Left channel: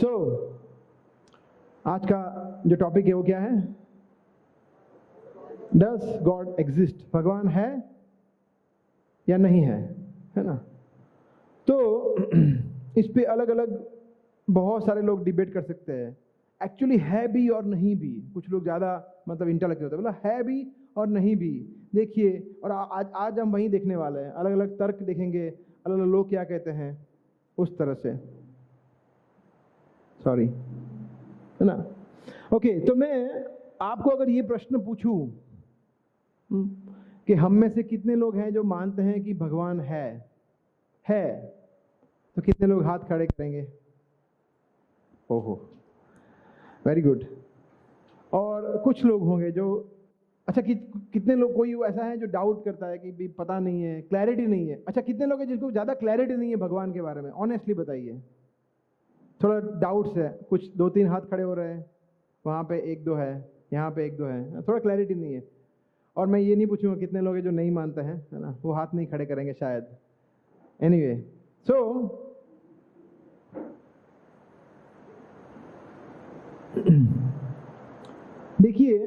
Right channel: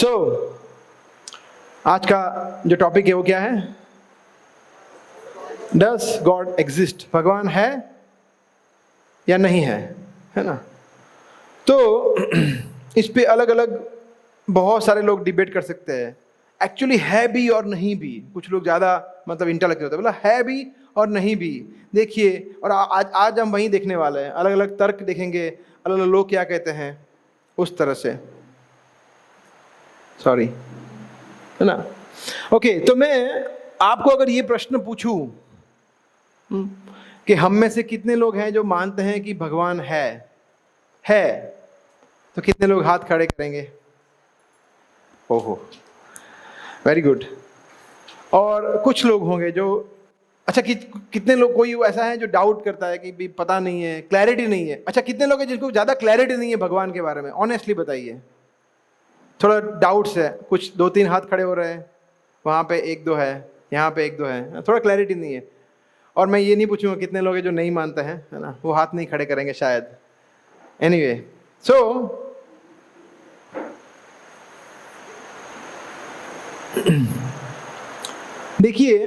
सो आज का जो टॉपिक है वो क्या है? डस गॉड एग्जिस्ट? भगवान है या नहीं है ना? तो इस पे अलग अलग बहुत सारे लोग डिबेट कर सकते हैं। एक्चुअली है भी और नहीं भी। कुछ लोग ज़्यादा मतलब इंटेलेक्चुअल होते हैं, बोला है भी और नहीं भी। देखिए, और आज हम वहीं देखने वाले हैं, अलग अलग तर्क देखेंगे, अलग अलग लोग क्या कहते हैं उस तरह से। सॉरी, है ना? ओके, तो मैं आपको अगर ये प्रश्न पूछूं कि हम में से कितने लोग हैं जो मानते हैं कि भगवान है, तो कितने लोग हाथ खड़े करेंगे? ओहो, वेरी गुड। और कुछ लोग होंगे जो अच्छा कितने लोग, कोई ऐसा है जो डाउट करता है कि भी पता नहीं है, क्लैरिटी नहीं है? अच्छा, कितने लोग हैं जिनको ज़्यादा क्लैरिटी नहीं है भगवान के बारे में? ऑनेस्टली बताइए। थोड़ा डाउट्स है, कुछ 2-3 हाथ खड़े हो रहे हैं, वहाँ पे 1-2 है, यहाँ पे 1-2 है, थोड़ा क्लैरिटी नहीं है। और मैं ये नहीं पूछूंगा कितने लोग हैं जो नहीं मानते हैं, है ना? वो हाथ नहीं खड़े करेंगे शायद। एनीवे, सो देखिए,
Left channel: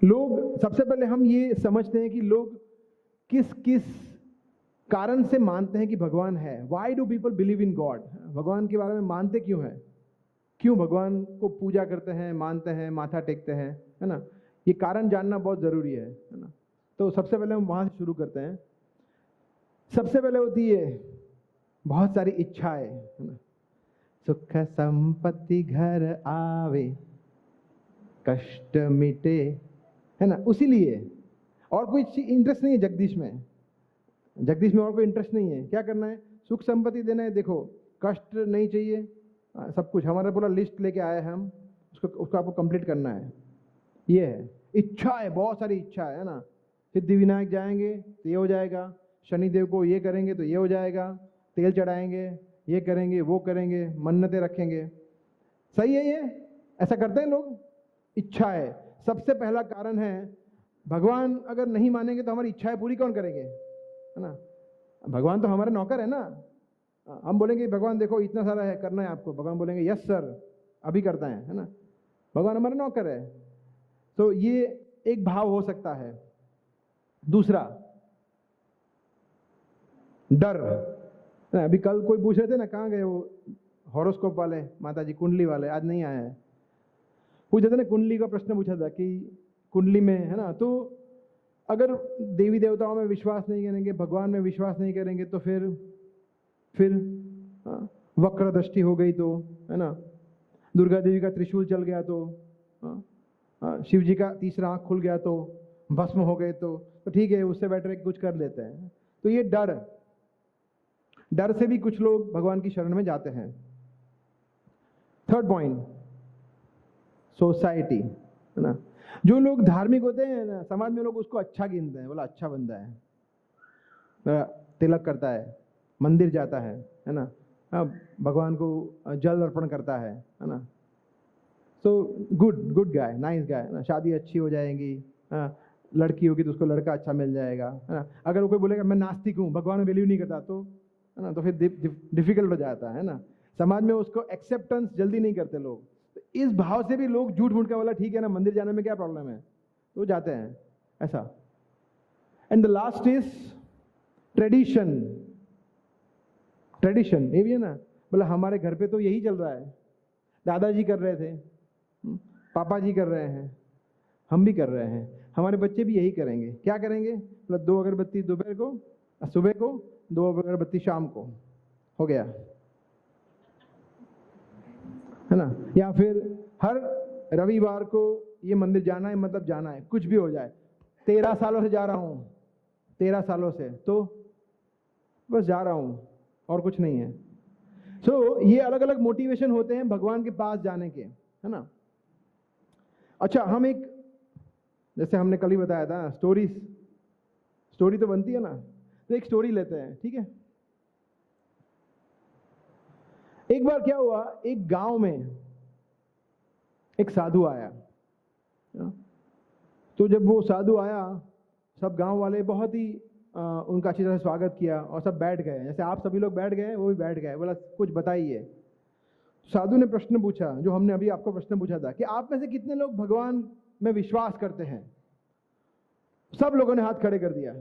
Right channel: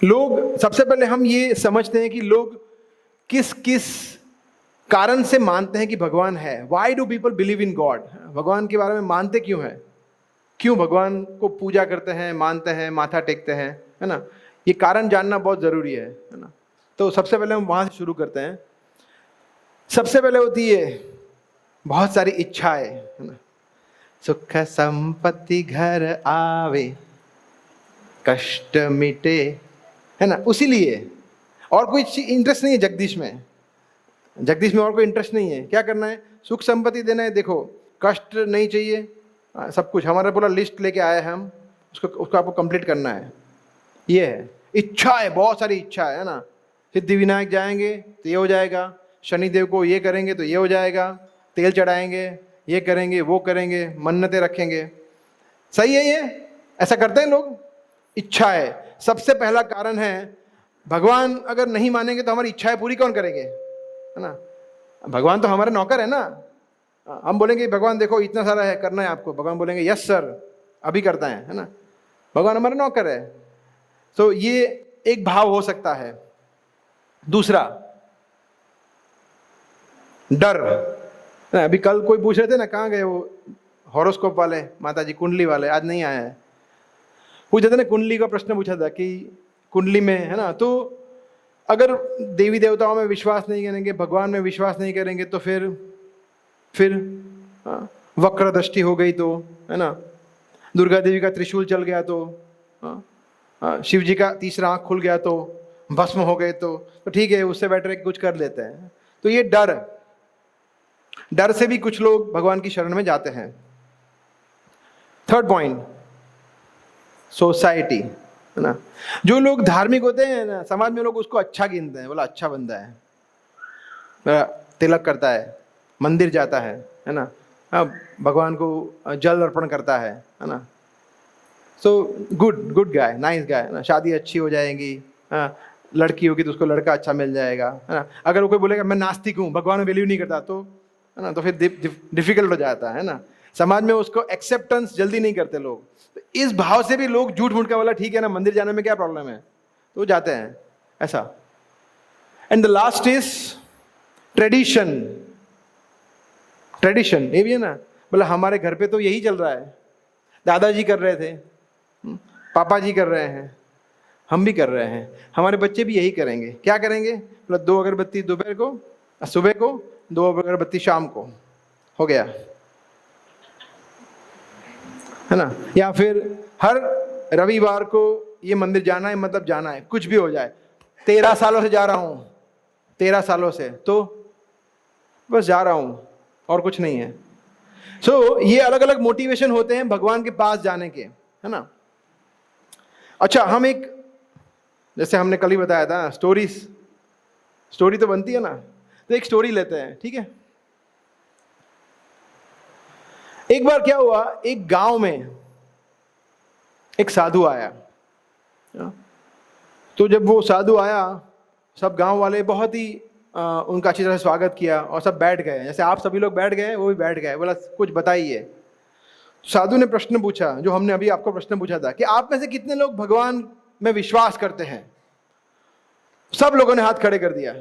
लोग सबसे पहले हम ये समझते हैं कि लोग किस किस कारण से मानते हैं कि भगवान है। Why do people believe in God? भगवान के बारे में मानते क्यों हैं? क्यों भगवान को पूजा करते हैं, मानते हैं, माथा टेकते हैं, है ना? ये कारण जानना बहुत ज़रूरी है ना? तो सबसे पहले हम वहाँ से शुरू करते हैं। सबसे पहले होती है बहुत सारी इच्छाएं, है ना? सुख संपत्ति घर आवे, कष्ट मिटे, है ना? उसी लिए और कोई इंटरेस्ट नहीं है जगदीश में और कोई इंटरेस्ट नहीं है। क्या करना है? सुख संपत्ति देना है। देखो, कष्ट नहीं चाहिए, सब कुछ हमारा पूरा लिस्ट लेके आए हैं हम, उसको आपको कंप्लीट करना है। ये है इच्छा है, बहुत सारी इच्छा है ना? सिद्धि विनायक जाएंगे तो ये हो जाएगा, शनिदेव को ये करेंगे तो ये हो जाएगा, तेल चढ़ाएंगे, ये करेंगे, वो करेंगे, मन्नतें रखेंगे। सही है? ये ऐसा करते हैं लोग। इच्छा है सबसे पहला कारण है। भगवान अगर नहीं मानेंगे तो हमारी इच्छाएं पूरी कौन करेंगे, है ना? भगवान तो हमारे नौकर है ना। हम बोलेंगे भगवान देखो इतना सारा है, करना है आपको, भगवान बोलेंगे यस सर, अभी करता है ना? भगवान हमारे नौकर है। तो ये एक भाव हो सकता है। दूसरा, डर। अभी कल कोई पूछ रहे थे ना, कहाँ गए वो हॉरोस्कोप वाले माताजी, कुंडली वाले, आज नहीं आए हैं। पूछा था ना, कुंडली का प्रश्न पूछा था कि कुंडली में, है ना, तो अगर देवी देवताओं में विश्वास नहीं करेंगे, भगवान में विश्वास नहीं करेंगे, तो फिर वक्र दृष्टि हो गई तो, है ना, दुर्गा देवी का त्रिशूल चल गया तो, शिव जी का तीसरा आंख खुल गया तो, भस्म हो गए तो ठीक है, उससे बेटर है कुछ कर लेते हैं। तो ये डर से भी कुछ लोग भगवान की शरण में जाते हैं। थर्ड पॉइंट, सोसाइटी, है ना? जो लोग धार्मिक होते हैं ना, समाज में लोग उसको अच्छा गिनते हैं, बोला अच्छा बंदा है, तिलक करता है, मंदिर जाता है ना, भगवान को जल अर्पण करता है ना? So good guy, nice guy, ना? शादी अच्छी हो जाएगी, लड़की होगी तो उसको लड़का अच्छा मिल जाएगा, है ना? अगर वो कोई बोलेगा मैं नास्तिक हूँ, भगवान में बिलीव नहीं करता, तो है ना, तो फिर डिफिकल्ट हो जाता है ना? समाज में उसको एक्सेप्टेंस जल्दी नहीं करते लोग। तो इस भाव से भी लोग झूठ मूठ का, बोला ठीक है ना, मंदिर जाने में क्या प्रॉब्लम है, तो जाते हैं ऐसा। And the last is tradition. ये भी है ना, बोला हमारे घर पे तो यही चल रहा है, दादाजी कर रहे थे, पापा जी कर रहे हैं, हम भी कर रहे हैं, हमारे बच्चे भी यही करेंगे। क्या करेंगे? बोला 2 अगरबत्ती दोपहर को, सुबह को, 2 अगरबत्ती शाम को, हो गया, है ना? या फिर हर रविवार को ये मंदिर जाना है, मतलब जाना है, कुछ भी हो जाए। 13 सालों से जा रहा हूँ, 13 सालों से, तो बस जा रहा हूँ और कुछ नहीं है। सो ये अलग अलग मोटिवेशन होते हैं भगवान के पास जाने के, है ना? अच्छा, हम एक, जैसे हमने कल ही बताया था, स्टोरी तो बनती है ना, तो एक स्टोरी लेते हैं, ठीक है? एक बार क्या हुआ, एक गांव में एक साधु आया। तो जब वो साधु आया, सब गांव वाले बहुत ही उनका अच्छी तरह से स्वागत किया और सब बैठ गए, जैसे आप सभी लोग बैठ गए, वो भी बैठ गए। बोला कुछ बताइए। साधु ने प्रश्न पूछा, जो हमने अभी आपको प्रश्न पूछा था, कि आप में से कितने लोग भगवान में विश्वास करते हैं? सब लोगों ने हाथ खड़े कर दिया।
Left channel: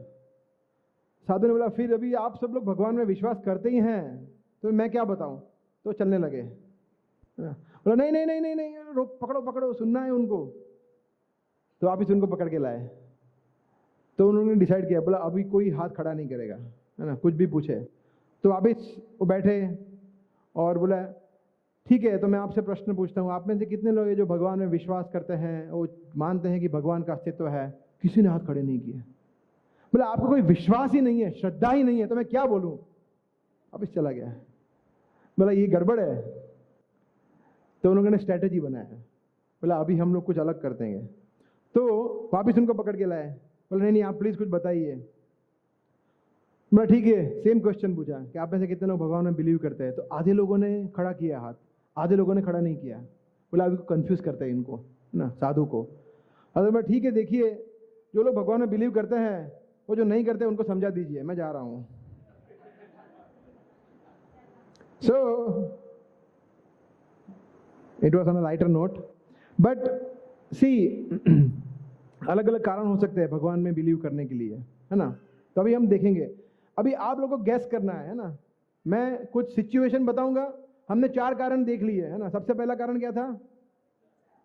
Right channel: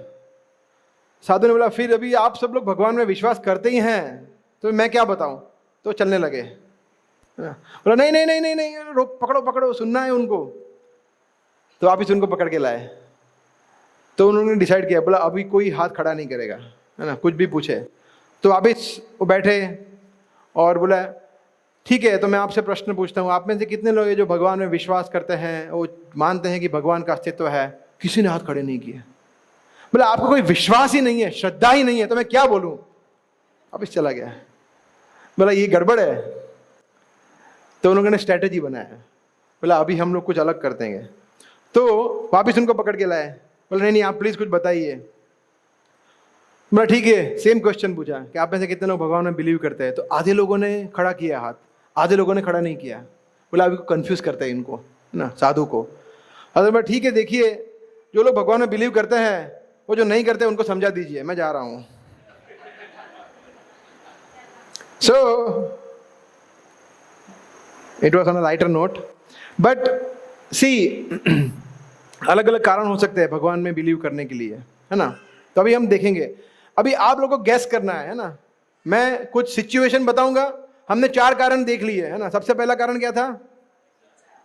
साधु ने बोला, फिर अभी आप सब लोग भगवान में विश्वास करते ही हैं, तो मैं क्या बताऊं? तो चलने लगे। बोला नहीं नहीं नहीं नहीं नहीं, रोक, पकड़ो पकड़ो, सुनना है उनको। तो आप उनको पकड़ के लाए। तो उन्होंने डिसाइड किया, बोला अभी कोई हाथ खड़ा नहीं करेगा, है ना, कुछ भी पूछे। तो वापिस वो बैठे और बोला, ठीक है, तो मैं आपसे प्रश्न पूछता हूँ, आप में से कितने लोग हैं जो भगवान में विश्वास करते हैं, वो मानते हैं कि भगवान का अस्तित्व है? किसी ने हाथ खड़े नहीं किए। बोला आपको कोई विश्वास ही नहीं है, श्रद्धा ही नहीं है, तो मैं क्या बोलूं? वापिस चला गया। बोला ये गड़बड़ है। तो उन लोगों ने स्ट्रैटेजी बनाया, बोला अभी हम लोग कुछ अलग कर देंगे। तो वापिस उनको पकड़ के लाए। बोला नहीं आप प्लीज कुछ बताइए। बोला ठीक है, सेम क्वेश्चन पूछा कि आप में से कितने लोग भगवान में बिलीव करते हैं? तो आधे लोगों ने खड़ा किया हाथ, आधे लोगों ने खड़ा नहीं किया। बोला अभी कंफ्यूज करते हैं इनको, है ना, साधु को। अरे बोला ठीक है, देखिए जो लोग भगवान में बिलीव करते हैं, वो जो नहीं करते उनको समझा दीजिए, मैं जा रहा हूं। So it was on a lighter note, but see अलग अलग कारण हो सकते हैं भगवान में बिलीव करने के लिए, है ना। तो अभी हम देखेंगे, अभी आप लोगों को गैस करना है ना। मैं कुछ सिचुएशन बताऊंगा, हमने 4 कारण देख लिए, है ना। सबसे पहला कारण क्या था?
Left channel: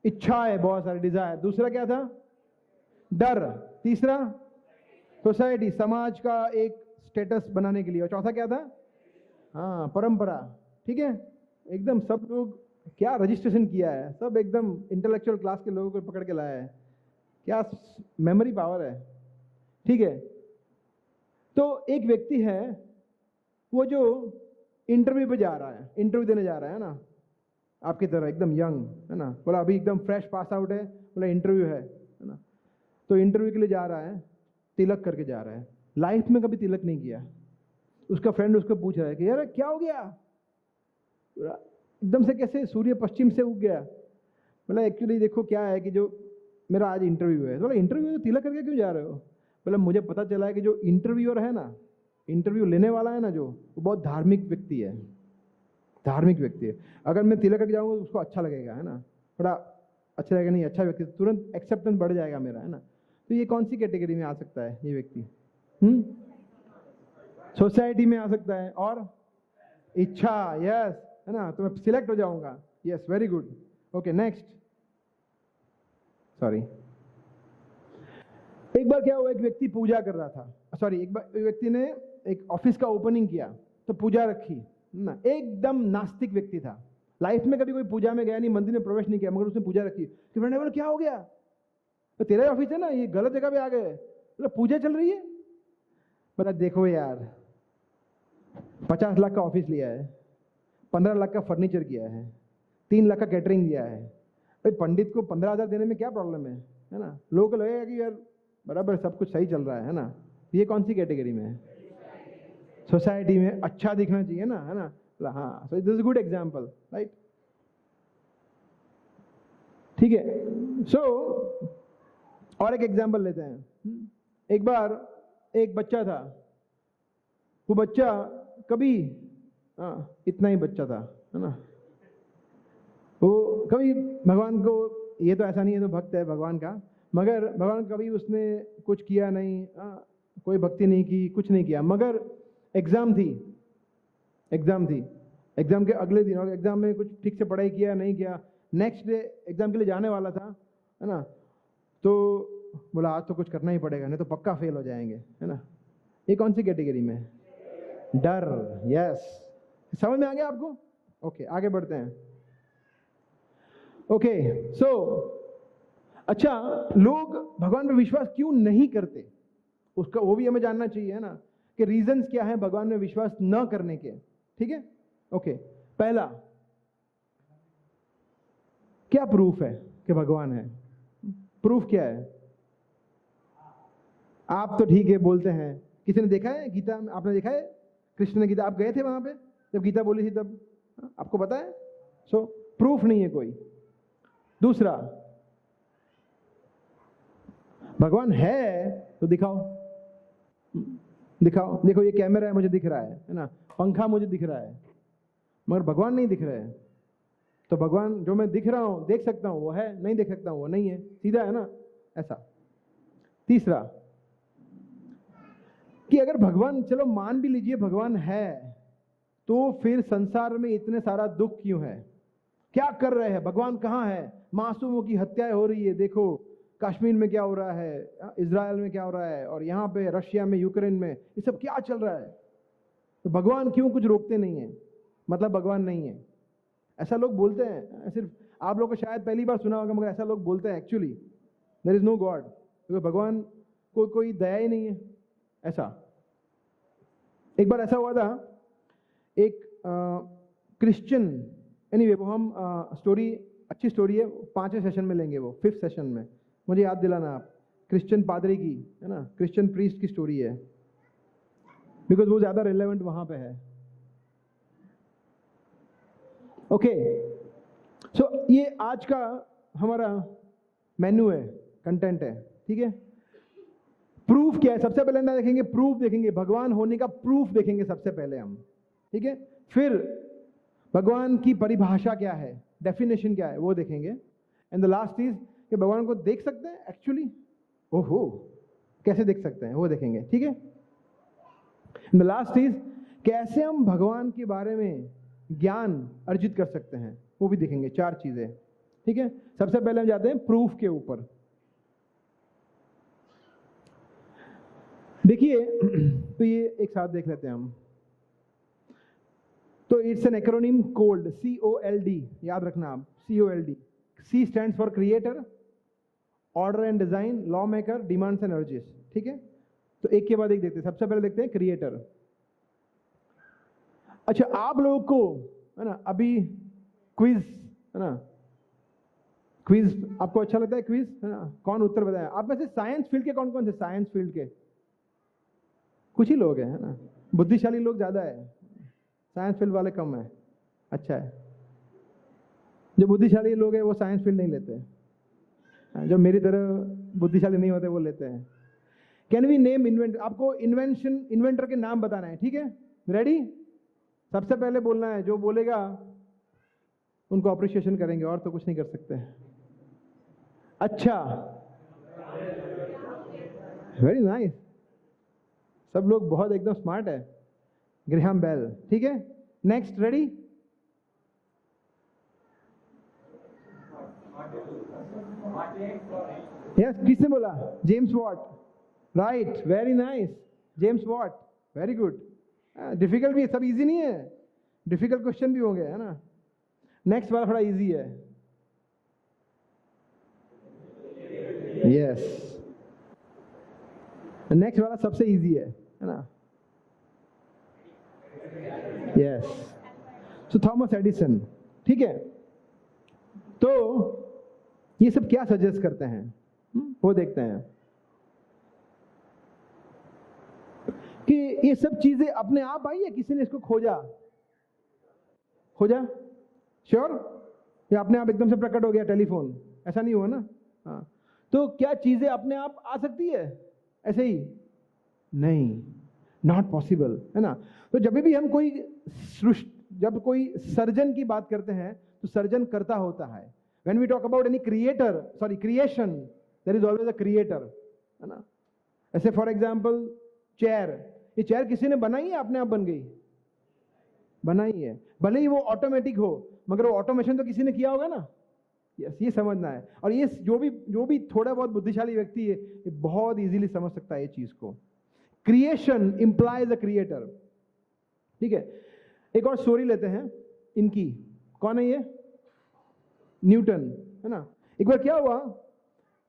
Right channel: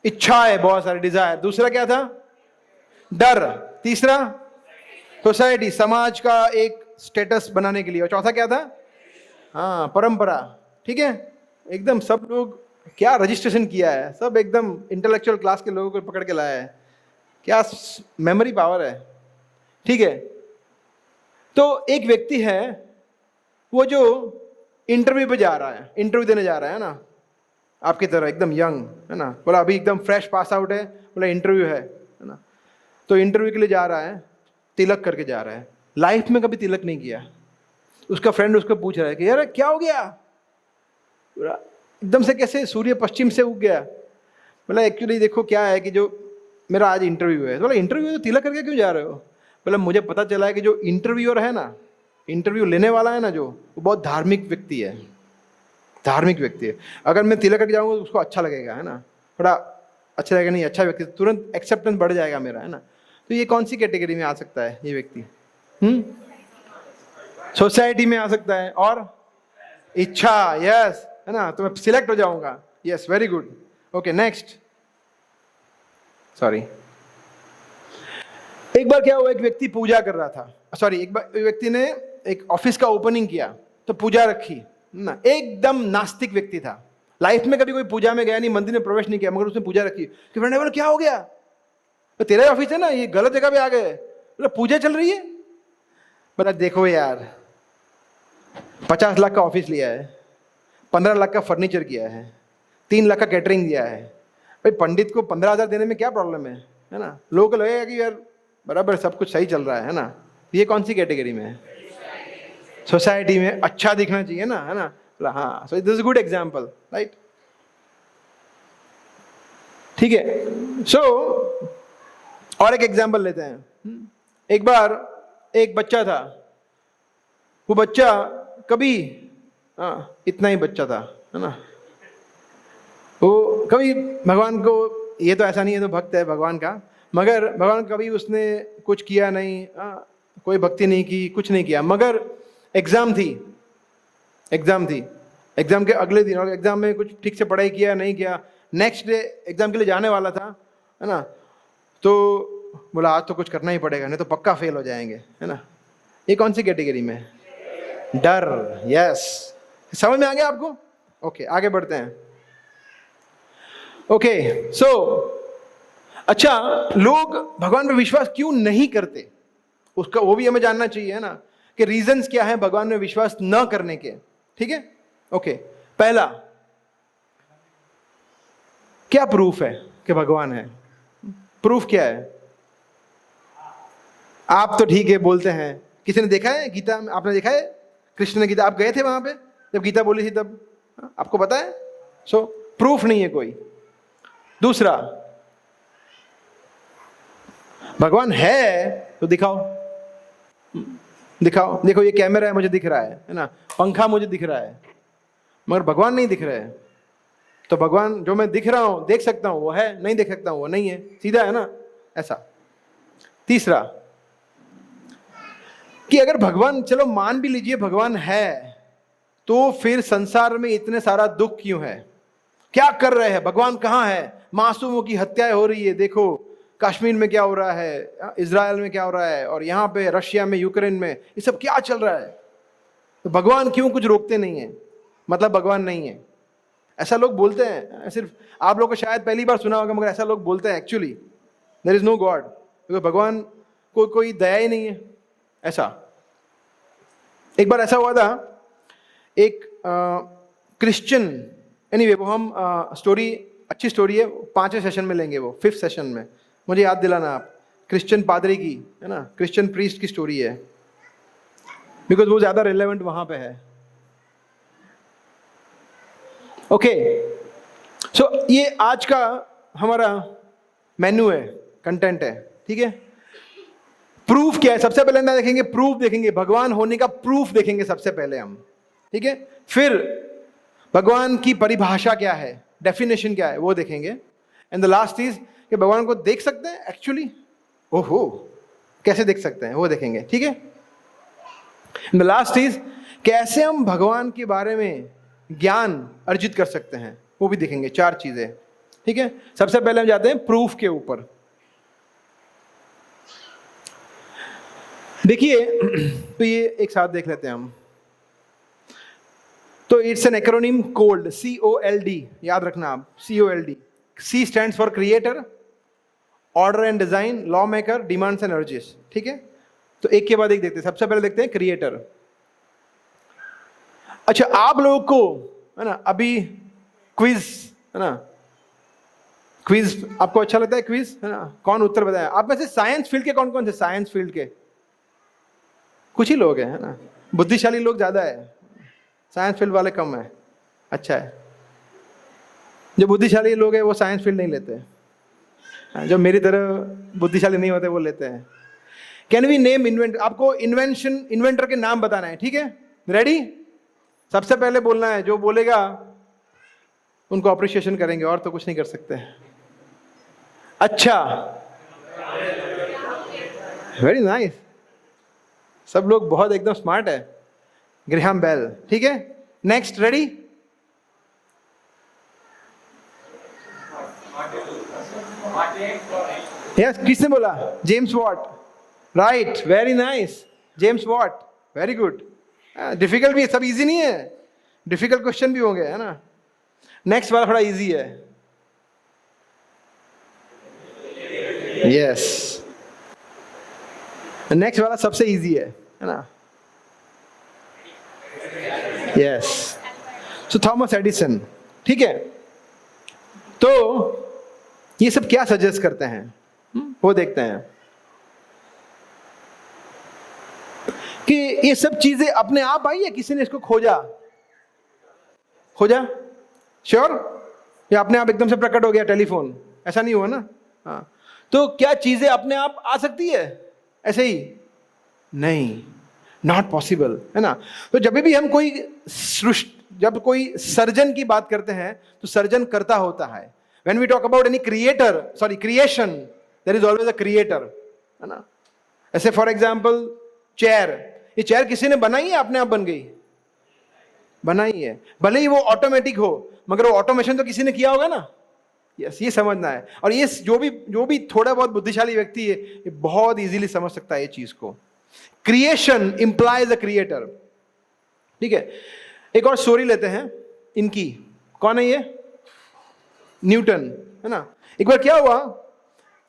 इच्छा है, बहुत सारे डिजायर। दूसरा क्या था? डर। तीसरा सोसाइटी, समाज का एक स्टेटस बनाने के लिए। और चौथा क्या था? हाँ, परंपरा। ठीक है, एकदम सब लोग क्या रजिस्ट्रेशन किया है, सब एकदम इंटेलेक्चुअल क्लास के लोगों को पकड़ के लाया है, क्या मेमोरी पावर है। ठीक है, तो एक व्यक्ति है, वो जो इंटरव्यू पे जा रहा है, इंटरव्यू देने जा रहा है ना, आपकी तरह एकदम यंग, है ना। बोला अभी एकदम फ्रेश पास आउट है, बोला इंटरव्यू है ना। तो इंटरव्यू के लिए जा रहा है, तिलक करके जा रहा है। लाइफ में कभी तिलक नहीं किया। उसका फ्रेंड उसको पूछ रहा है कि यार क्या हो गया, एकदम से कैसे सूर्य पश्चिम से उग गया? बोला एक्चुअली देखो क्या है कि जो मेरा आज इंटरव्यू है। बोला इंटरव्यू तो तिलक करके क्यों जा रहे हो? बोला मुझे पता चला है कि जो इंटरव्यूअर है ना, इंटरव्यू लेने वाला है ना, जो वो बहुत धार्मिक व्यक्ति है, धार्मिक व्यक्ति है। अगर मैं तिलक करके जाऊंगा तो उसको अच्छा लगेगा, है ना, थोड़ा अच्छा लगेगा, नहीं अच्छा व्यक्ति, तुरंत एक्सेप्टेंस बढ़ जाएगा मेरा, है ना। तो ये कौन सी कैटेगरी में आ सकता है ये व्यक्ति? सोसाइटी में आ सकता है। और इच्छा, यस, है ना, तो मैं सिलेक्ट हो जाऊंगा। Yes, very good. Okay, next. Sorry, एक बार क्या हुआ, एक व्यक्ति पूजा कर रहा था, सॉरी, एक बार व्यक्ति ने एक ऑफिस का ओपनिंग किया, तो पूजा रखी ना। एकदम नास्तिक व्यक्ति था, लाइफ में कभी कोई पूजा में गया नहीं, मंदिर में प्रवेश नहीं किया, मगर उसने पूजा रखी। कि फ्रेंड बोला क्या हो गया? तो तेरा ही ऑफिस है ना, ये गलत जगह पे आ गए। बोला पूजा चल रही है। बोला देखो यार, 50 लाख का ऑफिस लिया है, 15 लाख का फर्नीचर किया है, 3 लाख का कैटरिंग दिया है। भाई पंडित को 15,000 देने में क्या प्रॉब्लम है ना। लोगों को लगेगा कि यार बराबर सब कुछ सही चल रहा है ना। ये कौन सी कैटेगरी में है? सोसाइटी में अच्छा दिखना चाहिए ना, है ना। बोला हाँ, so this is good example, right. ठीक है, सो और एक एग्जाम्पल लेते हैं। एक बार एक बच्चा था, वो बच्चा कभी इतना ही बच्चा था, है ना, वो कभी भगवान को, ये तो ऐसा नहीं है तो भक्त है भगवान का, मगर भगवान कभी उसने कुछ किया नहीं, कोई भक्ति नहीं की, कुछ नहीं किया। मगर एग्जाम थी, एग्जाम के अगले दिन, और एग्जाम में कुछ ठीक से पढ़ाई किया नहीं किया, नेक्स्ट डे एग्जाम के लिए जाने वाला था, है ना। तो बोला आज तो कुछ करना ही पड़ेगा, नहीं तो पक्का फेल हो जाएंगे, है ना। ये कौन सी कैटेगरी में? डर। यस, समझ में आ गया आपको? ओके, आगे बढ़ते हैं। ओके, सो अच्छा, लोग भगवान पर विश्वास क्यों नहीं करते, उसका वो भी हमें जानना चाहिए, है ना, कि रीजंस क्या है भगवान में विश्वास न करने के। ठीक है, ओके। पहला, क्या प्रूफ है कि भगवान है? प्रूफ क्या है? आप तो ठीक है बोलते हैं, किसी ने देखा है गीता में? आपने देखा है कृष्ण ने गीता, आप गए थे वहां पे जब गीता बोली थी तब? आपको पता है? सो प्रूफ नहीं है कोई। दूसरा, भगवान है तो दिखाओ, दिखाओ। देखो ये कैमरा है, मुझे दिख रहा है ना, पंखा मुझे दिख रहा है, मगर भगवान नहीं दिख रहा है। तो भगवान जो मैं दिख रहा हूं, देख सकता हूं वो है, नहीं देख सकता हूं वो नहीं है, सीधा है ना ऐसा। तीसरा कि अगर भगवान, चलो मान भी लीजिए भगवान है, तो फिर संसार में इतने सारा दुख क्यों है? क्या कर रहे हैं? भगवान कहाँ है? मासूमों की हत्याएं हो रही है, देखो कश्मीर में क्या हो रहा है, इजराइल में क्या हो रहा है, और यहाँ पे रशिया में, यूक्रेन में, ये सब क्या चल रहा है? तो भगवान क्यों कुछ रोकते नहीं है? मतलब भगवान नहीं है, ऐसा लोग बोलते हैं। सिर्फ आप लोग को शायद पहली बार सुना होगा, मगर ऐसा लोग बोलते हैं actually there is no God, क्योंकि भगवान को कोई दया ही नहीं है। ऐसा एक बार ऐसा हुआ था, एक क्रिश्चियन, एनीवे वो हम स्टोरी, अच्छी स्टोरी है, 5वें सेशन में लेंगे, वो 5th सेशन में, मुझे याद दिलाना आप। क्रिश्चियन पादरी की है ना, क्रिश्चियन प्रीस्ट की स्टोरी है, बिकॉज वो ज्यादा रिलेवेंट वहां पे है। ओके, सो ये आज का हमारा मेन्यू है, कंटेंट है, ठीक है। प्रूफ क्या है? सबसे पहले ना देखेंगे, प्रूफ देखेंगे, भगवान होने का प्रूफ देखेंगे सबसे पहले हम, ठीक है। फिर भगवान की परिभाषा क्या है, डेफिनेशन क्या है, वो देखेंगे। एंड द लास्ट इज कि भगवान को देख सकते हैं एक्चुअली, ओहो कैसे देख सकते हैं, वो देखेंगे, ठीक है। द लास्ट इज कैसे हम भगवान के बारे में ज्ञान अर्जित कर सकते हैं, वो भी देखेंगे। 4 चीजें, ठीक है। सबसे पहले हम जाते हैं प्रूफ के ऊपर। देखिए, तो ये एक साथ देख लेते हैं हम। तो it's an acronym cold, COLD, याद रखना आप, COLD। C stands for creator, order and design, law maker, demands and urges, ठीक है। तो एक के बाद एक देखते हैं। सबसे पहले देखते हैं क्रिएटर। अच्छा, आप लोगों को है ना अभी क्विज, है ना, क्विज आपको अच्छा लगता है? क्विज है ना, कौन उत्तर बताए? आप में से साइंस फील्ड के कौन कौन से? साइंस फील्ड के कुछ ही लोग हैं, है ना, बुद्धिशाली लोग ज्यादा है, साइंस फील्ड वाले कम है। अच्छा है, जो बुद्धिशाली लोग हैं वो साइंस फील्ड नहीं लेते, जो मेरी तरह बुद्धिशाली नहीं होते वो लेते हैं। कैन वी नेम इन्वेंट, आपको इन्वेंशन, इन्वेंटर के नाम बताना है, ठीक है। रेडी? सबसे पहले बोलना है, जो बोलेगा उनको अप्रिशिएशन करेंगे, और तो कुछ नहीं कर सकते। अच्छा, वेरी नाइस, सब लोग बहुत एकदम स्मार्ट है। ग्रेहम बेल, ठीक है। Next, ready? यस, किसने बोला? James Watt, right, very nice, James Watt, very good. Difficult भी है, सब इजी नहीं है, डिफिकल्ट क्वेश्चन भी होंगे, है ना। नेक्स्ट वाला थोड़ा इजी है। यस, नेक्स्ट वाला सबसे इजी है ना। यस, सो थॉमस एडिसन, ठीक है। तो ये सब क्या सजेस्ट करते हैं, वो देखते हैं कि ये सब चीजें अपने आप आई है, किसी ने इसको खोजा? खोजा? श्योर? या अपने आप एकदम से प्रकट हो गया टेलीफोन? ऐसा नहीं हुआ ना। हाँ, तो क्या चीजें अपने आप आ सकती है ऐसे ही? नहीं, नॉट पॉसिबल, है ना। तो जब भी हम कोई जब कोई सर्जन की बात करते हैं तो सर्जन करता होता है। When we talk about any creator, sorry creation, there is always a creator, है ना। ऐसे फॉर एग्जांपल चेयर, ये चेयर किसी ने बनाई है, अपने आप बन गई? बनाई है, भले ही वो ऑटोमेटिक हो, मगर वो ऑटोमेशन तो किसी ने किया होगा ना। यस, ये समझना है। और ये जो भी थोड़ा बहुत बुद्धिशाली व्यक्ति है, ये बहुत इजीली समझ सकता है ये चीज को। क्रिएशन इंप्लाइज अ क्रिएटर, ठीक है। एक और स्टोरी लेते हैं इनकी। कौन है ये? न्यूटन, है ना। एक बार क्या हुआ,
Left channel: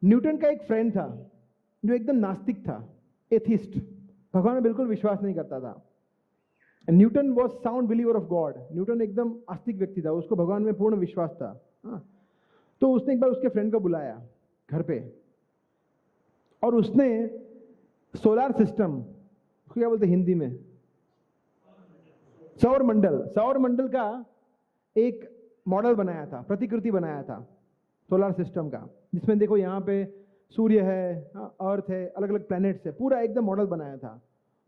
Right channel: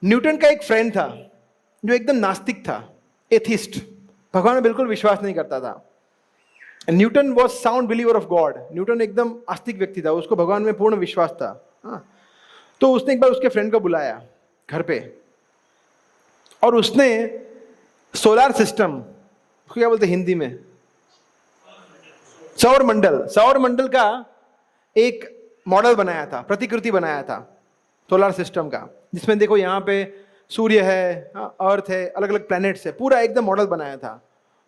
न्यूटन का एक फ्रेंड था जो एकदम नास्तिक था, एथिस्ट, भगवान में बिल्कुल विश्वास नहीं करता था। Newton was sound believer of God. Newton एकदम आस्तिक व्यक्ति था, उसको भगवान में पूर्ण विश्वास था। हाँ, तो उसने एक बार उसके फ्रेंड को बुलाया घर पे, और उसने सोलर सिस्टम, क्या बोलते हिंदी में? सौर मंडल का एक मॉडल बनाया था, प्रतिकृति बनाया था सोलर सिस्टम का, जिसमें देखो यहाँ पे सूर्य है, अर्थ है, अलग अलग प्लैनेट्स है, पूरा एकदम मॉडल बनाया था।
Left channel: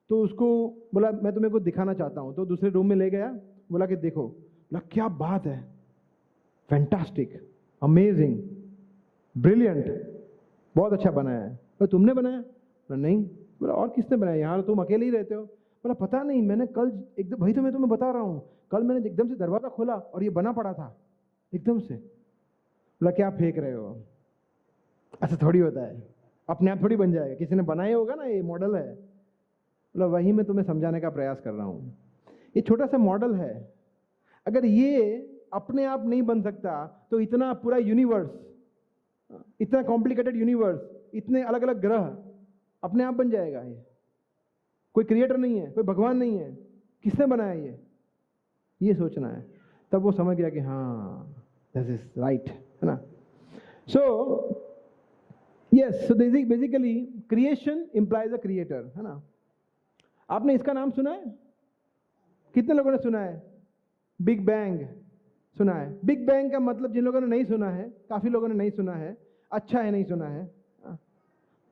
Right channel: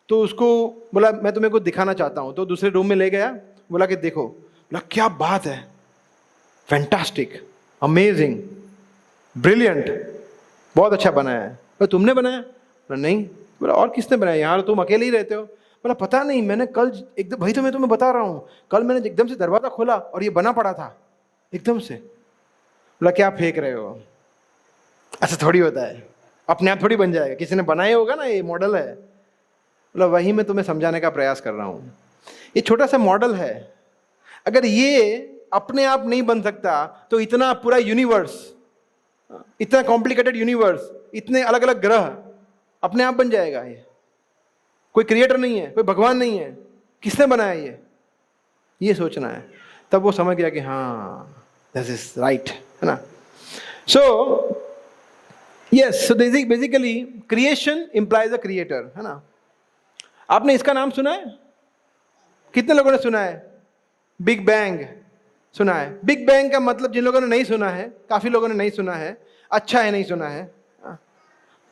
तो उसको बोला मैं तुम्हें कुछ दिखाना चाहता हूँ, तो दूसरे रूम में ले गया, बोला कि देखो। बोला क्या बात है, फैंटास्टिक, अमेजिंग, ब्रिलियंट, बहुत अच्छा बनाया है। पर तुमने बनाया? बोला नहीं। बोला और किसने बनाया? यहाँ तुम अकेले ही रहते हो। बोला पता नहीं, मैंने कल एकदम, वही तो मैं तुम्हें बता रहा हूँ, कल मैंने एकदम से दरवाजा खोला और ये बना पड़ा था एकदम से। बोला क्या फेंक रहे हो, ऐसा थोड़ी होता है, अपने आप थोड़ी बन जाएगा, किसी ने बनाया होगा ना, ये मॉडल है। बोला वही मैं तुम्हें समझाने का प्रयास कर रहा हूँ, ये छोटा सा मॉडल है। अगर ये अपने आप नहीं बन सकता तो इतना पूरा यूनिवर्स, इतना कॉम्प्लिकेटेड यूनिवर्स, इतने अलग अलग ग्रह अपने आप बन जाएगा? कोई क्रिएटर नहीं है, कोई भगवान नहीं है, किसने बनाया ये सोचना है। तब वो समझ गया कि हाँ दिस इज राइट, है ना। So yes, so basically creation implies अ क्रिएटर, है ना। आपने इसका नाम सुना है? कितने लोगों ने सुना है? बिग बैंग सुना है? बिग बैंग का मतलब जिन लोगों ने नहीं सुना है, काफी लोगों ने नहीं सुना है, अच्छा है नहीं सुना है,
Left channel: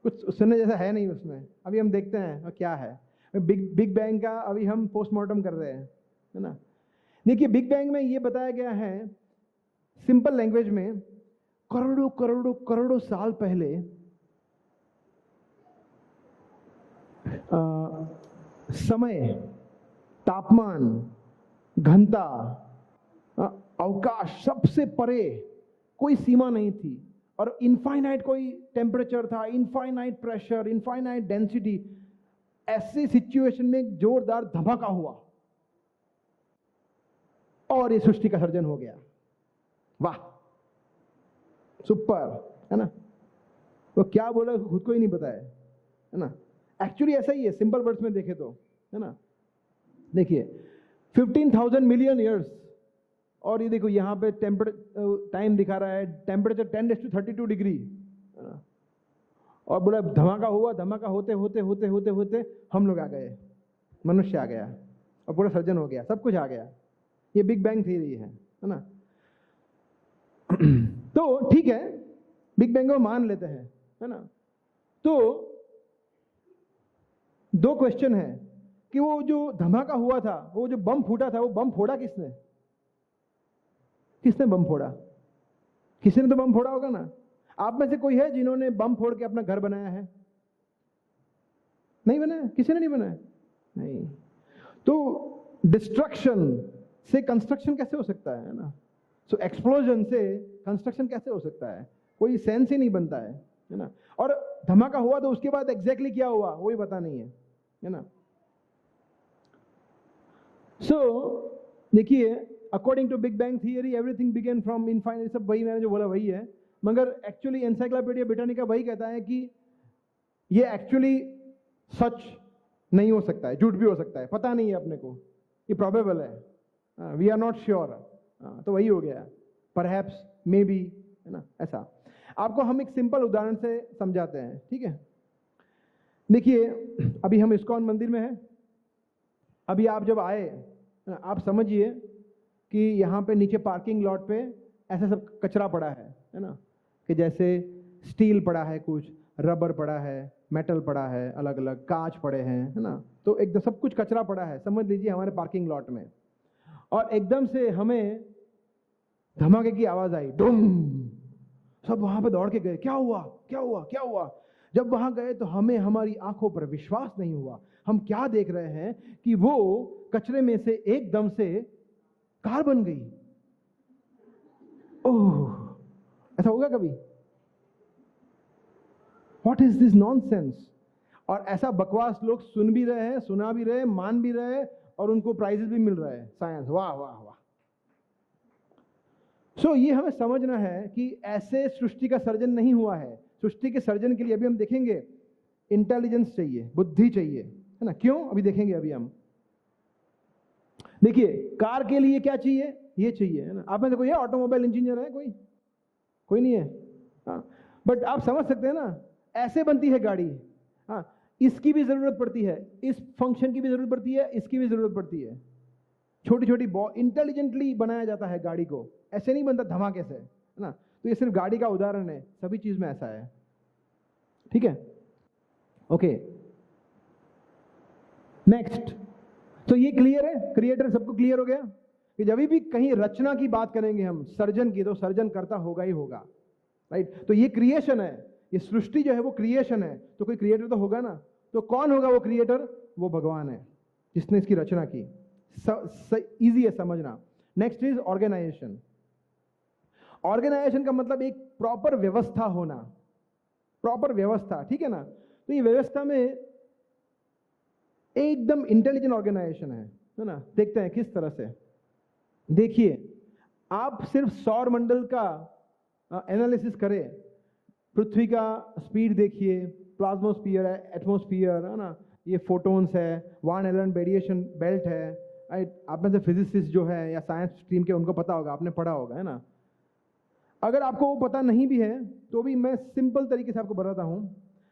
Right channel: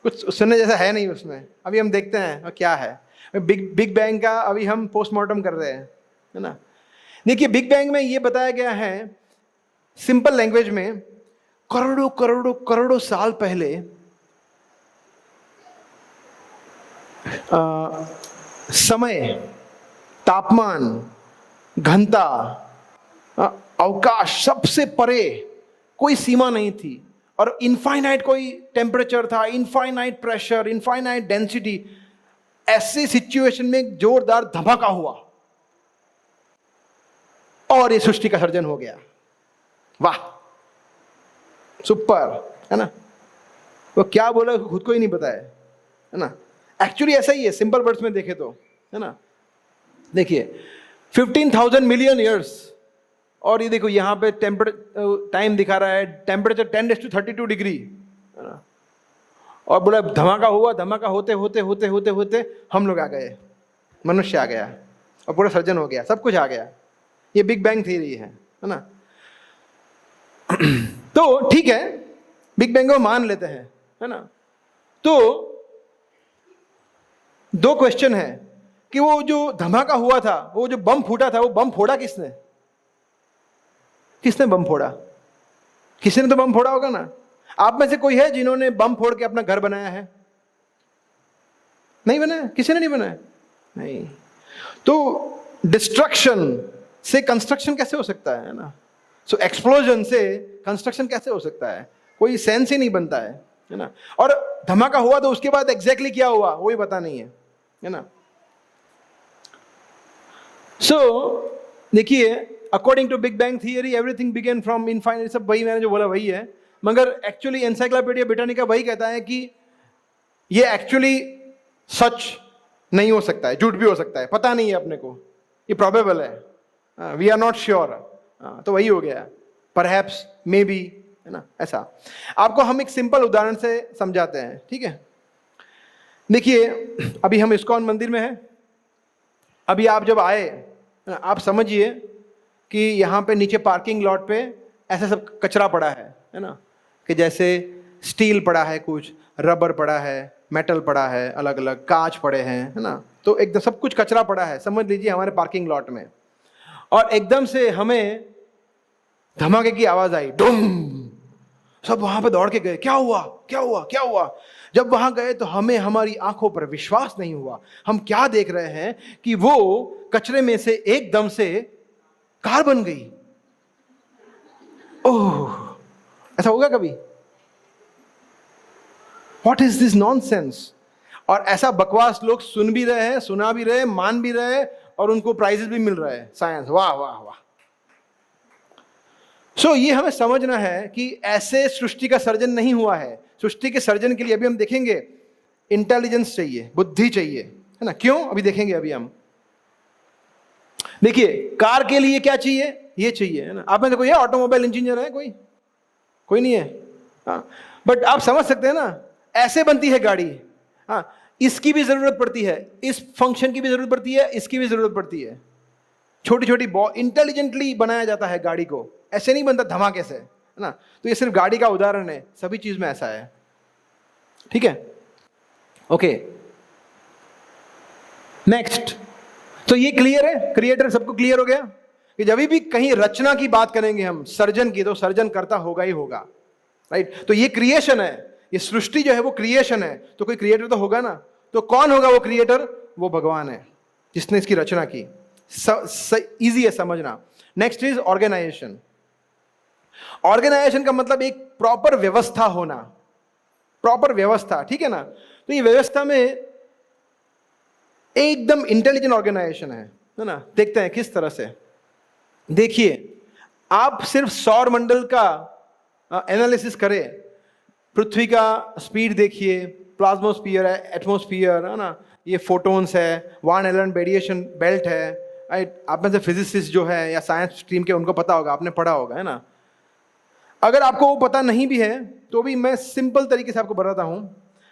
कुछ सुनने जैसा है नहीं उसमें। अभी हम देखते हैं और क्या है बिग बैंग का, अभी हम पोस्टमार्टम कर रहे हैं, है ना। देखिए बिग बैंग में ये बताया गया है सिंपल लैंग्वेज में, करोड़ों करोड़ों करोड़ों साल पहले समय, तापमान, घनता, अवकाश, सबसे परे कोई सीमा नहीं थी, और इनफाइनाइट कोई टेम्परेचर था, इनफाइनाइट प्रेशर, इनफाइनाइट डेंसिटी। ऐसे सिचुएशन में एक जोरदार धमाका हुआ और ये सृष्टि का सर्जन हो गया। वाह, सुपर, है ना। वो क्या बोला खुद को ही नहीं पता है ना। एक्चुअली ऐसा ही है, सिंपल वर्ड्स में देखे तो, है ना। देखिए 15,000 मिलियन ईयर्स, और ये देखो यहाँ पे टाइम दिखा रहा है, टेम्परेचर 10⁻32 डिग्री, है ना। और बोला धमाका हुआ, धमाका होते होते होते होते होते हम लोग आ गए, मनुष्य आ गया और पूरा सर्जन हो गया, सब कुछ आ गया। ये बिग बैंग थ्योरी है ना। तो ठीक है, बिग बैंग को मान लेते हैं, है ना। तो दो क्वेश्चन है कि वो जो धमाका हुआ था, वो जो बम फूटा था, वो बम फोड़ा किसने? किसने बम फोड़ा? किसी ने तो बम फोड़ा होगा ना। आप में से कोई है जिन्होंने बम फोड़ के अपना घर बनाया है? नहीं बनाया, किसी ने नहीं बनाया, नहीं। तो डिस्ट्रक्शन से कंस्ट्रक्शन कैसे हो सकता है ना। सो एक्सप्लोजन से कंस्ट्रक्शन कैसे हो सकता है? कोई सेंस ही नहीं बनता है ना। और धमाका हुआ तो उसके बाद एग्जैक्टली क्या हुआ वो भी पता नहीं है ना। सो देखिए, according to big bang theory everything began from infinite, सब वही मैंने जो बोला वही है, मगर एक्चुअली एनसाइक्लोपीडिया ब्रिटानिका वही कहता है कि ये एक्चुअली सच नहीं हो सकता है, झूठ भी हो सकता है, पता नहीं है अपने को, ये प्रोबेबल है, वी आर नॉट श्योर। तो वही हो गया, परहैप्स, मे बी, है ना, ऐसा। आपको हम एक सिंपल उदाहरण से समझाते हैं, ठीक है। देखिए अभी हम इस्कॉन मंदिर में हैं। अभी आप जब आए, आप समझिए कि यहाँ पे नीचे पार्किंग लॉट पे ऐसा सब कचरा पड़ा है ना, कि जैसे स्टील पड़ा है, कुछ रबर पड़ा है, मेटल पड़ा है, अलग अलग कांच पड़े हैं, है ना। तो एकदम सब कुछ कचरा पड़ा है, समझ लीजिए हमारे पार्किंग लॉट में। और एकदम से हमें धमाके की आवाज आई, डूम। सब वहां पे दौड़ के गए, क्या हुआ क्या हुआ क्या हुआ। जब वहां गए तो हमें हमारी आंखों पर विश्वास नहीं हुआ। हम क्या देख रहे हैं कि वो कचरे में से एकदम से कार बन गई। ओह, ऐसा होगा कभी? What is this nonsense. और ऐसा बकवास लोग सुन भी रहे हैं, सुना भी रहे हैं, मान भी रहे हैं, और उनको प्राइजेस भी मिल रहे हैं, साइंस, वाह वाह वाह। सो ये हमें समझना है कि ऐसे सृष्टि का सर्जन नहीं हुआ है। सृष्टि के सर्जन के लिए अभी हम देखेंगे इंटेलिजेंस चाहिए, बुद्धि चाहिए, है ना। क्यों? अभी देखेंगे। अभी हम देखिए कार के लिए क्या चाहिए, ये चाहिए, है ना। आप में से कोई है ऑटोमोबाइल इंजीनियर है? कोई नहीं है, हाँ। बट आप समझ सकते हैं ना, ऐसे बनती है गाड़ी, हाँ। इसकी भी जरूरत पड़ती है, इस फंक्शन की भी जरूरत पड़ती है, इसकी भी जरूरत पड़ती है। छोटी छोटी इंटेलिजेंटली बनाया जाता है गाड़ी को, ऐसे नहीं बनता धमाके से, है ना। तो ये सिर्फ गाड़ी का उदाहरण है, सभी चीज में ऐसा है, ठीक है। Okay, next. तो ये क्लियर है, क्रिएटर सबको क्लियर हो गया। कि जब भी कहीं रचना की बात करेंगे हम, सर्जन की, तो सर्जन करता होगा ही होगा, राइट। तो ये क्रिएशन है, ये सृष्टि जो है वो क्रिएशन है, तो कोई क्रिएटर तो होगा ना। तो कौन होगा वो क्रिएटर? वो भगवान है जिसने इसकी रचना की। इजी है समझना। Next is organisation. ऑर्गेनाइजेशन का मतलब एक प्रॉपर व्यवस्था होना, प्रॉपर व्यवस्था, ठीक है ना। तो ये व्यवस्था में एकदम इंटेलिजेंट ऑर्गेनाइजेशन है ना। देखते हैं किस तरह से। देखिए, आप सिर्फ सौर मंडल का एनालिसिस करें, पृथ्वी का स्पीड देखिए, प्लाज्मोस्फीयर है, एटमोस्फियर है ना, ये फोटोन्स है, वान एलन रेडिएशन बेल्ट है, राइट। आप में से फिजिसिस्ट जो है या साइंस स्ट्रीम के, उनको पता होगा, आपने पढ़ा होगा, है ना। अगर आपको वो पता नहीं भी है तो भी मैं सिंपल तरीके से आपको बताता हूं।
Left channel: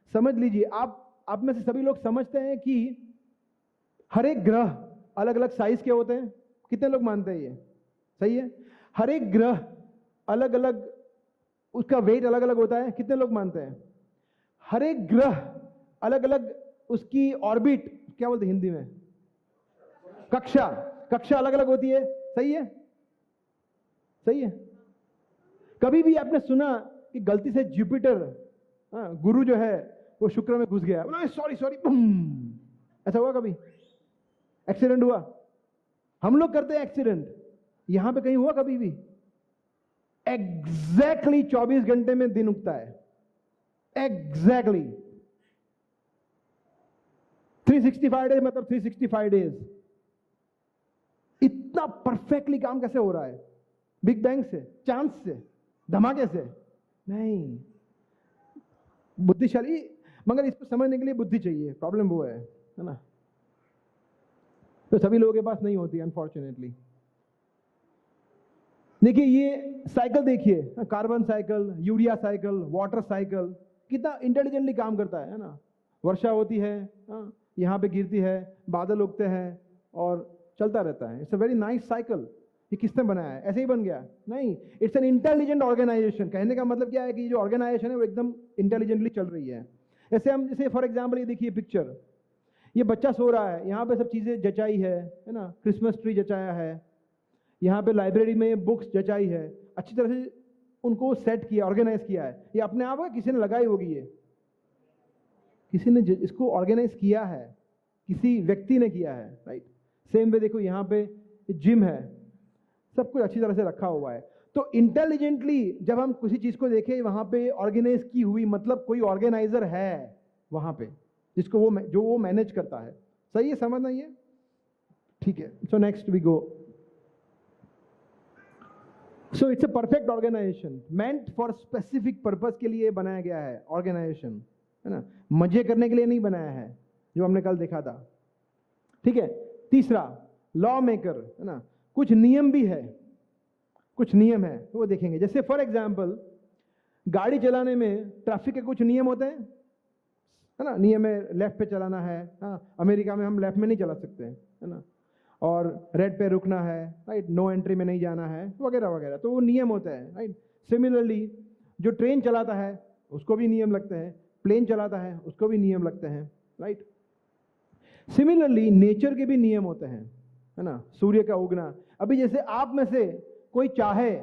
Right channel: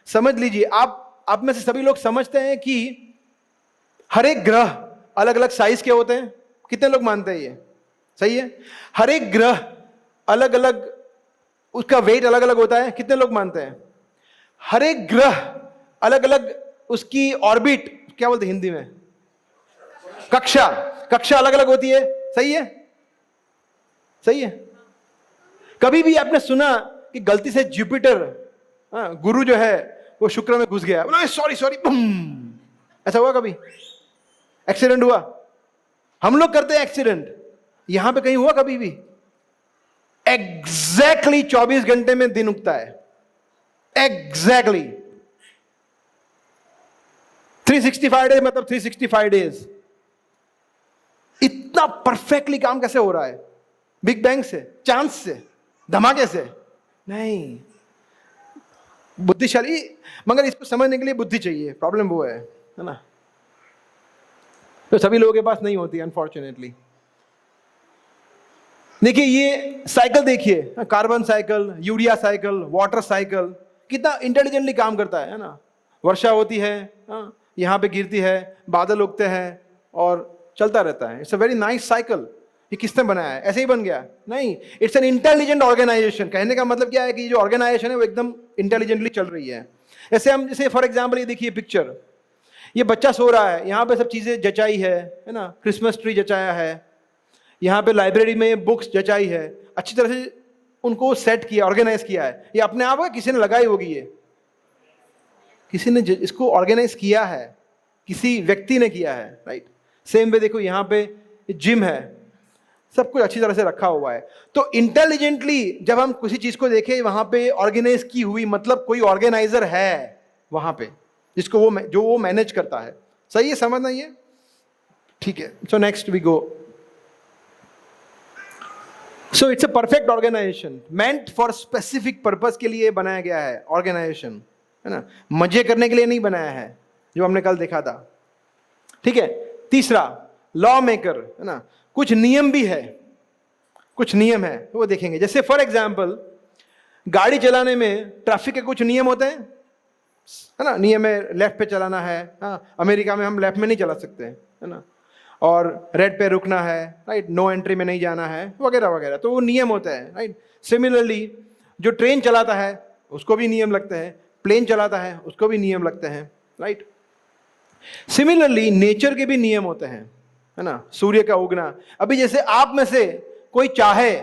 समझ लीजिए, आप में से सभी लोग समझते हैं कि हर एक ग्रह अलग अलग साइज के होते हैं। कितने लोग मानते हैं ये सही है? हर एक ग्रह अलग अलग, उसका वेट अलग अलग होता है। कितने लोग मानते हैं? हर एक ग्रह अलग अलग, उसकी ऑर्बिट, क्या बोलते हैं हिंदी में, कक्षा अलग अलग होती है। सही है? सही है। कभी भी आपने सुना कि गलती से जुपिटर, गुरु जो है वो शुक्र में घुस गया, बोला सॉरी सॉरी, ऐसा हुआ कभी? एक्सीडेंट हुआ? हम लोग करते हैं एक्सीडेंट, यहां पे कहीं हुआ कभी भी? एग्जैक्टली 24 घंटे में दिन उगता है, एग्जैक्टली 365 डेज, मतलब 365 डेज। इतना परफेक्टली काम कैसे हो रहा है? बिग बैंग से, चांस से, धमाके से नहीं। बुद्धिशाली, मगर इसको समझने के लिए बुद्धि चाहिए, प्रॉब्लम वो है ना। तो सभी लोगों के पास नहीं होती अनफॉर्चुनेटली। देखिए ये साइकिल, देखिए carbon cycle, urea cycle, water cycle, कितना इंटेलिजेंटली काम करता है ना। वर्षा होती है, यहाँ पे गिरती है, बादल उगते हैं और चलता रहता है। It's a very nice cycle. ये किसने बनाया है? ऐसे ही बन गया? नहीं, इट्स एन इंटेलिजेंट ऑर्गेनाइजेशन। कहने का मतलब क्या है कि जो ऑर्गेनाइजेशन है वो एकदम इंटेलिजेंटली चल रही है। जैसे फॉर एग्जाम्पल ये देखिए पिक्चर, ये बच्चा सो रहा है, यहाँ पे सब चीजें जचाई है ना, क्रिसमस ट्री जचाया है, यहाँ पे लाइब्रेरी में बुक्स जचाई है, अच्छी तरह से उनको सेट किया, ऑर्गेनाइज किया है। ये अपने आप किसी ने लगाई होगी, ये किसी ने इसको ऑर्गेनाइज किया है, किसी व्यक्ति ने किया है, राइट। सेम वे देखो यहाँ पे जिम है, सब कुछ अच्छी तरह से रखा हुआ है। तो इंटेलिजेंटली जब हम किसी चीज को देखें वहां पे ऑर्गेनाइज की हुई, मतलब कोई ऑर्गेनाइजर है वहां पे जिसको वो मैनेज करता है। सही है? समझना ये ठीक है। So next we go. So it's a perfect organization meant for specific purpose के लिए बनाया गया है ऑर्गेनाइजेशन, है ना। मजे करने के लिए नहीं बनाया है, जो हमने कल देखा था, ठीक है। तीसरा, लॉ मेकर, है ना। कुछ नियम भी है, कुछ नियम है, वो देखेंगे। जैसे फॉर एग्जाम्पल गाड़ी चलाने में ट्रैफिक के कुछ नियम होते हैं, है ना। नियम है लेफ्ट पे चलाना है, हाँ। अमेरिका में हम लेफ्ट में नहीं चला सकते, है ना। और रेड पे रुकना है, राइट। नो एंट्री में नहीं जाना है, वगैरह वगैरह। तो वो नियम होते हैं, राइट। सिमिलरली जो ट्रेन चलाता है उसको भी नियम लगते हैं, प्लेन चलाता है उसको भी नियम लगते हैं, राइट। सिमिलरली नेचर के भी नियम होते हैं, है ना। सूर्य का उगना, अभी जैसे आप में से कोई चाहे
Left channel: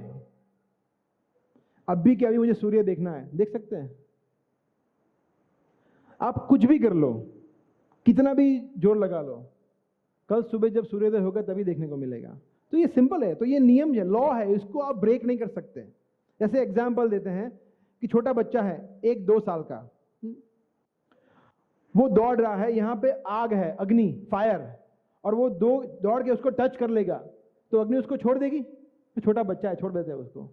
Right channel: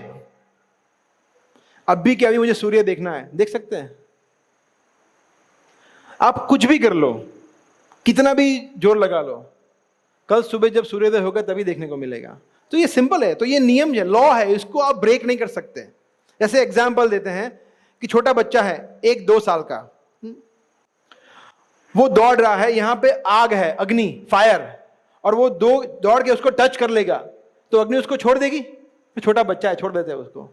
अब भी कि अभी मुझे सूर्य देखना है, देख सकते हैं? आप कुछ भी कर लो, कितना भी जोर लगा लो, कल सुबह जब सूर्योदय होगा तभी देखने को मिलेगा। तो ये सिंपल है, तो ये नियम है, लॉ है, इसको आप ब्रेक नहीं कर सकते। जैसे एग्जाम्पल देते हैं कि छोटा बच्चा है 1-2 साल का, वो दौड़ रहा है, यहां पे आग है, अग्नि, फायर, और वो दौड़ के उसको टच कर लेगा तो अग्नि उसको छोड़ देगी? तो छोटा बच्चा है, छोड़ देते हैं उसको।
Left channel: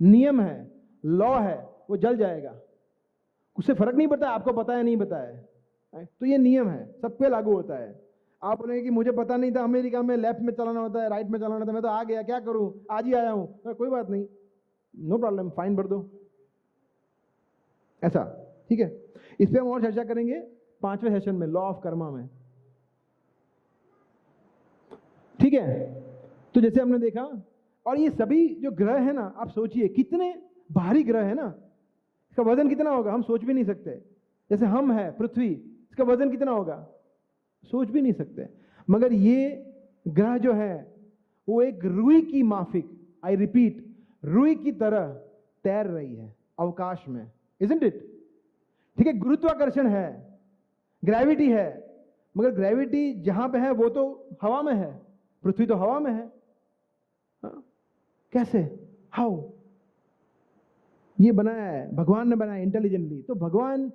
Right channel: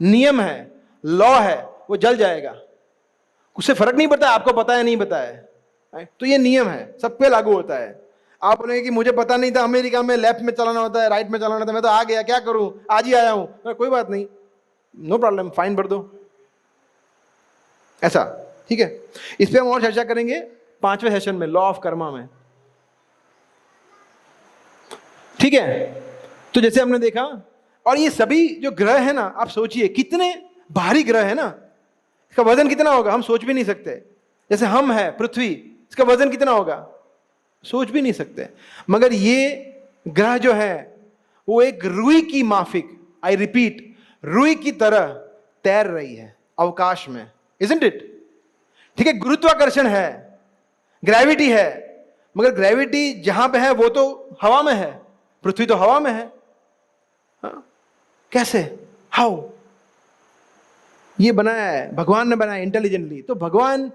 नियम है, लॉ है, वो जल जाएगा, उससे फर्क नहीं पड़ता आपको पता है नहीं पता है। तो ये नियम है, सब पे लागू होता है। आप बोलेंगे कि मुझे पता नहीं था अमेरिका में लेफ्ट में चलाना होता है, राइट में चलाना होता है, मैं तो आ गया, क्या करूं, आज ही आया हूं। कोई बात नहीं, नो प्रॉब्लम, फाइन भर दो, ऐसा, ठीक है। इस पे हम और चर्चा करेंगे 5वें सेशन में, लॉ ऑफ कर्मा में, ठीक है। तो जैसे हमने देखा, और ये सभी जो ग्रह है ना, आप सोचिए कितने भारी ग्रह है ना, इसका वजन कितना होगा हम सोच भी नहीं सकते। जैसे हम है पृथ्वी, इसका वजन कितना होगा सोच भी नहीं सकते। मगर ये ग्रह जो है वो एक रुई की माफिक, आई रिपीट, रुई की तरह तैर रही है अवकाश में, इजंट इट? ठीक है, गुरुत्वाकर्षण है, ग्रेविटी है, मगर ग्रेविटी जहां पे है वो तो हवा में है, पृथ्वी तो हवा में है। हाँ? कैसे, हाउ? ये बनाया है, भगवान ने बनाया इंटेलिजेंटली। तो भगवान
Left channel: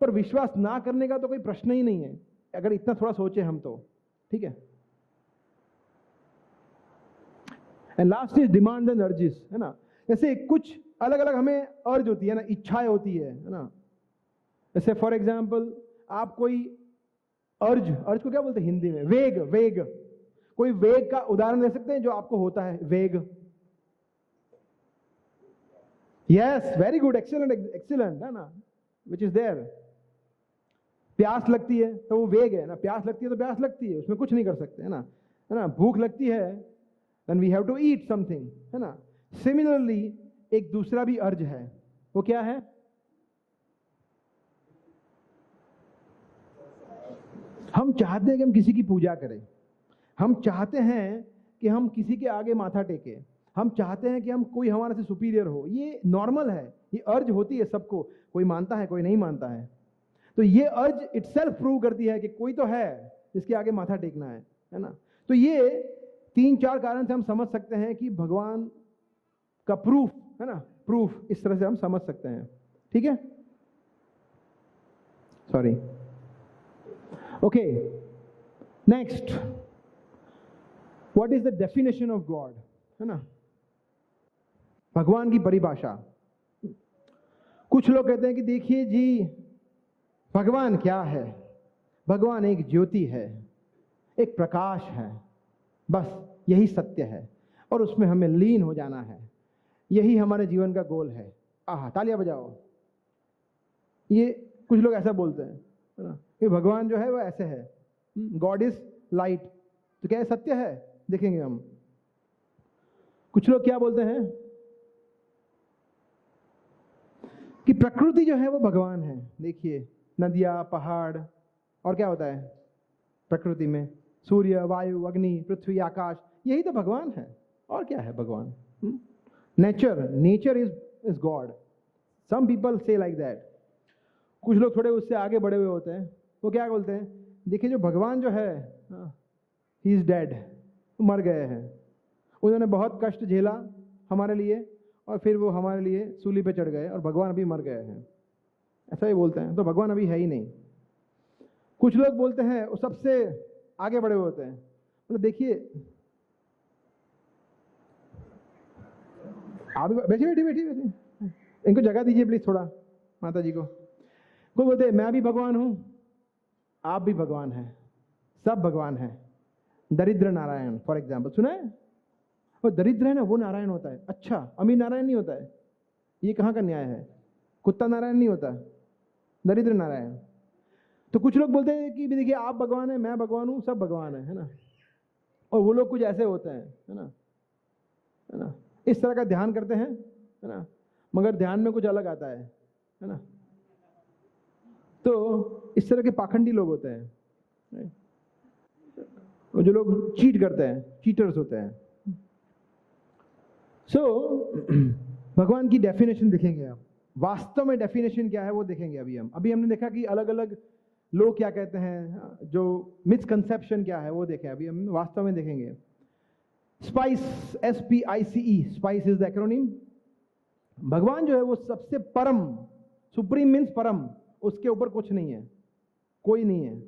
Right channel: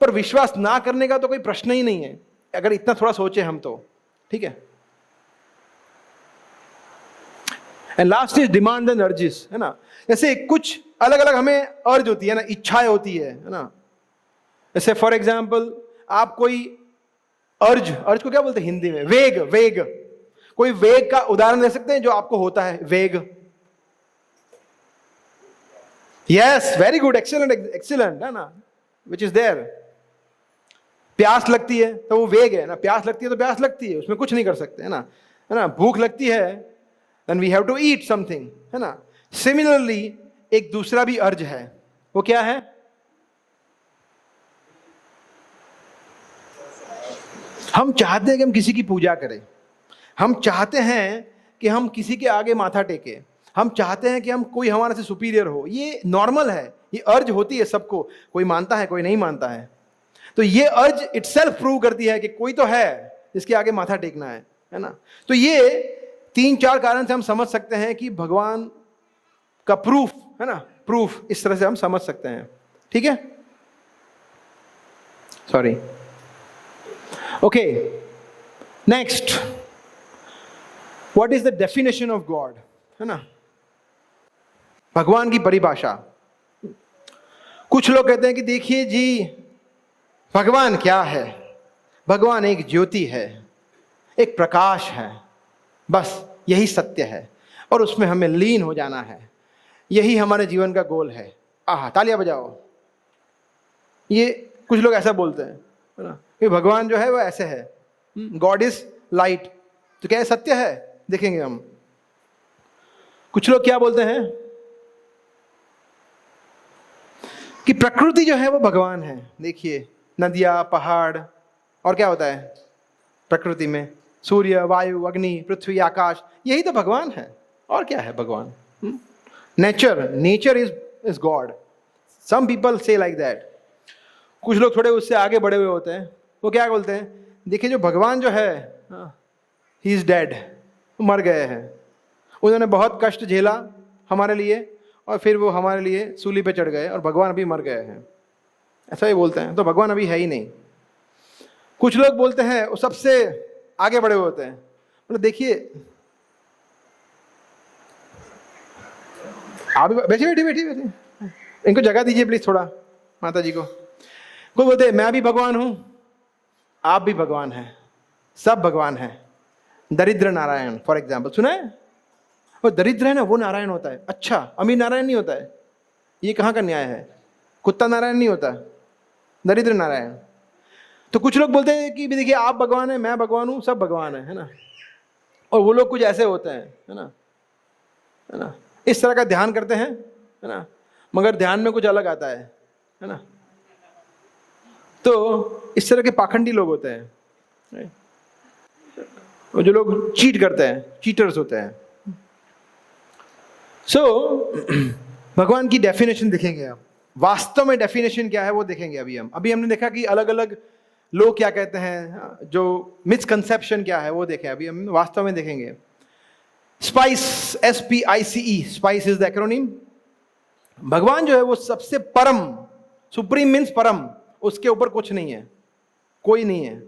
पर विश्वास ना करने का तो कोई प्रश्न ही नहीं है, अगर इतना थोड़ा सोचे हम तो। ठीक है, and last is demand and urges, है ना। जैसे कुछ अलग अलग हमें अर्ज होती है ना, इच्छाएं होती है ना। जैसे फॉर एग्जाम्पल आप कोई अर्ज को क्या बोलते हैं हिंदी में? वेग। वेग, कोई वेग का उदाहरण दे सकते हैं जो आपको होता है? वेग, yes, very good, excellent, excellent, है ना, विच इज देयर। प्यास लगती है तो वो वेग है ना, प्यास लगती है तो प्यास लगती है, उसमें कुछ नहीं कर सकते, है ना। भूख लगती है, then we have to eat something, है ना। सिमिलरली एक दूसरा भी अर्ज है, वो क्या है? हम चाहते हैं कि हम किसी की पूजा करें, हम चाहते हैं कि हम किसी के आगे माथा टेके, हम चाहते हैं कि हम कोई हमारे से सुपीरियर हो। ये नॉर्मल है, ये अर्ज होती है सबको, कोई मानता है कोई नहीं मानता है। तो ये अर्ज इटसेल्फ प्रूव करती है कि कोई तो है जिसके आगे माथा टेकना है ना। तो ये 3-4 कारण से हम समझ सकते हैं कि भगवान का प्रूफ, है ना, प्रूफ इस तरह से हम समझ सकते हैं। ठीक है, sorry, okay, next, what is the definition of God, है ना, भगवान की परिभाषा। कुछ लोग कहते हैं कि देखिए जी, भगवान क्या है? भगवान एक ज्योति है, एक प्रकाश है, बस यही सत्य है और उसमें हमें लीन हो जाना है, यही हमारे जीवन का गोल है। आहा, तालियां बजाओ। ये कुछ लोग ऐसा बोलते हैं, है ना, कि भगवान जो है वो ऐसे है, गॉड इज लाइट। तो क्या ये सत्य है? देखेंगे हम। कुछ लोग क्या बोलते हैं कि प्रकृति जो है वो भगवान है। देखिए, नदियां, पहाड़, और क्या होता है प्रकृति में? सूर्य, वायु, अग्नि, पृथ्वी, आकाश, यही तो भगवान है। और क्या है भगवान? Nature is God. Some people say like that. कुछ लोग थोड़े उससे आगे बढ़े हुए होते हैं, वो क्या बोलते हैं, देखिए जो भगवान जो है, ही इज डेड, मर गए हैं, उन्होंने बहुत कष्ट झेला हमारे लिए और फिर वो हमारे लिए सूली पे चढ़ गए और भगवान अभी मर गए हैं, ऐसा ही बोलते हैं। तो भगवान अभी है ही नहीं। कुछ लोग बोलते हैं, वो सबसे आगे बढ़े हुए होते हैं, मतलब देखिए, आप बैठिए, इनको जगह दीजिए प्लीज थोड़ा, माता जी को। कोई बोलते हैं मैं भी भगवान हूं, आप भी भगवान हैं, सब भगवान हैं। दरिद्र नारायण फॉर एग्जाम्पल, सुना है? वो दरिद्र है ना, वो नारायण होता है। अच्छा, अमीर नारायण नहीं होता है? ये कहाँ का न्याय है? कुत्ता नारायण नहीं होता, दरिद्र नारायण। तो कुछ लोग बोलते हैं कि देखिए आप भगवान हैं, मैं भगवान हूं, सब भगवान है ना। और वो लोग कुछ ऐसे होते हैं, है ना, इस तरह का ध्यान करते हैं, है ना, मगर ध्यान में कुछ अलग आता है ना। तो इस तरह के पाखंडी लोग होते हैं, वो जो लोग चीट करते हैं, चीटर्स होते हैं। भगवान की डेफिनेशन देखेंगे आप, वास्तव में डेफिनेशन क्या है वो देखेंगे अभी हमने देखा कि अलग अलग लोग क्या कहते हैं, जो मिसकंसेप्शन क्या है वो देखें, अभी हम वास्तव में देखेंगे। Spice, SPICE, spice is the acronym. भगवान जो है वो सबसे परम, सुप्रीम मीन्स परम, उसके ऊपर कुछ नहीं है, कोई नहीं है।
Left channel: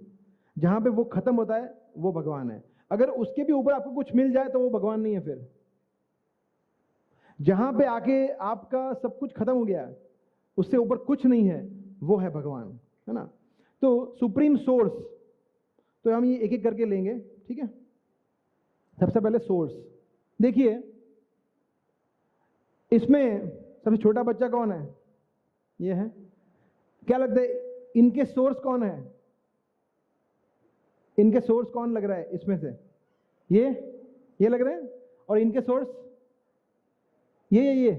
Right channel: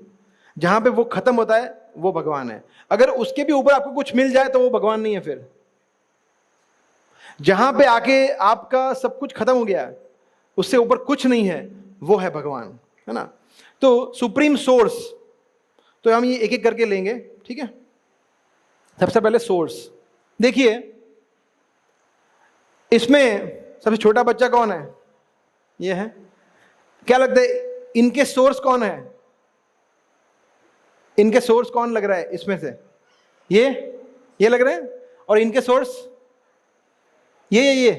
जहां पे वो खत्म होता है वो भगवान है। अगर उसके भी ऊपर आपको कुछ मिल जाए तो वो भगवान नहीं है। फिर जहां पे आके आपका सब कुछ खत्म हो गया, उससे ऊपर कुछ नहीं है, वो है भगवान, है ना। तो सुप्रीम सोर्स, तो हम ये एक एक करके लेंगे, ठीक है। सबसे पहले सोर्स देखिए, इसमें सबसे छोटा बच्चा कौन है? ये है। क्या लगता है इनके सोर्स कौन है? इनके सोर्स कौन लग रहा है इसमें से? ये लग रहे हैं। और इनके सोर्स ये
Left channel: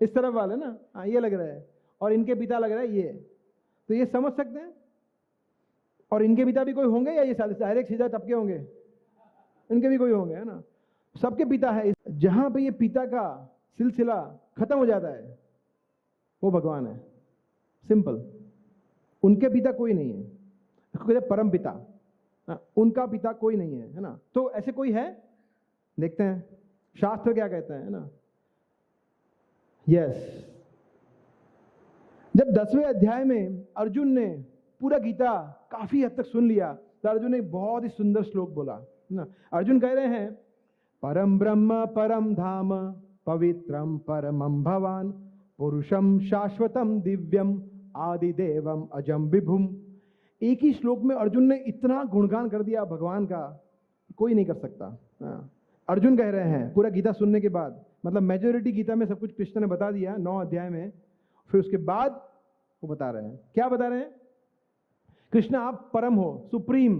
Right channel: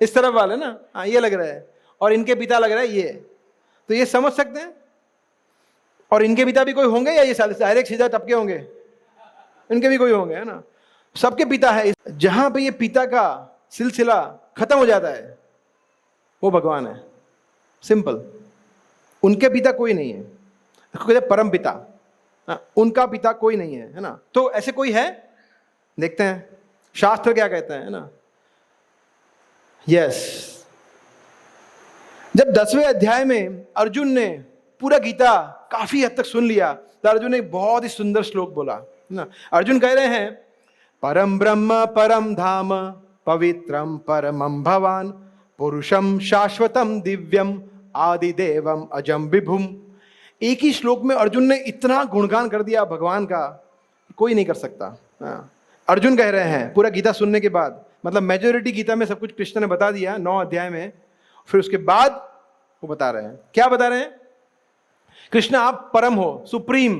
इस तरफ वाले ना, हाँ ये लग रहा है। और इनके पिता लग रहा है ये। तो ये समझ सकते हैं। और इनके पिता भी कोई होंगे या ये डायरेक्ट सीधा टपके होंगे? इनके भी कोई होंगे, है ना। सबके पिता है। जहां पे ये पिता का सिलसिला खत्म हो जाता है वो भगवान है, सिंपल। उनके पिता कोई नहीं है, उसको कहते हैं परम पिता। उनका पिता कोई नहीं है ना। तो ऐसे कोई है? देखते हैं शास्त्र क्या कहते हैं, है ना। यस, जब 10वें अध्याय में अर्जुन ने पूरा गीता काफी हद तक सुन लिया तो अर्जुन ने एक बहुत ही सुंदर श्लोक बोला ना। अर्जुन कह रहे हैं, परम ब्रह्म परम धाम पवित्रम परमं भवान पुरुषम शाश्वतम दिव्यम आदिदेवम अजम विभुम। एक ही श्लोक में अर्जुन ने इतना गुणगान कर दिया भगवान का, कोई नहीं कर सकता। अर्जुन कह रहे हैं पूरा गीता सुनने के बाद, मतलब मेजॉरिटी गीता में सब कुछ कृष्ण ने बता दिया 9 अध्याय में, फिर उसके बाद वो बता रहे हैं, क्या बता रहे हैं? कृष्ण आप परम हो, सुप्रीम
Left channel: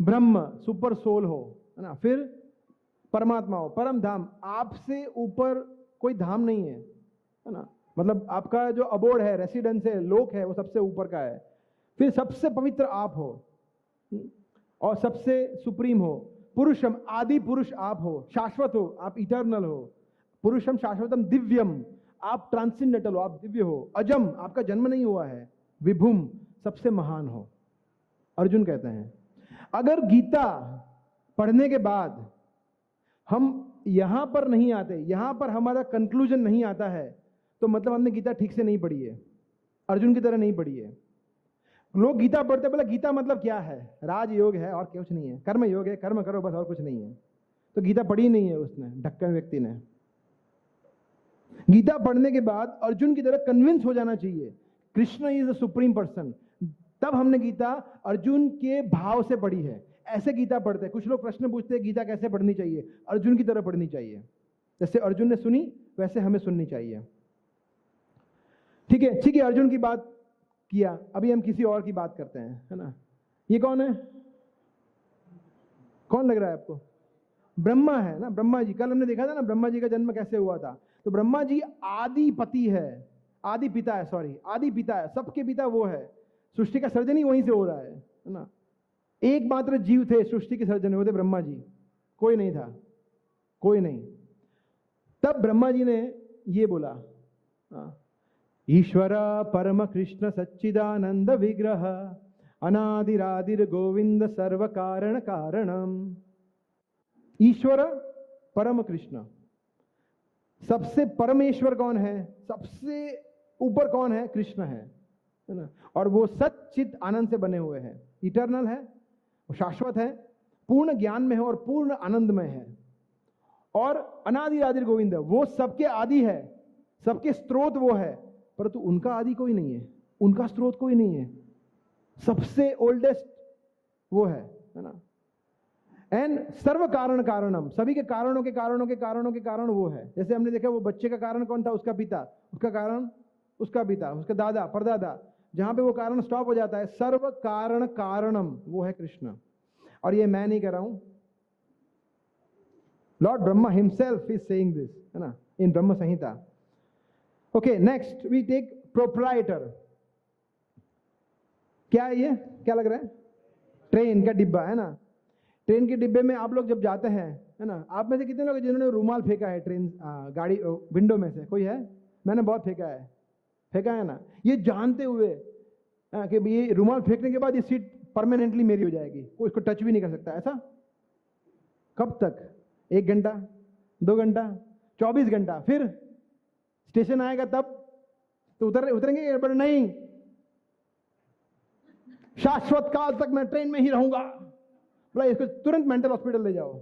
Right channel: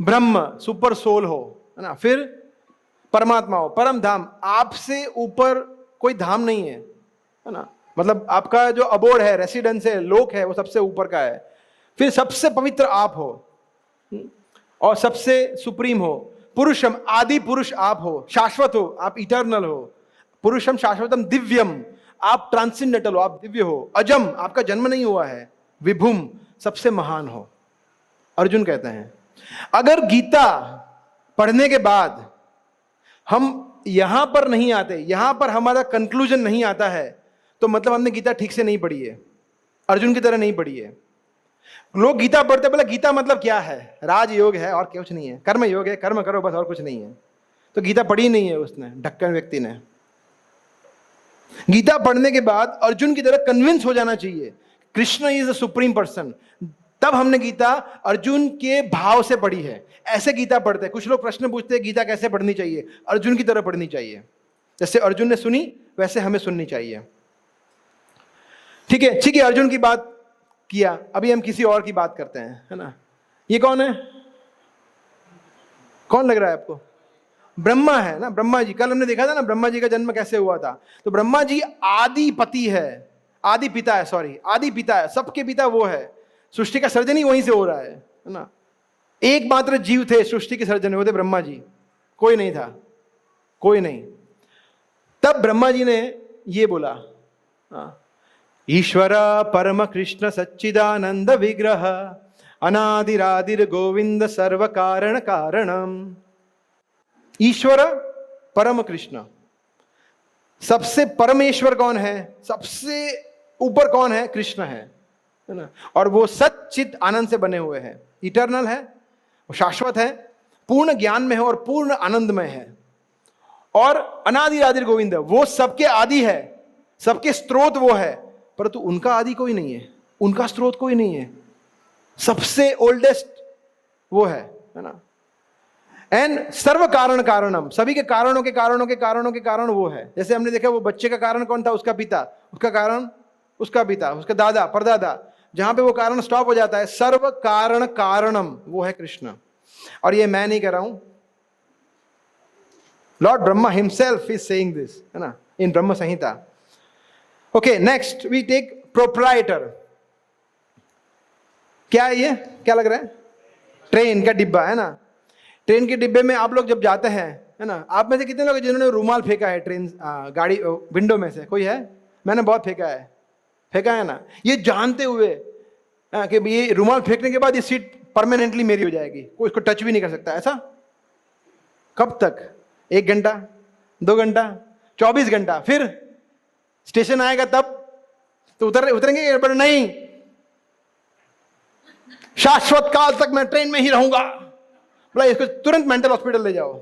ब्रह्म, सुपर सोल हो, है ना। फिर परमात्मा हो, परम धाम, आपसे ऊपर कोई धाम नहीं है ना। मतलब आपका जो अबोर्ड है, रेसिडेंस है, लोक है, वो सबसे ऊपर का है। फिर सबसे पवित्र आप हो और सबसे सुप्रीम हो। पुरुषम, आदि पुरुष आप हो, शाश्वत हो, आप इटर्नल हो। पुरुषम शाश्वतम दिव्यम, आप ट्रांसेंडेंटल हो, आप दिव्य हो। अजम, आपका जन्म नहीं हुआ है। विभुम, सबसे महान हो। अर्जुन कहते हैं अगर गीता पढ़ने के बाद हम यहां पर नहीं आते, यहां पर हमारा कंक्लूजन नहीं आता है, तो मतलब हमने गीता ठीक से नहीं पढ़ी है, अर्जुन की तरह नहीं पढ़ी है। लोग गीता पढ़ते बोले गीता मतलब क्या है? राजयोग है और कुछ नहीं है, कर्म योग है, कर्म करो बस और कुछ नहीं है। तो गीता पढ़ी नहीं है उसने, ढक्कन व्यक्ति ने। गीता पढ़ने के बाद अर्जुन की तरह कन्विंस हो जाना चाहिए Krishna is the supreme person. तब हमने गीता अर्जुन के भाव से पढ़ी है। ऐसे गीता पढ़ते हैं। कुछ लोग प्रश्न पूछते हैं गीता कैसे पढ़नी चाहिए? अर्जुन की तरह पढ़नी चाहिए, जैसे अर्जुन ने सुनी वैसे हमें सुननी चाहिए। ठीक है, ठीक है, अर्जुन की बात किया, अभी हम किसी और की बात करते हैं, है ना। ये कौन है? कौन लग रहा है आपको? ब्रह्मा है ना, ब्रह्मा जी। कल हमने देखा था ना ब्रह्मा जी का जन्म कैसे हुआ था। तो ब्रह्मा जी आदि पति है, आदि पिता है, सॉरी आदि पिता है, सबके पिता वो है। सृष्टि का सर्जन ही वहीं से हो रहा है ना। एकमात्र जीव थे सृष्टि के सर्जन, वो थे ब्रह्मा जी, कोई नहीं था, कोई नहीं। तब ब्रह्मा जी ने ये बोला, ईश्वर परम कृष्ण सच्चिदानंद विग्रह अनादिरादिर गोविंद सर्व कारण कारणम। ईश्वर परम कृष्ण, सबसे परमेश्वर कौन है? सबसे ऊपर कौन है? कृष्ण है ना। और वो सच्चित आनंद से बने हुए हैं, इटर्नल है, वो शाश्वत है, पूर्ण ज्ञान में है और पूर्ण आनंद में है। और अनादि आदिर गोविंद, वो सबके आदि है, सबके स्रोत वो है, परंतु उनका आदि कोई नहीं है, उनका स्रोत कोई नहीं है। सबसे ओल्डेस्ट वो है ना। एंड सर्व कारण कारणम, सभी के कारणों के कारणों के कारणों के कारण वो है। जैसे हमने देखा वो बच्चे का कारण कौन था? उसका पिता, उसका कारण उसका पिता, उसका दादा, परदादा। जहां पे वो कारण स्टॉप हो जाता है, सर्व कारण कारणम, वो है कृष्ण। और ये मैं नहीं कह रहा हूं, lord Brahma himself is saying this, है ना, in Brahma Samhita. Okay, next we take proprietor. क्या है ये? क्या लग रहा है? ट्रेन का डिब्बा, है ना। ट्रेन के डिब्बे में आप लोग जब जाते हैं, है ना, आप में से कितने लोग जिन्होंने रुमाल फेंका है ट्रेन गाड़ी विंडो में से? कोई है? मैंने बहुत फेंका है, फेंका है ना, ये जानते हुए कि ये रुमाल फेंकने के बाद ये सीट परमानेंटली मेरी हो जाएगी, कोई इसको टच भी नहीं कर सकता। ऐसा कब तक? 1 घंटा, 2 घंटा, 24 घंटा। फिर स्टेशन आएगा तब तो उतरेंगे, पर नहीं, शाश्वत काल तक मैं ट्रेन में ही रहूंगा। बोला इसको तुरंत मेंटल हॉस्पिटल ले जाओ।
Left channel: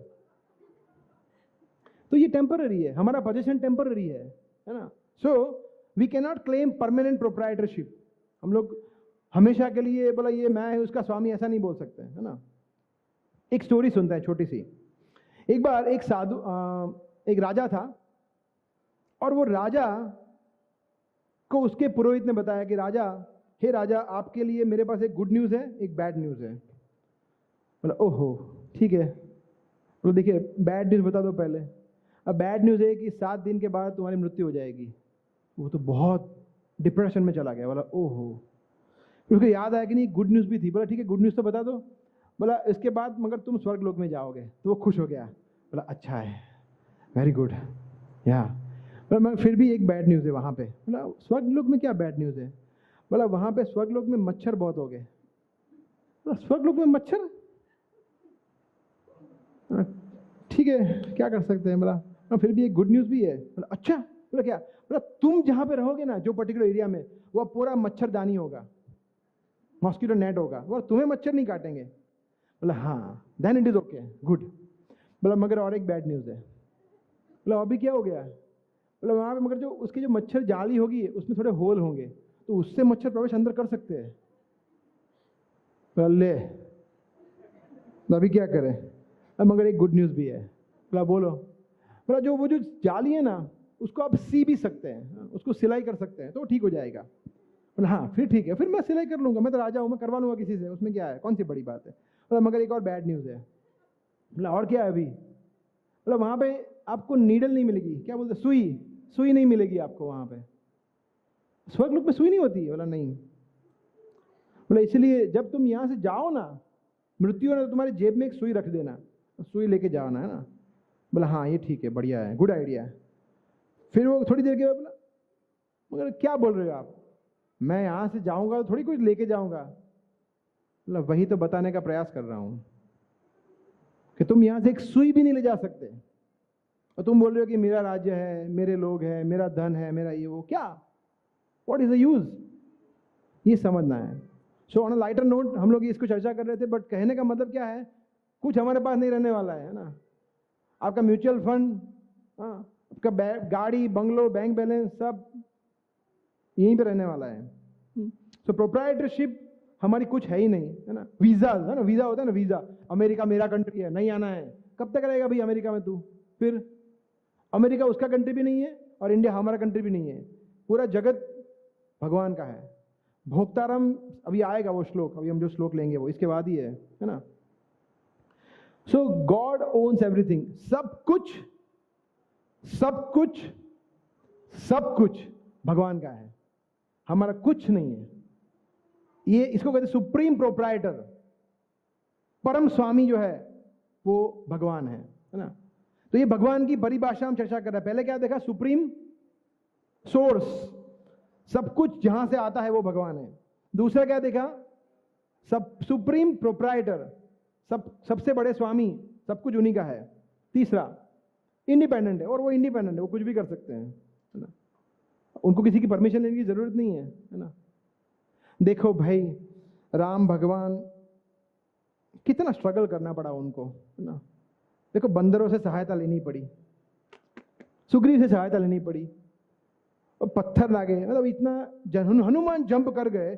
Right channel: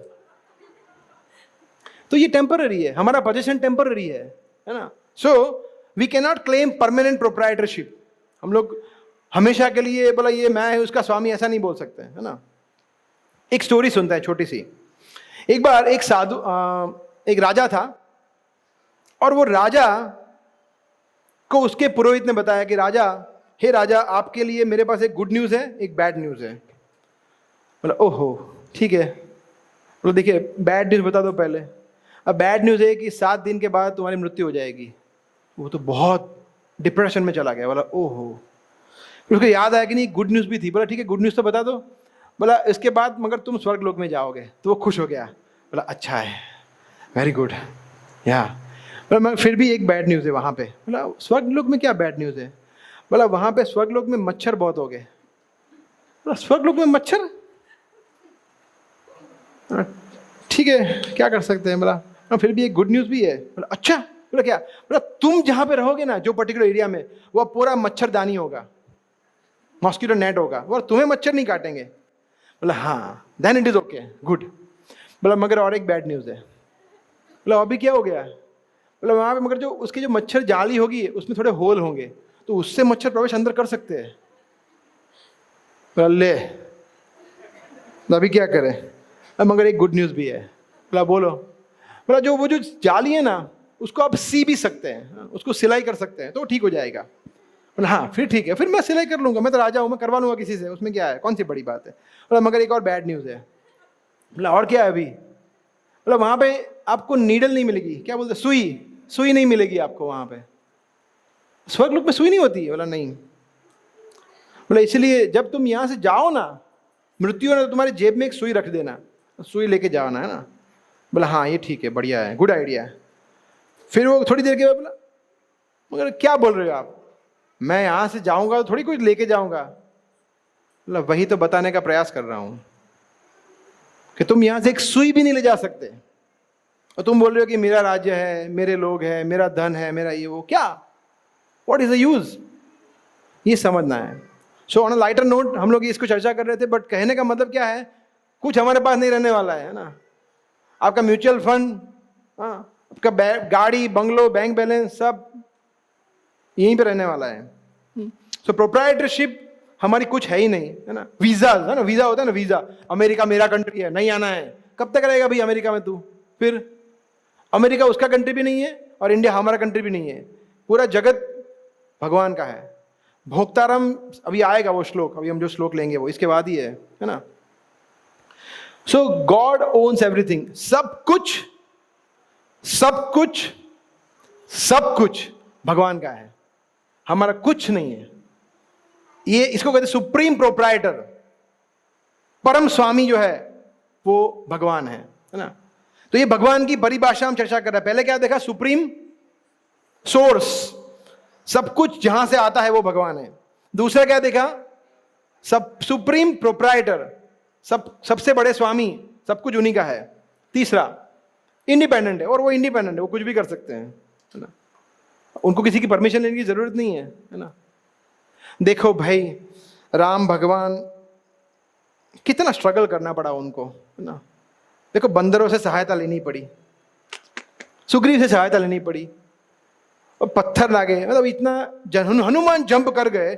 तो ये टेम्पररी है, हमारा पोजीशन टेम्पररी है ना। So we can not claim permanent proprietorship. हम लोग हमेशा के लिए बोला ये मैं उसका स्वामी, ऐसा नहीं बोल सकते, है ना। एक स्टोरी सुनते हैं छोटी सी। एक बार एक साधु, एक राजा था, और वो राजा को उसके पुरोहित ने बताया कि राजा, हे राजा, आपके लिए मेरे पास एक गुड न्यूज़ है, एक बैड न्यूज़ है। बोला ओहो ठीक है। बोला देखिए बैड न्यूज़ बता दो पहले। अब बैड न्यूज़ है कि 7 दिन के बाद तुम्हारी मृत्यु हो जाएगी। वो तो बहुत डिप्रेशन में चला गया। बोला ओहो। फिर उसको याद आया कि नहीं गुड न्यूज़ भी थी। बोला ठीक है गुड न्यूज़ तो बता दो। बोला इसके बाद मगर तुम स्वर्ग लोक में जाओगे। तो वो खुश हो गया। बोला अच्छा है। Very good. या पर फिर भी एक बैड न्यूज़ है वहाँ पे। मतलब स्वर्ग लोक में क्या बैड न्यूज़ है? मतलब वहाँ पे स्वर्ग लोक में मच्छर बहुत हो गए। मतलब स्वर्ग लोक में मच्छर, ठीक है क्या कर सकते हैं। मतलब फिर भी एक गुड न्यूज़ भी है। मतलब अच्छा, मतलब क्या, मतलब तुम जहाँ पे रहोगे ना, जो पर्टिकुलर एरिया में, वो पूरा मच्छरदानी होगा, मॉस्किटो नेट होगा, और तुम्हें मच्छर नहीं काटेंगे। मतलब हाँ, then it is okay, good. मतलब मगर और एक बैड न्यूज़ है। मतलब अभी क्या हो गया, मतलब वहाँ पे मगर जो उसकी जो मच्छर जाली होगी उसमें थोड़े होल होंगे, तो उससे मच्छर प्रवेश अंदर कर सकते हैं। ले तो अभी क्या करें। अब मगर एक गुड न्यूज़ भी है। मतलब बोलो, मतलब जो वो जो जाली है ना, उसको आप सी भी सकते हैं, उसको सिलाई कर सकते हैं तो ठीक हो जाएगा। मतलब हाँ फिर ठीक है, फिर मैं सिलाई कर लूँगा, मैं तो राजा हूँ, मैं करवा लूँगा किसी से, उसमें क्या है, कौन सी बड़ी बात है। मतलब मगर एक और बैड न्यूज़ है। मतलब और क्या है अभी, मतलब वहाँ पे आपको नीडल नहीं मिलेगी, क्या बोलते, सुई, सुई नहीं मिलेगी आपको वहाँ पे। स्वर्ग लोक में सुई नहीं होती? बोला नहीं। बोला इसलिए जब तुम यहाँ से जाओ ना, मृत्यु ने तो तुम्हारी जेब में एक सुई रख देना, सुई लेके जाना है ना। बोला हाँ ये ठीक है, बढ़िया है, गुड आइडिया है। फिर वो थोड़ी देर के बाद बोला मगर क्या बोल रहे हो आप, मैं यहाँ से जाऊँगा तो थोड़ी कुछ लेके जाऊँगा। मतलब वही तो बताने का प्रयास कर रहा हूँ कि तुम यहाँ से एक सुई भी नहीं ले जा सकते, और तुम बोल रहे हो कि मेरा राज्य है, मेरे लोग हैं, मेरा धन है, मेरा ये वो, क्या, व्हाट इज द यूज, ये समझना है। So on a lighter note हम लोग इसको चर्चा कर रहे थे, बट कहने का मतलब क्या है, कुछ हमारे पास नहीं रहने वाला है ना। आपका म्यूचुअल फंड, हाँ, आपका गाड़ी, बंगलो, बैंक बैलेंस सब यहीं पे रहने वाला है। सो प्रोप्राइटरशिप हमारी कुछ है ही नहीं, है ना। वीजा है ना, वीजा होता है ना, वीजा, अमेरिका मेरा कंट्री है, नहीं आना है, कब तक रहेगा भाई अमेरिका में तू। फिर अमेरिका उसका कंट्री भी नहीं है और इंडिया हमारा कंट्री भी नहीं है, पूरा जगत भगवान का है। भोक्तारम अभी आएगा वो श्लोक, अभी हम जो श्लोक लेंगे वो इसके बाद ही है ना। सो गॉड ओन्स एवरीथिंग, सब कुछ, सब कुछ, सब कुछ भगवान का है, हमारा कुछ नहीं है। ये इसको कहते सुप्रीम प्रोप्राइटर, परम स्वामी जो है वो भगवान है ना। तो ये भगवान की परिभाषा हम चर्चा कर रहे हैं। पहले क्या देखा, सुप्रीम सोर्स, सब कुछ जहां से आता है वो भगवान है। दूसरा क्या देखा, सब सुप्रीम प्रोप्राइटर, सबसे बड़े स्वामी, सब कुछ उन्हीं का है। तीसरा इंडिपेंडेंट है, और वो इंडिपेंडेंट है, वो कुछ भी कर सकते हैं, है ना, उनको किसी की परमिशन लेने की जरूरत नहीं है ना। देखो भाई, राम भगवान कितना स्ट्रगल करना पड़ा उनको, है ना। देखो बंदरों से सहायता लेनी पड़ी, सुग्रीव से सहायता लेनी पड़ी, और पत्थर लागे, मतलब इतना हनुमान जंप कर गए,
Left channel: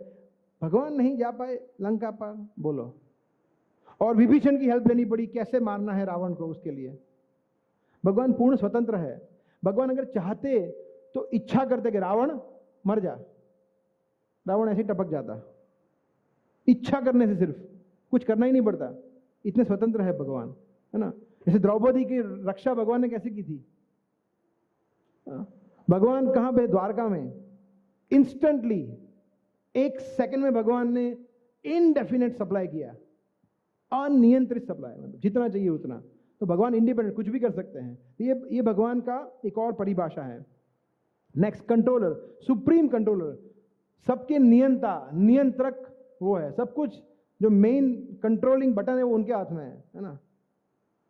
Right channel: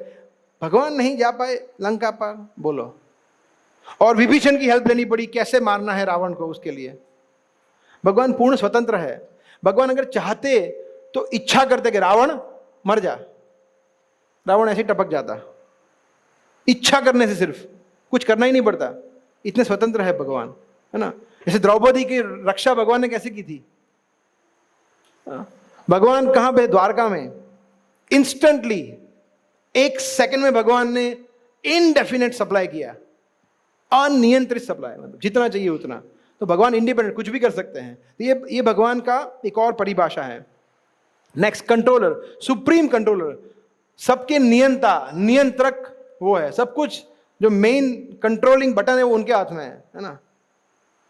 भगवान नहीं जा पाए लंका पार, बोलो। और विभीषण की हेल्प लेनी पड़ी, कैसे मारना है रावण को, उसके लिए भगवान पूर्ण स्वतंत्र है। भगवान अगर चाहते तो इच्छा करते कि रावण मर जा, रावण ऐसे ही टपक जाता, इच्छा करने से, सिर्फ कुछ करना ही नहीं पड़ता, इतने स्वतंत्र है भगवान, है ना। जैसे द्रौपदी की रक्षा भगवान ने कैसे की थी, भगवान कहां पे, द्वारका में, इंस्टेंटली एक सेकंड में भगवान ने इनडेफिनेट सप्लाई किया, अनियंत्रित सप्लाई, मतलब जितना चाहिए उतना। तो भगवान इंडिपेंडेंट, कुछ भी कर सकते हैं। तो ये भगवान का एक और परिभाषा है। नेक्स्ट, कंट्रोलर, सुप्रीम कंट्रोलर, सबके नियंता, नियंत्रक वो है, सब कुछ जो मेन कंट्रोलिंग बटन है वो उनके हाथ में है ना।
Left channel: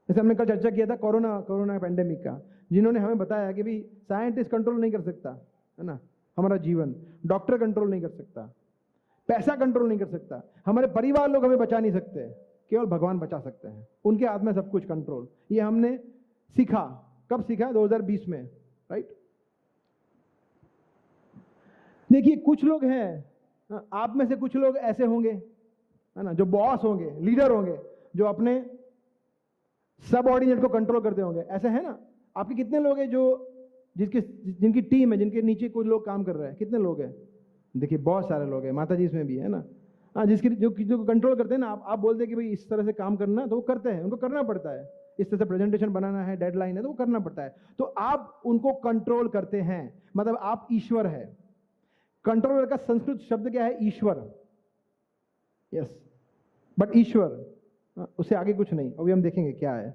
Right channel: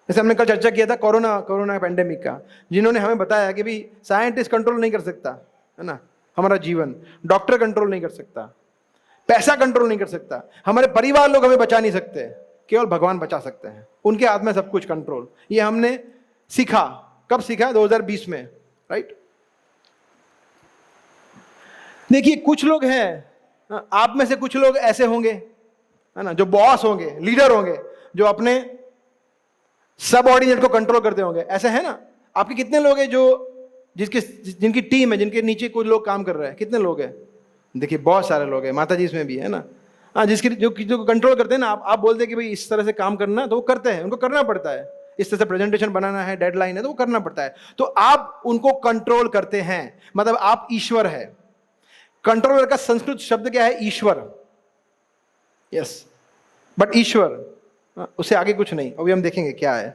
जैसे हमने कल चर्चा किया था कोरोना पेंडेमिक का, जिन्होंने हमें बताया कि भाई साइंटिस्ट कंट्रोल नहीं कर सकता, है ना, हमारा जीवन, डॉक्टर कंट्रोल नहीं कर सकता, पैसा कंट्रोल नहीं कर सकता, हमारे परिवार लोग हमें बचा नहीं सकते, केवल भगवान बचा सकते हैं, उनके हाथ में सब कुछ कंट्रोल। ये हमने सीखा, कब सीखा, 2020 में, राइट। देखिए कुछ लोग हैं, आप में से कुछ लोग ऐसे होंगे, है ना, जो बॉस होंगे, लीडर होंगे, जो अपने सबऑर्डिनेट को कंट्रोल करते होंगे, ऐसे है ना। आपके कितने लोग हैं जो जिनकी टीम है, जिनके नीचे कुछ लोग काम कर रहे हैं, कितने लोग हैं? देखिए बहुत सारे लोग हैं, माता जी इसमें भी है ना। हाँ, जिसकी जो कंट्रोल करते हैं ना, आप बोलते हैं कि भाई इस तरह से काम करना, तो वो करते हैं, उनको करना पड़ता है। इस तरह से प्रेजेंटेशन बनाना है, डेडलाइन है, तो वो करना पड़ता है। तो आप उनको कंट्रोल करते हैं, मतलब आप ईश्वर है। कंट्रोलर का संस्कृत शब्द क्या है? ईश्वर। यस, बट ईश्वर, उससे आगे कुछ नहीं। अभी हम देखेंगे क्या है।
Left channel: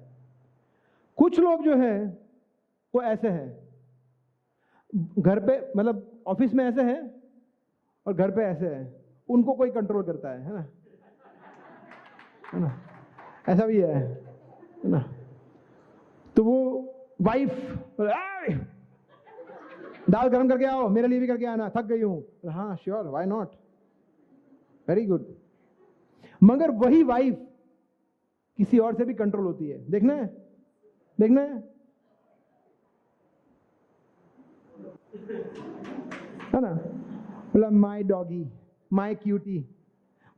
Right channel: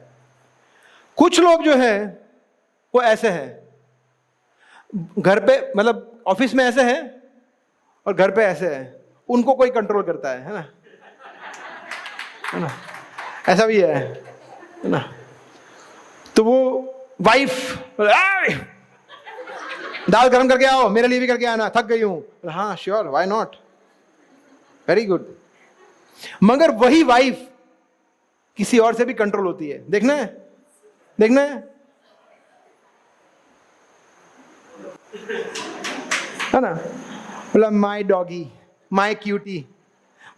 कुछ लोग जो है वो ऐसे है, घर पे मतलब ऑफिस में ऐसे है और घर पे ऐसे है, उनको कोई कंट्रोल करता है ना, है ना, ऐसा भी है ना। तो वो वाइफ दाल गरम करके आओ, मेरे लिए भी करके आना, थक गई हूं। हाँ sure, why not, very good. मगर वही वाइफ किसी और से भी कंट्रोल होती है, देखना है, देखना है ना। बोला माई डॉगी, माई क्यूटी,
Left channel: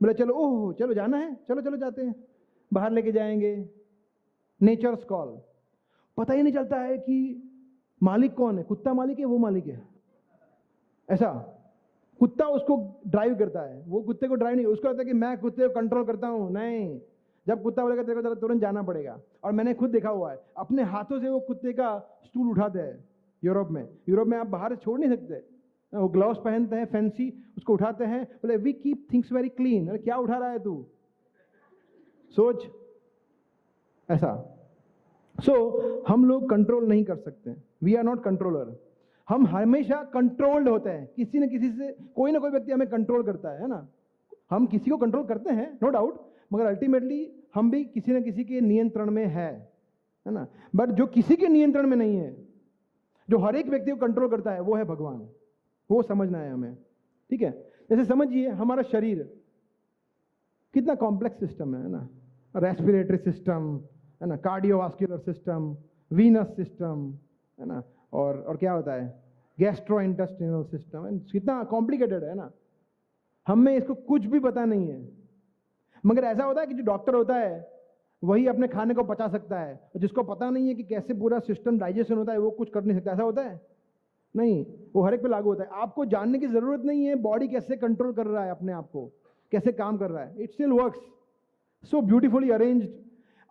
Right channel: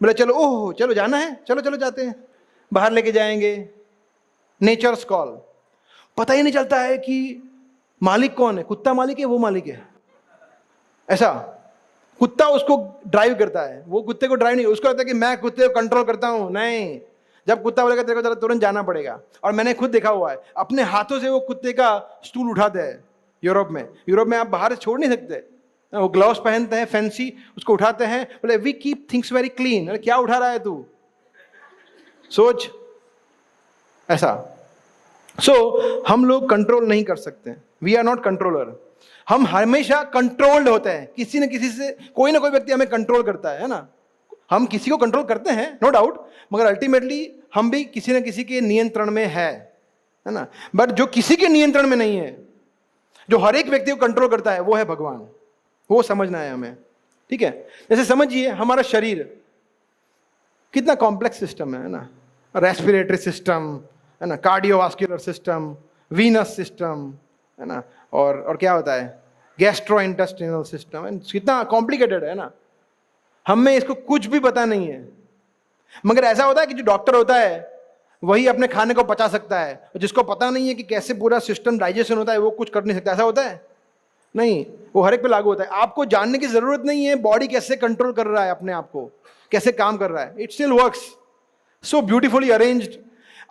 बोला चलो, ओह चलो जाना है, चलो चलो जाते हैं, बाहर लेके जाएंगे, नेचर्स कॉल। पता ही नहीं चलता है कि मालिक कौन है, कुत्ता मालिक है, वो मालिक है, ऐसा। कुत्ता उसको ड्राइव करता है, वो कुत्ते को ड्राइव नहीं, उसको लगता है कि मैं कुत्ते को कंट्रोल करता हूं। नहीं, जब कुत्ता बोलेगा तेरे को जरा तुरंत जाना पड़ेगा। और मैंने खुद देखा हुआ है, अपने हाथों से वो कुत्ते का स्टूल उठाते हैं। यूरोप में आप बाहर छोड़ नहीं सकते, वो ग्लव्स पहनते हैं फैंसी, उसको उठाते हैं, बोले we keep things very clean. अरे क्या उठा रहा है तू, सोच, ऐसा। हम लोग कंट्रोल नहीं कर सकते, वी आर नॉट कंट्रोलर। हम हमेशा कंट्रोल्ड होते हैं, किसी न किसी से, कोई ना कोई व्यक्ति हमें कंट्रोल करता है ना। हम किसी को कंट्रोल करते हैं, नो डाउट, मगर अल्टीमेटली हम भी किसी न किसी के नियंत्रण में है ना। बट जो किसी के नियंत्रण में नहीं है, जो हर एक व्यक्ति को कंट्रोल करता है, वो है भगवान। वो समझना है हमें, ठीक है। जैसे समझिए हमारा शरीर कितना कॉम्प्लेक्स सिस्टम है ना, रेस्पिरेटरी सिस्टम है ना, कार्डियोवास्कुलर सिस्टम, वीनस सिस्टम है ना, और क्या होता है, गैस्ट्रो इंटेस्टिनल सिस्टम, कितना कॉम्प्लिकेटेड है ना। हमें इसको कुछ भी पता नहीं है। मगर ऐसा होता है कि जो डॉक्टर होता है वही अपने खाने को पचा सकता है, जिसको पता नहीं है कि कैसे पूरा सिस्टम डाइजेशन होता है, वो कुछ कर नहीं सकता। ऐसा होता है नहीं, वो हर एक पे लागू होता है। आपको जानने की जरूरत नहीं है बॉडी कैसे कंट्रोल कर रहा है अपने आप को, कैसे काम कर रहा है, it still works so beautifully arranged.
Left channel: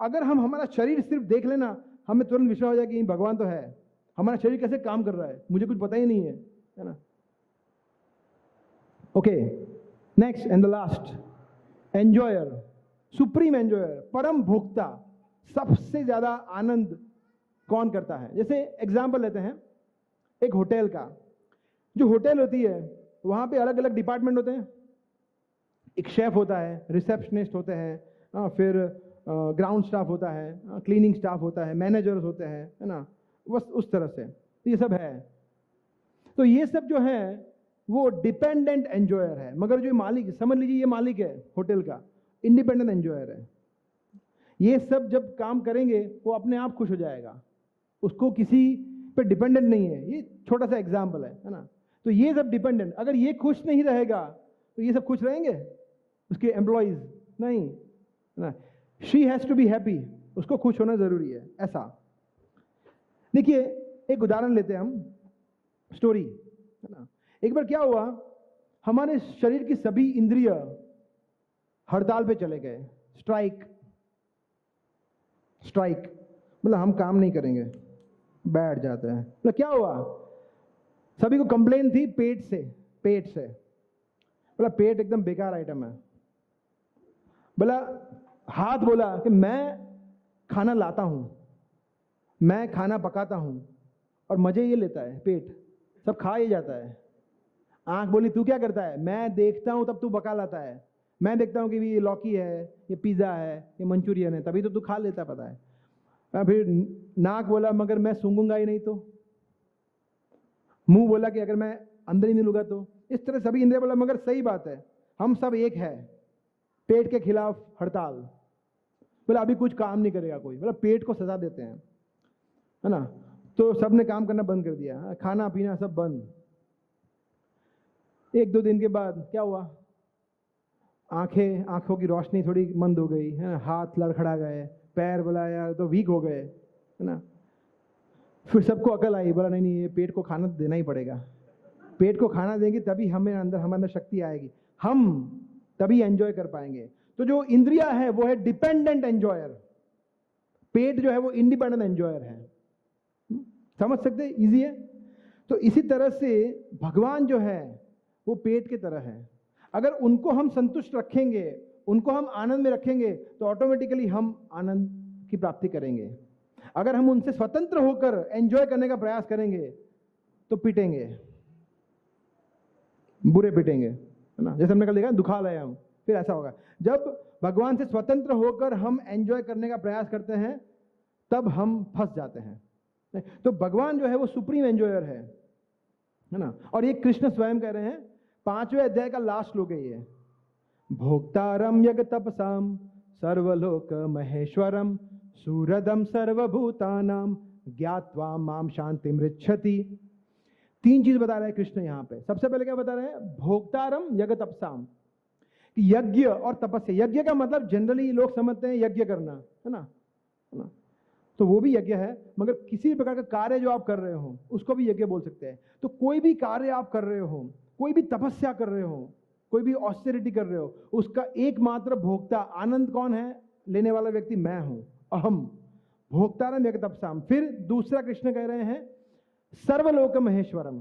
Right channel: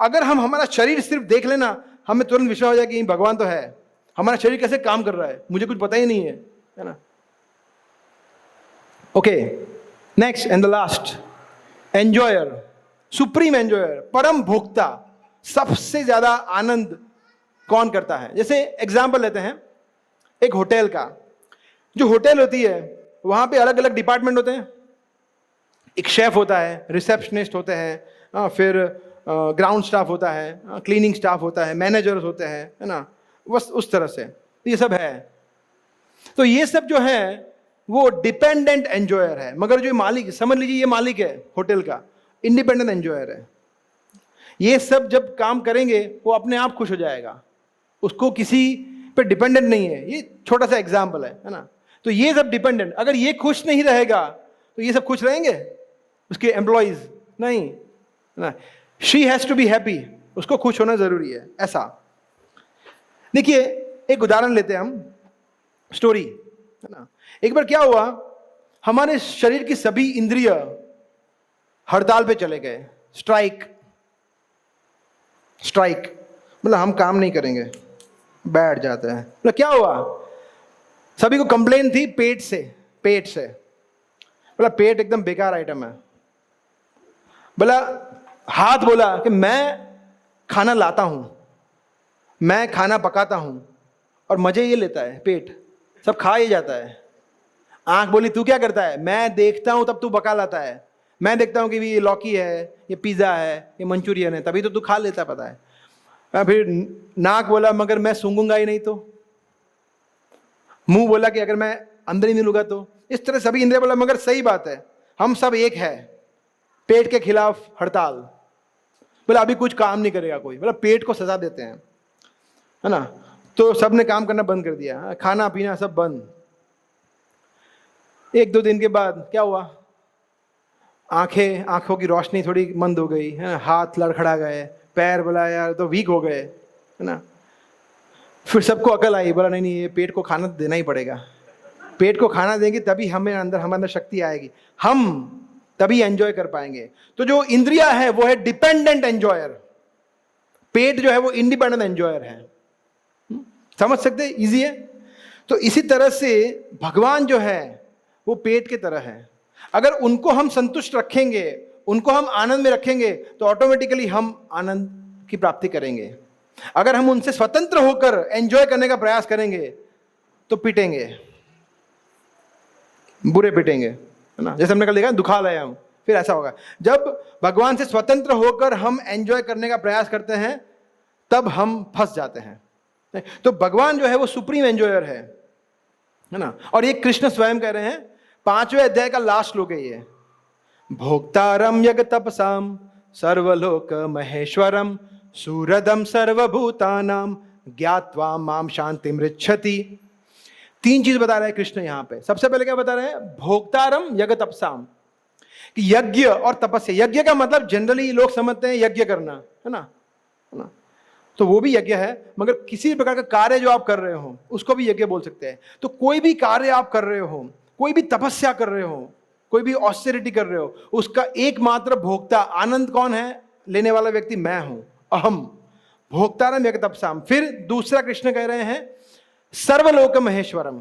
अगर हम हमारा शरीर सिर्फ देख लेना, हमें तुरंत विश्वास हो जाए कि भगवान तो है। हमारा शरीर कैसे काम कर रहा है मुझे कुछ पता ही नहीं है ना। Okay, next and the last, enjoyer, supreme enjoyer, परम भोक्ता। सबसे ज्यादा आनंद कौन करता है? जैसे एग्जांपल लेते हैं एक होटल का। जो होटल होती है वहां पे अलग अलग डिपार्टमेंट होते हैं। एक शेफ होता है, रिसेप्शनिस्ट होते हैं, फिर ग्राउंड स्टाफ होता है, क्लीनिंग स्टाफ होता है, मैनेजर्स होते हैं, है ना, बस उस तरह से ये सब है। तो ये सब जो है वो डिपेंडेंट एंजॉयर है। मगर जो मालिक, समझ लीजिए ये मालिक है होटल का, इंडिपेंडेंट एंजॉयर है। ये सब जब काम करेंगे वो अपने आप खुश हो जाएगा, उसको किसी पे डिपेंडेंट नहीं है। ये छोटा सा एग्जाम्पल है ना। तो ये सब डिपेंडेंट, अगर ये खुश नहीं रहेगा तो ये सब खुश रहेंगे, उसके एम्प्लॉइज नहीं ना। She has to be happy, उसको खुश होना जरूरी है। ऐसा देखिए, एक उदाहरण लेते हैं हम, स्टोरी है ना। एक बार क्या हुआ, हमारे शरीर की सभी इंद्रिय हड़ताल पे चले गए। स्ट्राइक मतलब हम काम नहीं करेंगे, बैठ जाते हैं। मतलब क्या हुआ, सभी को कंप्लेन थी पेट से। बोला पेट एकदम बेकार आइटम है। बोला हाथ बोला कि मैं खाना लाता हूं, मैं खाना पकाता हूं, और मजे ये लेता है पेट, सब खा ही जाता है। आंख बोली तू क्या करता है? मैं देखता हूं तब तू पका लाता है। मैं देखता हूं कि ये लौकी है, ये पिज्जा है, ये मंचूरियन है, तभी तो तू खा लेता, पता है। फिर नाक बोला मगर मैं सूंघूंगा ही नहीं तो। मुंह बोला कि अगर मैं अंदर ही नहीं लूंगा तो। इस तरह सभी इंद्रिय बोला मगर सही बात है, हम सब एक है, पेट के खिलाफ हड़ताल। बोला अभी कुछ काम नहीं करेगा कोई, बोला पेट को सजा देते हैं, है ना। तो सब ने काम करना बंद कर दिया, खाना पीना सब बंद। 1-2 दिन के बाद क्या हुआ, आंखों की रोशनी थोड़ी मंद हो गई, है ना, हाथ लड़खड़ा गए, पैर बोला यार तो वीक हो गए, है ना। फिर सबको अकल आई, बोला नहीं ये पेट को खाना देना ही पड़ेगा। पेट को खाना देंगे तभी हमारे अंदर शक्ति आएगी, हम तभी एंजॉय कर पाएंगे। तो जो इंद्रिया है वो है डिपेंडेंट एंजॉयर, पेट जो है वो इंडिपेंडेंट एंजॉयर है। समझ सकते, इजी है। तो इसी तरह से भगवान जो है वो पेट के तरह है। अगर उनको हम संतुष्ट रखेंगे, उनको हम आनंद में रखेंगे, तो ऑटोमेटिकली हम आनंद की प्राप्ति करेंगे। अगर हम उनसे स्वतंत्र होकर एंजॉय करने का प्रयास करेंगे तो पिटेंगे, बुरे पिटेंगे, है ना। जैसे हमने कल देखा दुखालयम, फिर ऐसा होगा। जब भगवान से स्वतंत्र होकर हम एंजॉय करने का प्रयास करते हैं तब हम फंस जाते हैं। तो भगवान जो है वो सुप्रीम एंजॉयर है ना। और ये कृष्ण स्वयं कह रहे हैं, 5वें अध्याय का लास्ट श्लोक है ये, भोक्तारम यग तपसाम सर्वलोक महेश्वरम सूरदम सर्वभूतानाम ज्ञात्वा माम शांति मृच्छति। 3 चीज बता रहे हैं कृष्ण यहां पे। सबसे पहले क्या बता रहे हैं, भोक्तारम यज्ञ तपसाम, कि यज्ञ और तपस्या। यज्ञ का मतलब जनरली लोग समझते हैं यज्ञ करना, है ना, तो वो भी यज्ञ है, मगर किसी प्रकार का कार्य जो आप कर रहे हो उसको भी यज्ञ बोल सकते हैं। तो कोई भी कार्य आप कर रहे हो, कोई भी तपस्या कर रहे हो, कोई भी ऑस्टेरिटी कर रहे हो, उसका एकमात्र भोक्ता आनंद कौन है, लेने वाला व्यक्ति मैं हूं, अहम। भोक्तारम यज्ञ तपसाम। फिर दूसरा कृष्ण कह रहे हैं सर्वलोक महेश्वरम,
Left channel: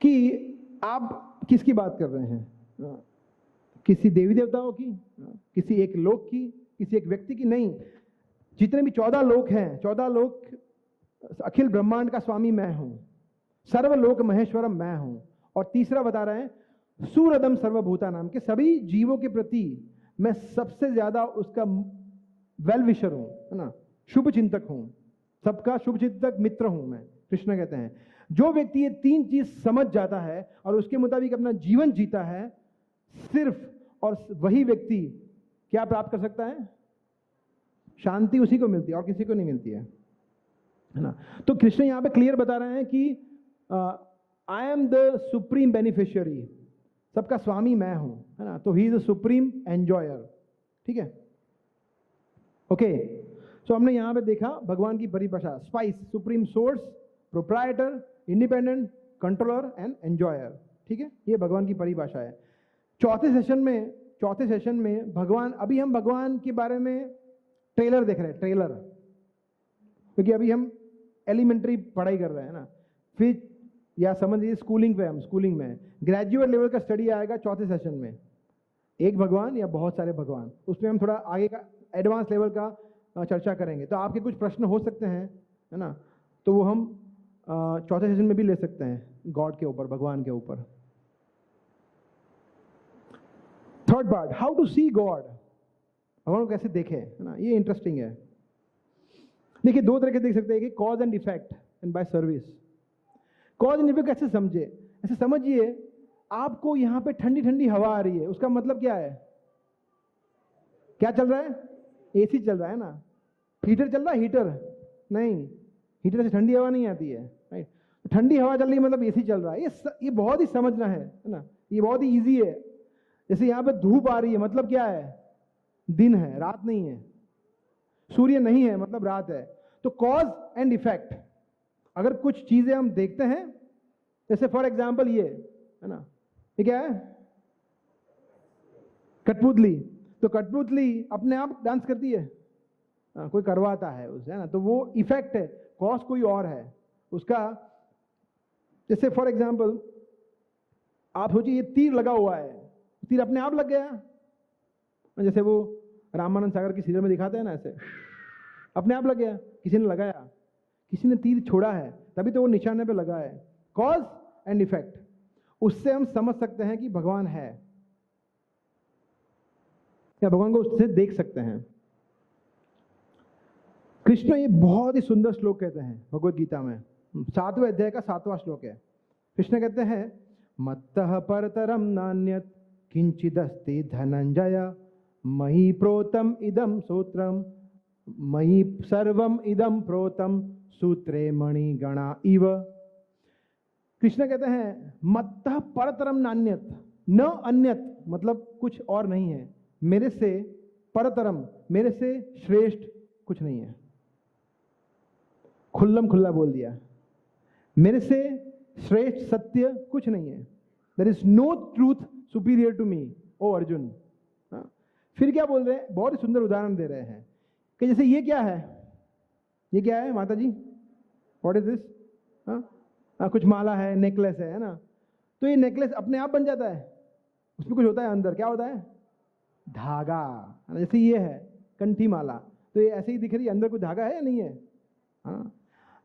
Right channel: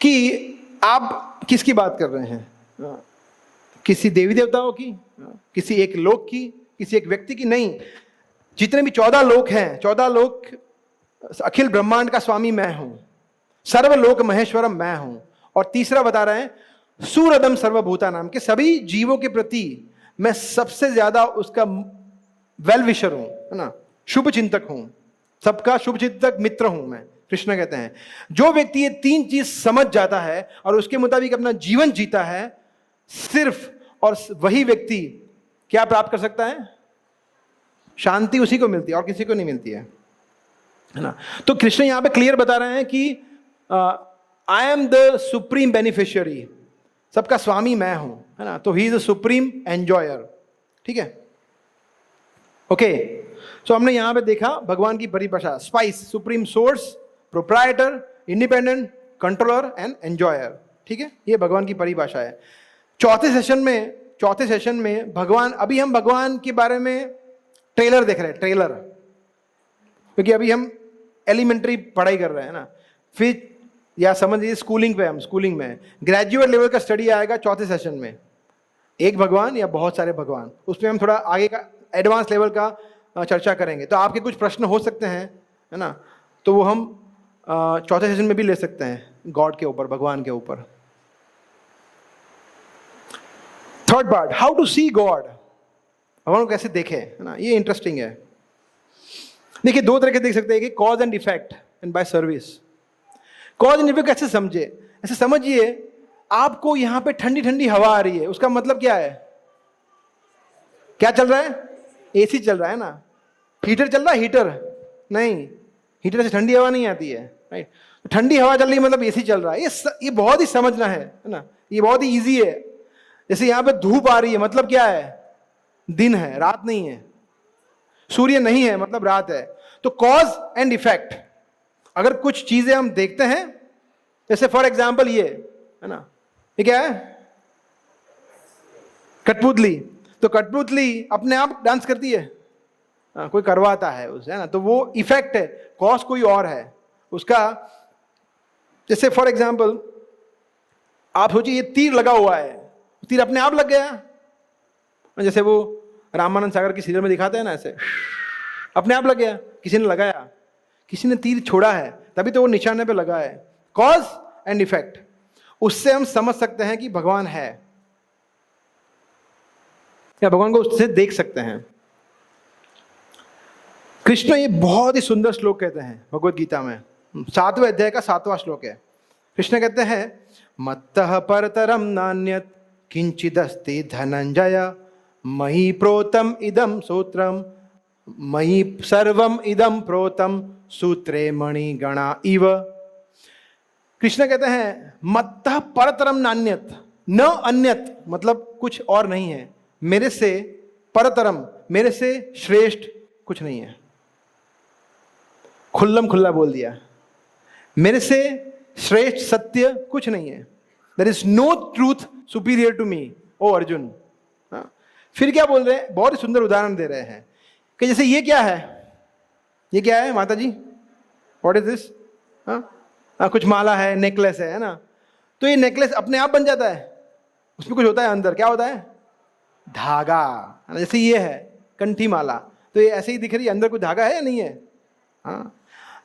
कि आप किसकी बात कर रहे हैं, किसी देवी देवताओं की, किसी एक लोक की, किसी एक व्यक्ति की नहीं। जितने भी 14 लोक हैं, 14 लोक, अखिल ब्रह्मांड का स्वामी मैं हूं, सर्वलोक महेश्वरम मैं हूं। और तीसरा बता रहे हैं सूरदम सर्वभूता नाम, के सभी जीवों के प्रति मैं सबसे ज्यादा उसका वेल विशर हूं, है ना, शुभ चिंतक हूं, सबका शुभ चिंतक मित्र हूं मैं। कृष्ण कहते हैं जो व्यक्ति ये 3 चीज समझ जाता है और उसके मुताबिक अपना जीवन जीता है, सिर्फ और वही व्यक्ति क्या प्राप्त कर सकता है, शांति उसी को मिलती है और किसी को नहीं मिलती है ना। तो कृष्ण यहां पे क्लियर बता रहे हैं कि I am the supreme beneficiary, सबका स्वामी मैं हूं, है ना। तो he is the supreme enjoyer, ठीक है, ओके। सो हमने यहां पे देखा भगवान की परिभाषा, spice, supreme source, proprietor, independent, controller and enjoyer, ठीक है, ये भगवान की परिभाषा है। चौथे सेशन में भगवान, अभी हम भगवान के बारे में ट्रेलर देख रहे हैं, ट्रेलर, क्योंकि अभी हम एलिमेंट्री पढ़ाई कर रहे हैं ना। फिर या समझ लीजिए स्कूलिंग पे, हम स्कूलिंग में ग्रेजुएट लेवल का स्टडी आएगा चौथे सेशन में, एक भगवान या बहुत सारे भगवान। उसमें हम थोड़ा आगे का एडवांस लेवल का चर्चा करेंगे। तो आपके कुछ प्रश्न हो सकते हैं, है ना, तो वो हम चौथे सेशन में भी ले सकते हैं, गॉड के ऊपर, भगवान के ऊपर। Third part, how to see God, भगवान को कैसे देखें, है ना, ये इंटरेस्टिंग है। देखिए 2 तरह के देख सकते हैं कि cause and effect and bye service. Cause and effect कैसे समझे, ऐसे समझिए आपको यहां पे ठंडी ठंडी हवा आ रही है, उसका मतलब क्या है, क्या चल रहा है, एसी चल रहा है ना। हीटर चल रहा है, हीटर नहीं, हीटर से ठंडी हवा नहीं आती है, राइट। ठंडी हवा चल रही है मतलब एसी चल रहा है। ये बहुत ही समझना है ना, ये बहुत ही ईजी है। जैसे यहां पे धूप आ रही है मतलब क्या है, दिन है, रात नहीं है, सूर्य नहीं है मतलब रात है। तो कॉज एंड इफेक्ट, अगर कुछ चीजें हम देखते हैं, जैसे फॉर एग्जांपल ये, है ना, ये क्या है, कठपुतली। तो कठपुतली अपने आप डांस करती है, कोई करवाता है उसे, है ना, तो वो इफेक्ट है, कॉज कोई और है उसका। जैसे फॉर एग्जांपल आप सोचिए ये तीर लगा हुआ है, तीर अपने आप लग गया, जैसे वो रामानंद सागर की सीरियल में दिखाते हैं ना, ऐसे अपने आप लग गया, किसी ने लगाया, किसी ने तीर छोड़ा है, तभी तो वो निशाने पे लगा है। कॉज एंड इफेक्ट, उससे हम समझ सकते हैं कि भगवान है, या भगवान को उससे देख सकते हैं। कृष्ण ये बहुत ही सुंदर श्लोक कहते हैं भगवत गीता में, 7वें अध्याय का 7वां श्लोक है। कृष्ण कहते हैं मत्तः परतरम नान्यत् किंचिदस्ति धनंजय मही प्रोतम इदम सूत्रम मही सर्वम इदम प्रोतम सूत्रे मणि गणा इव। कृष्ण कहते हैं मत्तः परतरम नान्यत्, न अन्यत मतलब कुछ और नहीं है, मेरे से परतरम, मेरे से श्रेष्ठ कुछ नहीं है। खुल्लम खुल्ला बोल दिया, मेरे से श्रेष्ठ सत्य कुछ नहीं है। There is no truth superior to me, O Arjun. फिर क्या बोल रहे हैं, बहुत ही सुंदर उदाहरण दे रहे हैं कि जैसे ये क्या है, ये क्या है माता जी, व्हाट इज दिस, कुछ माला है, नेकलेस है ना। तो ये नेकलेस अपने आप बन जाता है, उसमें कुछ होता है अंदर, क्या होता है, धागा। जैसे ये है कंठी माला, तो ये ऐसे ही दिख रही है, अंदर कोई धागा है या नहीं है? हाँ,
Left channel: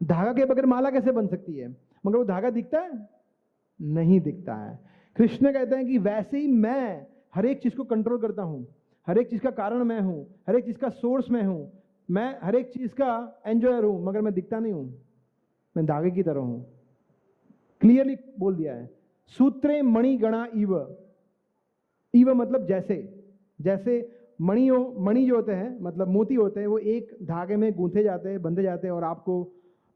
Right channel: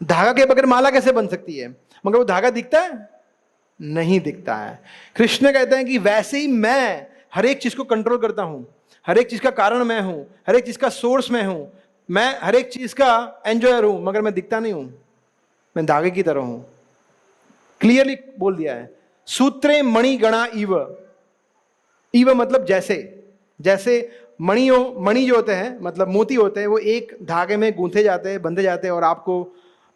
धागा के बगैर माला कैसे बन सकती है? मगर वो धागा दिखता है? नहीं दिखता है। कृष्ण कहते हैं कि वैसे ही मैं हर एक चीज को कंट्रोल करता हूं, हर एक चीज का कारण मैं हूं, हर एक चीज का सोर्स मैं हूं, मैं हर एक चीज का एंजॉयर हूं, मगर मैं दिखता नहीं हूं, मैं धागे की तरह हूं। क्लियरली बोल दिया है। सूत्रे मणि गणा इव, इव मतलब जैसे, जैसे मणि जो होते हैं मतलब मोती होते हैं, वो एक धागे में गूंथे जाते हैं, बंधे जाते हैं और आपको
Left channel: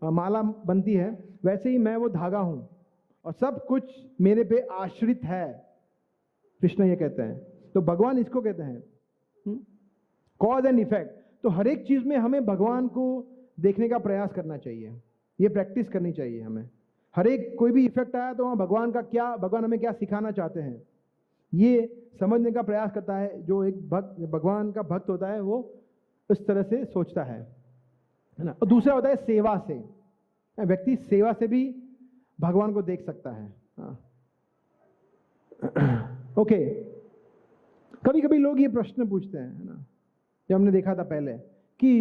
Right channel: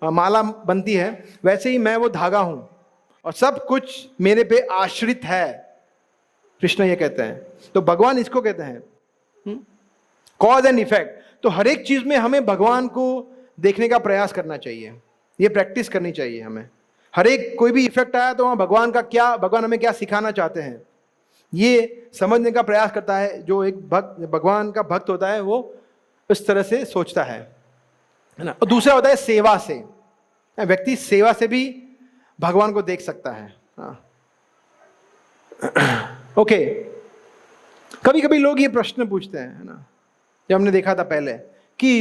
माला बनती है, वैसे ही मैं वो धागा हूं और सब कुछ मेरे पे आश्रित है, कृष्ण ये कहते हैं। तो भगवान इसको कहते हैं कॉज एंड इफेक्ट। तो हर एक चीज में हमें भगवान को देखने का प्रयास करना चाहिए, ये प्रैक्टिस करनी चाहिए हमें। हर एक कोई भी इफेक्ट आया तो वहां भगवान हमें क्या सिखाना चाहते हैं, ये समझने का प्रयास करता है। जो एक भगवान का भक्त होता है वो इस तरह से सोचता है ना। और दूसरा होता है सेवा से, व्यक्ति सेवा से भी भगवान को देख सकता है। ओके, कभी कभी लोग ये प्रश्न पूछते हैं, है ना, जब हमने देखा था पहले कि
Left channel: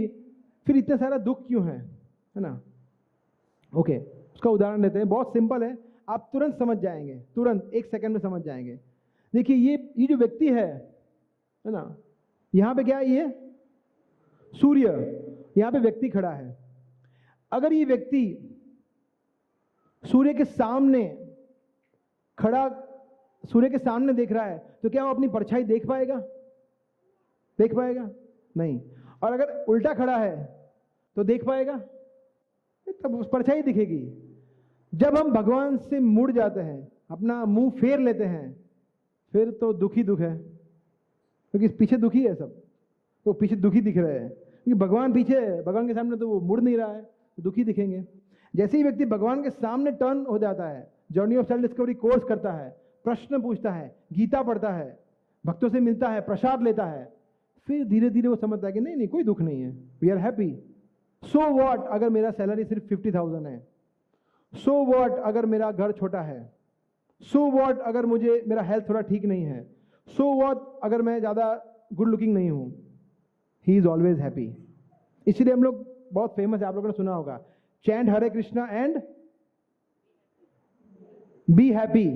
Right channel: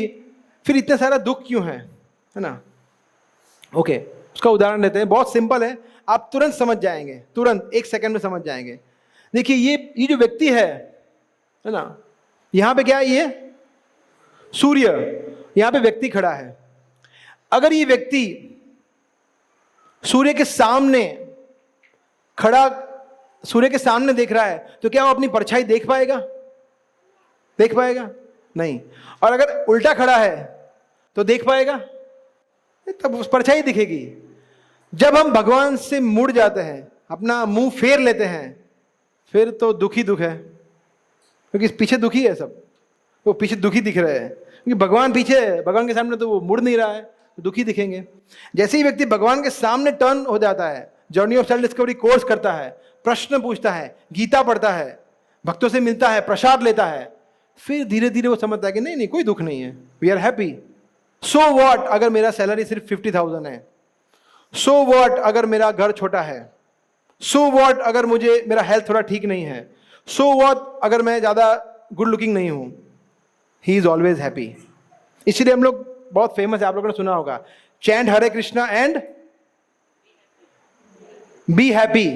फिर इतना सारा दुख क्यों है ना। ओके, उसका उदाहरण लेते हैं, बहुत सिंपल है, आप तुरंत समझ जाएंगे, तुरंत एक सेकंड में समझ जाएंगे। देखिए ये जो व्यक्ति है ना, यहां पे क्या है, ये सूर्य, यहां पे व्यक्ति खड़ा है। अगर ये व्यक्ति सूर्य के सामने खड़ा, सूर्य के सामने देख रहा है, तो क्या वो अपनी परछाई देख पाएगा? देख पाएगा? नहीं। और अगर उल्टा खड़ा है तो देख पाएगा? तब उस परछाई दिखेगी। जब हम भगवान से मुड़ जाते हैं, अपना मुंह फेर लेते हैं, फिर तो दुखी दुख है, क्योंकि पीछे दुखी है सब, वो पीछे दुखी दिख रहे हैं, क्योंकि भगवान पीछे है, भगवान के सामने तो वो मुड़ नहीं रहा है, तो दुखी दिखेंगे। जैसे ही व्यक्ति भगवान के सामने टर्न हो जाता है, journey of self discovery course करता है, प्रश्न पूछता है, गीता पढ़ता है, भक्तों से मिलता है, प्रसाद लेता है, फिर धीरे धीरे वो समझता है कि नहीं कोई दुख नहीं है, we are happy. So what अगर मेरा सैलरी सिर्फ 50,000 है, सो व्हाट अगर मेरा घर छोटा है, सो व्हाट अगर मुझे मेरा हेल्थ थोड़ा ठीक नहीं है, सो व्हाट अगर मैं ज्यादा गुड लुकिंग नहीं हूं, ही इज ऑलवेज हैप्पी। इसलिए हम लोग, बहुत फेमस है, आप लोगों ने सुना होगा, chant Hare Krishna and be happy.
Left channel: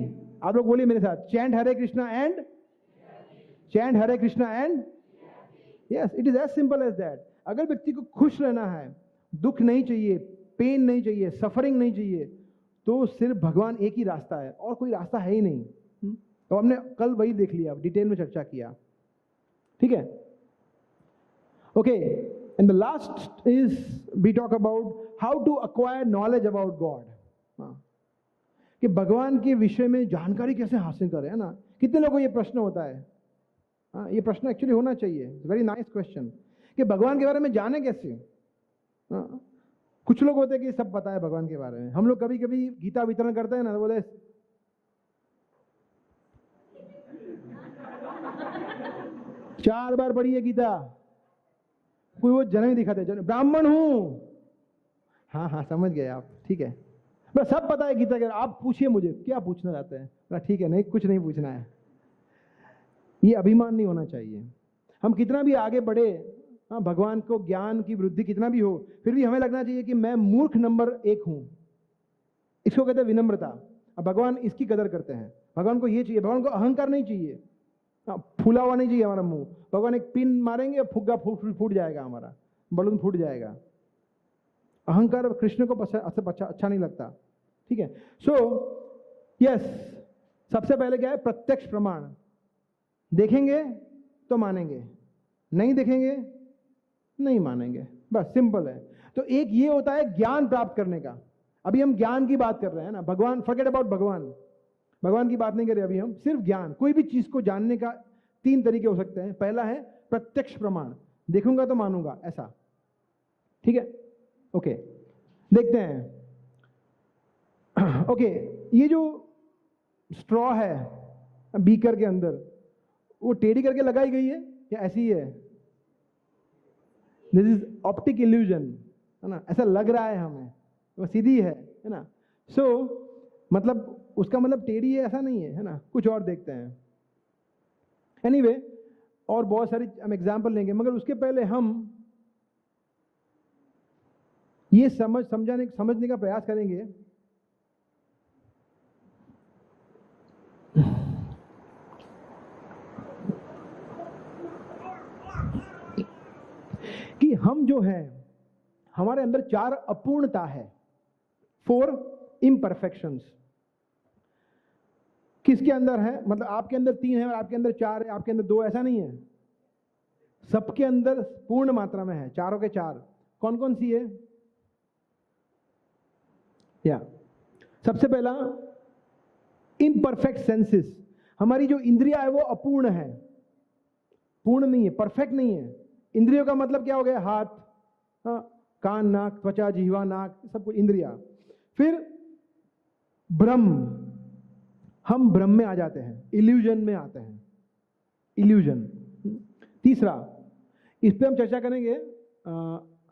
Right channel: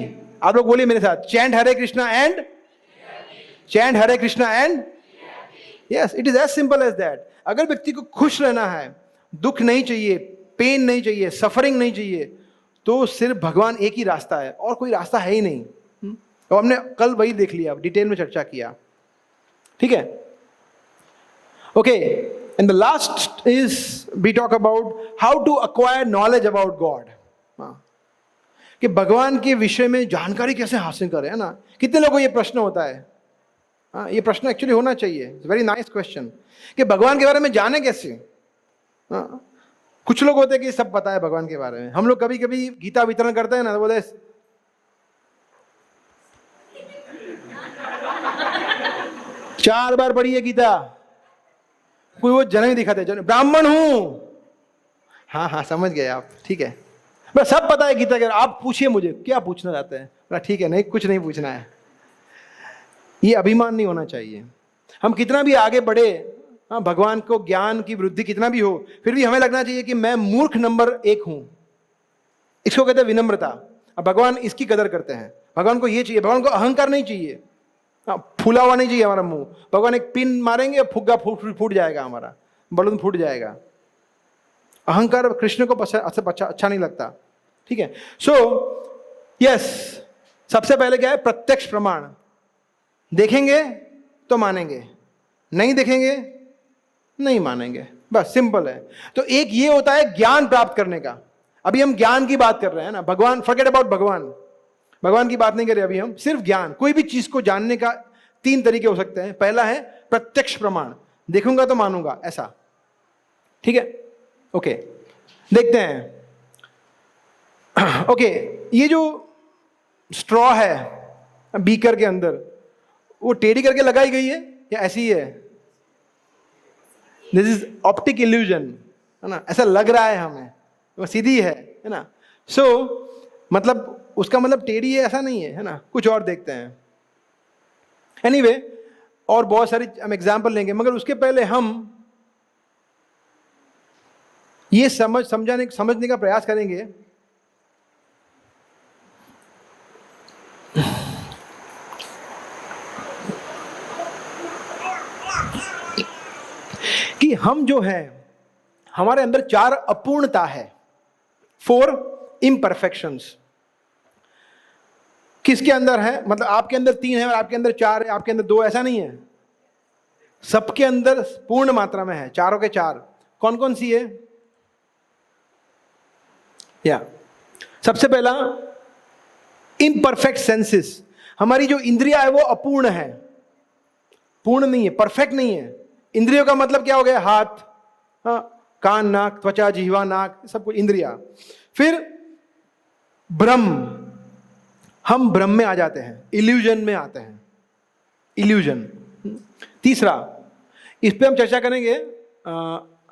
आप लोग बोलिए मेरे साथ, chant Hare Krishna and, chant Hare Krishna and, yes, it is as simple as that. अगर व्यक्ति को खुश रहना है, दुख नहीं चाहिए, पेन नहीं चाहिए, सफरिंग नहीं चाहिए, तो सिर्फ भगवान एक ही रास्ता है, और कोई रास्ता है ही नहीं। और हमने कल वही देख लिया, डिटेल में चर्चा किया, ठीक है। Okay, and the last is we talk about how to acquire knowledge about God, कि भगवान के विषय में जानकारी कैसे हासिल करें, है ना। कितने लोगों को ये प्रश्न होता है? ये प्रश्न एक्चुअली होना चाहिए, वेरी नाइस क्वेश्चन, कि भगवान के बारे में जाने कैसे। कुछ लोग होते हैं कि सब पता है भगवान के बारे में। हम लोग कभी कभी गीता वितरण करते हैं ना, तो बोले 4 बार पढ़ी है गीता, कोई वो जन्म ही दिखाते, जन्म ब्राह्मण हूं, हाँ समझ गए आप, ठीक है, बस सब पता है गीता के। आप पूछिए मुझे क्या पूछना चाहते हैं, ठीक है, नहीं कुछ नहीं पूछना है। ये अभिमान नहीं होना चाहिए। हम कितना भी आगे बढ़े, भगवान को ज्ञान की वृद्धि कितना भी हो, फिर भी हमें लगना चाहिए कि मैं मूर्ख नंबर 1 हूं। इसको कहते हैं विनम्रता। अब भगवान इसकी कदर करते हैं। भगवान को ये चाहिए, भगवान को अहंकार नहीं चाहिए, फूला हुआ नहीं चाहिए हमारा मुंह। भगवान एक पिन मारेंगे, फुग्गा फूट जाएगा, हमारा बलून फूट जाएगा। अहंकार कृष्ण को अच्छा नहीं लगता, ठीक है। सो यस, सबसे पहले क्या है? प्रत्यक्ष प्रमाण। देखेंगे तो मानेंगे, नहीं देखेंगे नहीं मानेंगे, बस सिंपल है। तो एक ये होता है ज्ञान प्राप्त करने का। अभी हम ज्ञान की बात कर रहे हैं ना, भगवान, फॉरगेट अबाउट भगवान की बात नहीं कर रहे अभी हम, सिर्फ ज्ञान। कोई भी चीज को जानने का 3 तरीके हो सकते हैं। पहला है प्रत्यक्ष प्रमाण, देखूंगा तो मानूंगा, ऐसा, ठीक है। ओके, देखते हैं। ओके, ये जो स्ट्रॉ है बीकर के अंदर, वो टेढ़ी करके लगाई गई है या ऐसी ही है? दिस इज ऑप्टिक इल्यूजन, है ना, ऐसा लग रहा है हमें, वो सीधी है ना। सो मतलब उसका मतलब टेढ़ी है ऐसा नहीं है ना, कुछ और देखते हैं। एनीवे, और बहुत सारी हम एग्जाम्पल लेंगे, मगर उसके पहले हम ये समझने का प्रयास करेंगे कि हम जो है, हमारे अंदर 4 अपूर्णता है, 4 इम्परफेक्शंस। किसके अंदर है? मतलब आपके अंदर 3 है और आपके अंदर 4 है, आपके अंदर 2, ऐसा नहीं है। सबके अंदर पूर्ण मात्रा में है, चारों के 4। कौन कौन सी है? सबसे पहला इम्परफेक्ट सेंसेस। हमारी जो इंद्रिया है वो अपूर्ण है, पूर्ण नहीं है, परफेक्ट नहीं है। इंद्रियों का मतलब क्या हो गया? हाथ, कान, नाक, त्वचा, जिह्वा, नाक, सब कुछ इंद्रिया। फिर ब्रह्म, हम ब्रह्म में आ जाते हैं, इल्यूजन में आते हैं, इल्यूजन। तीसरा, इस पे हम चर्चा करेंगे,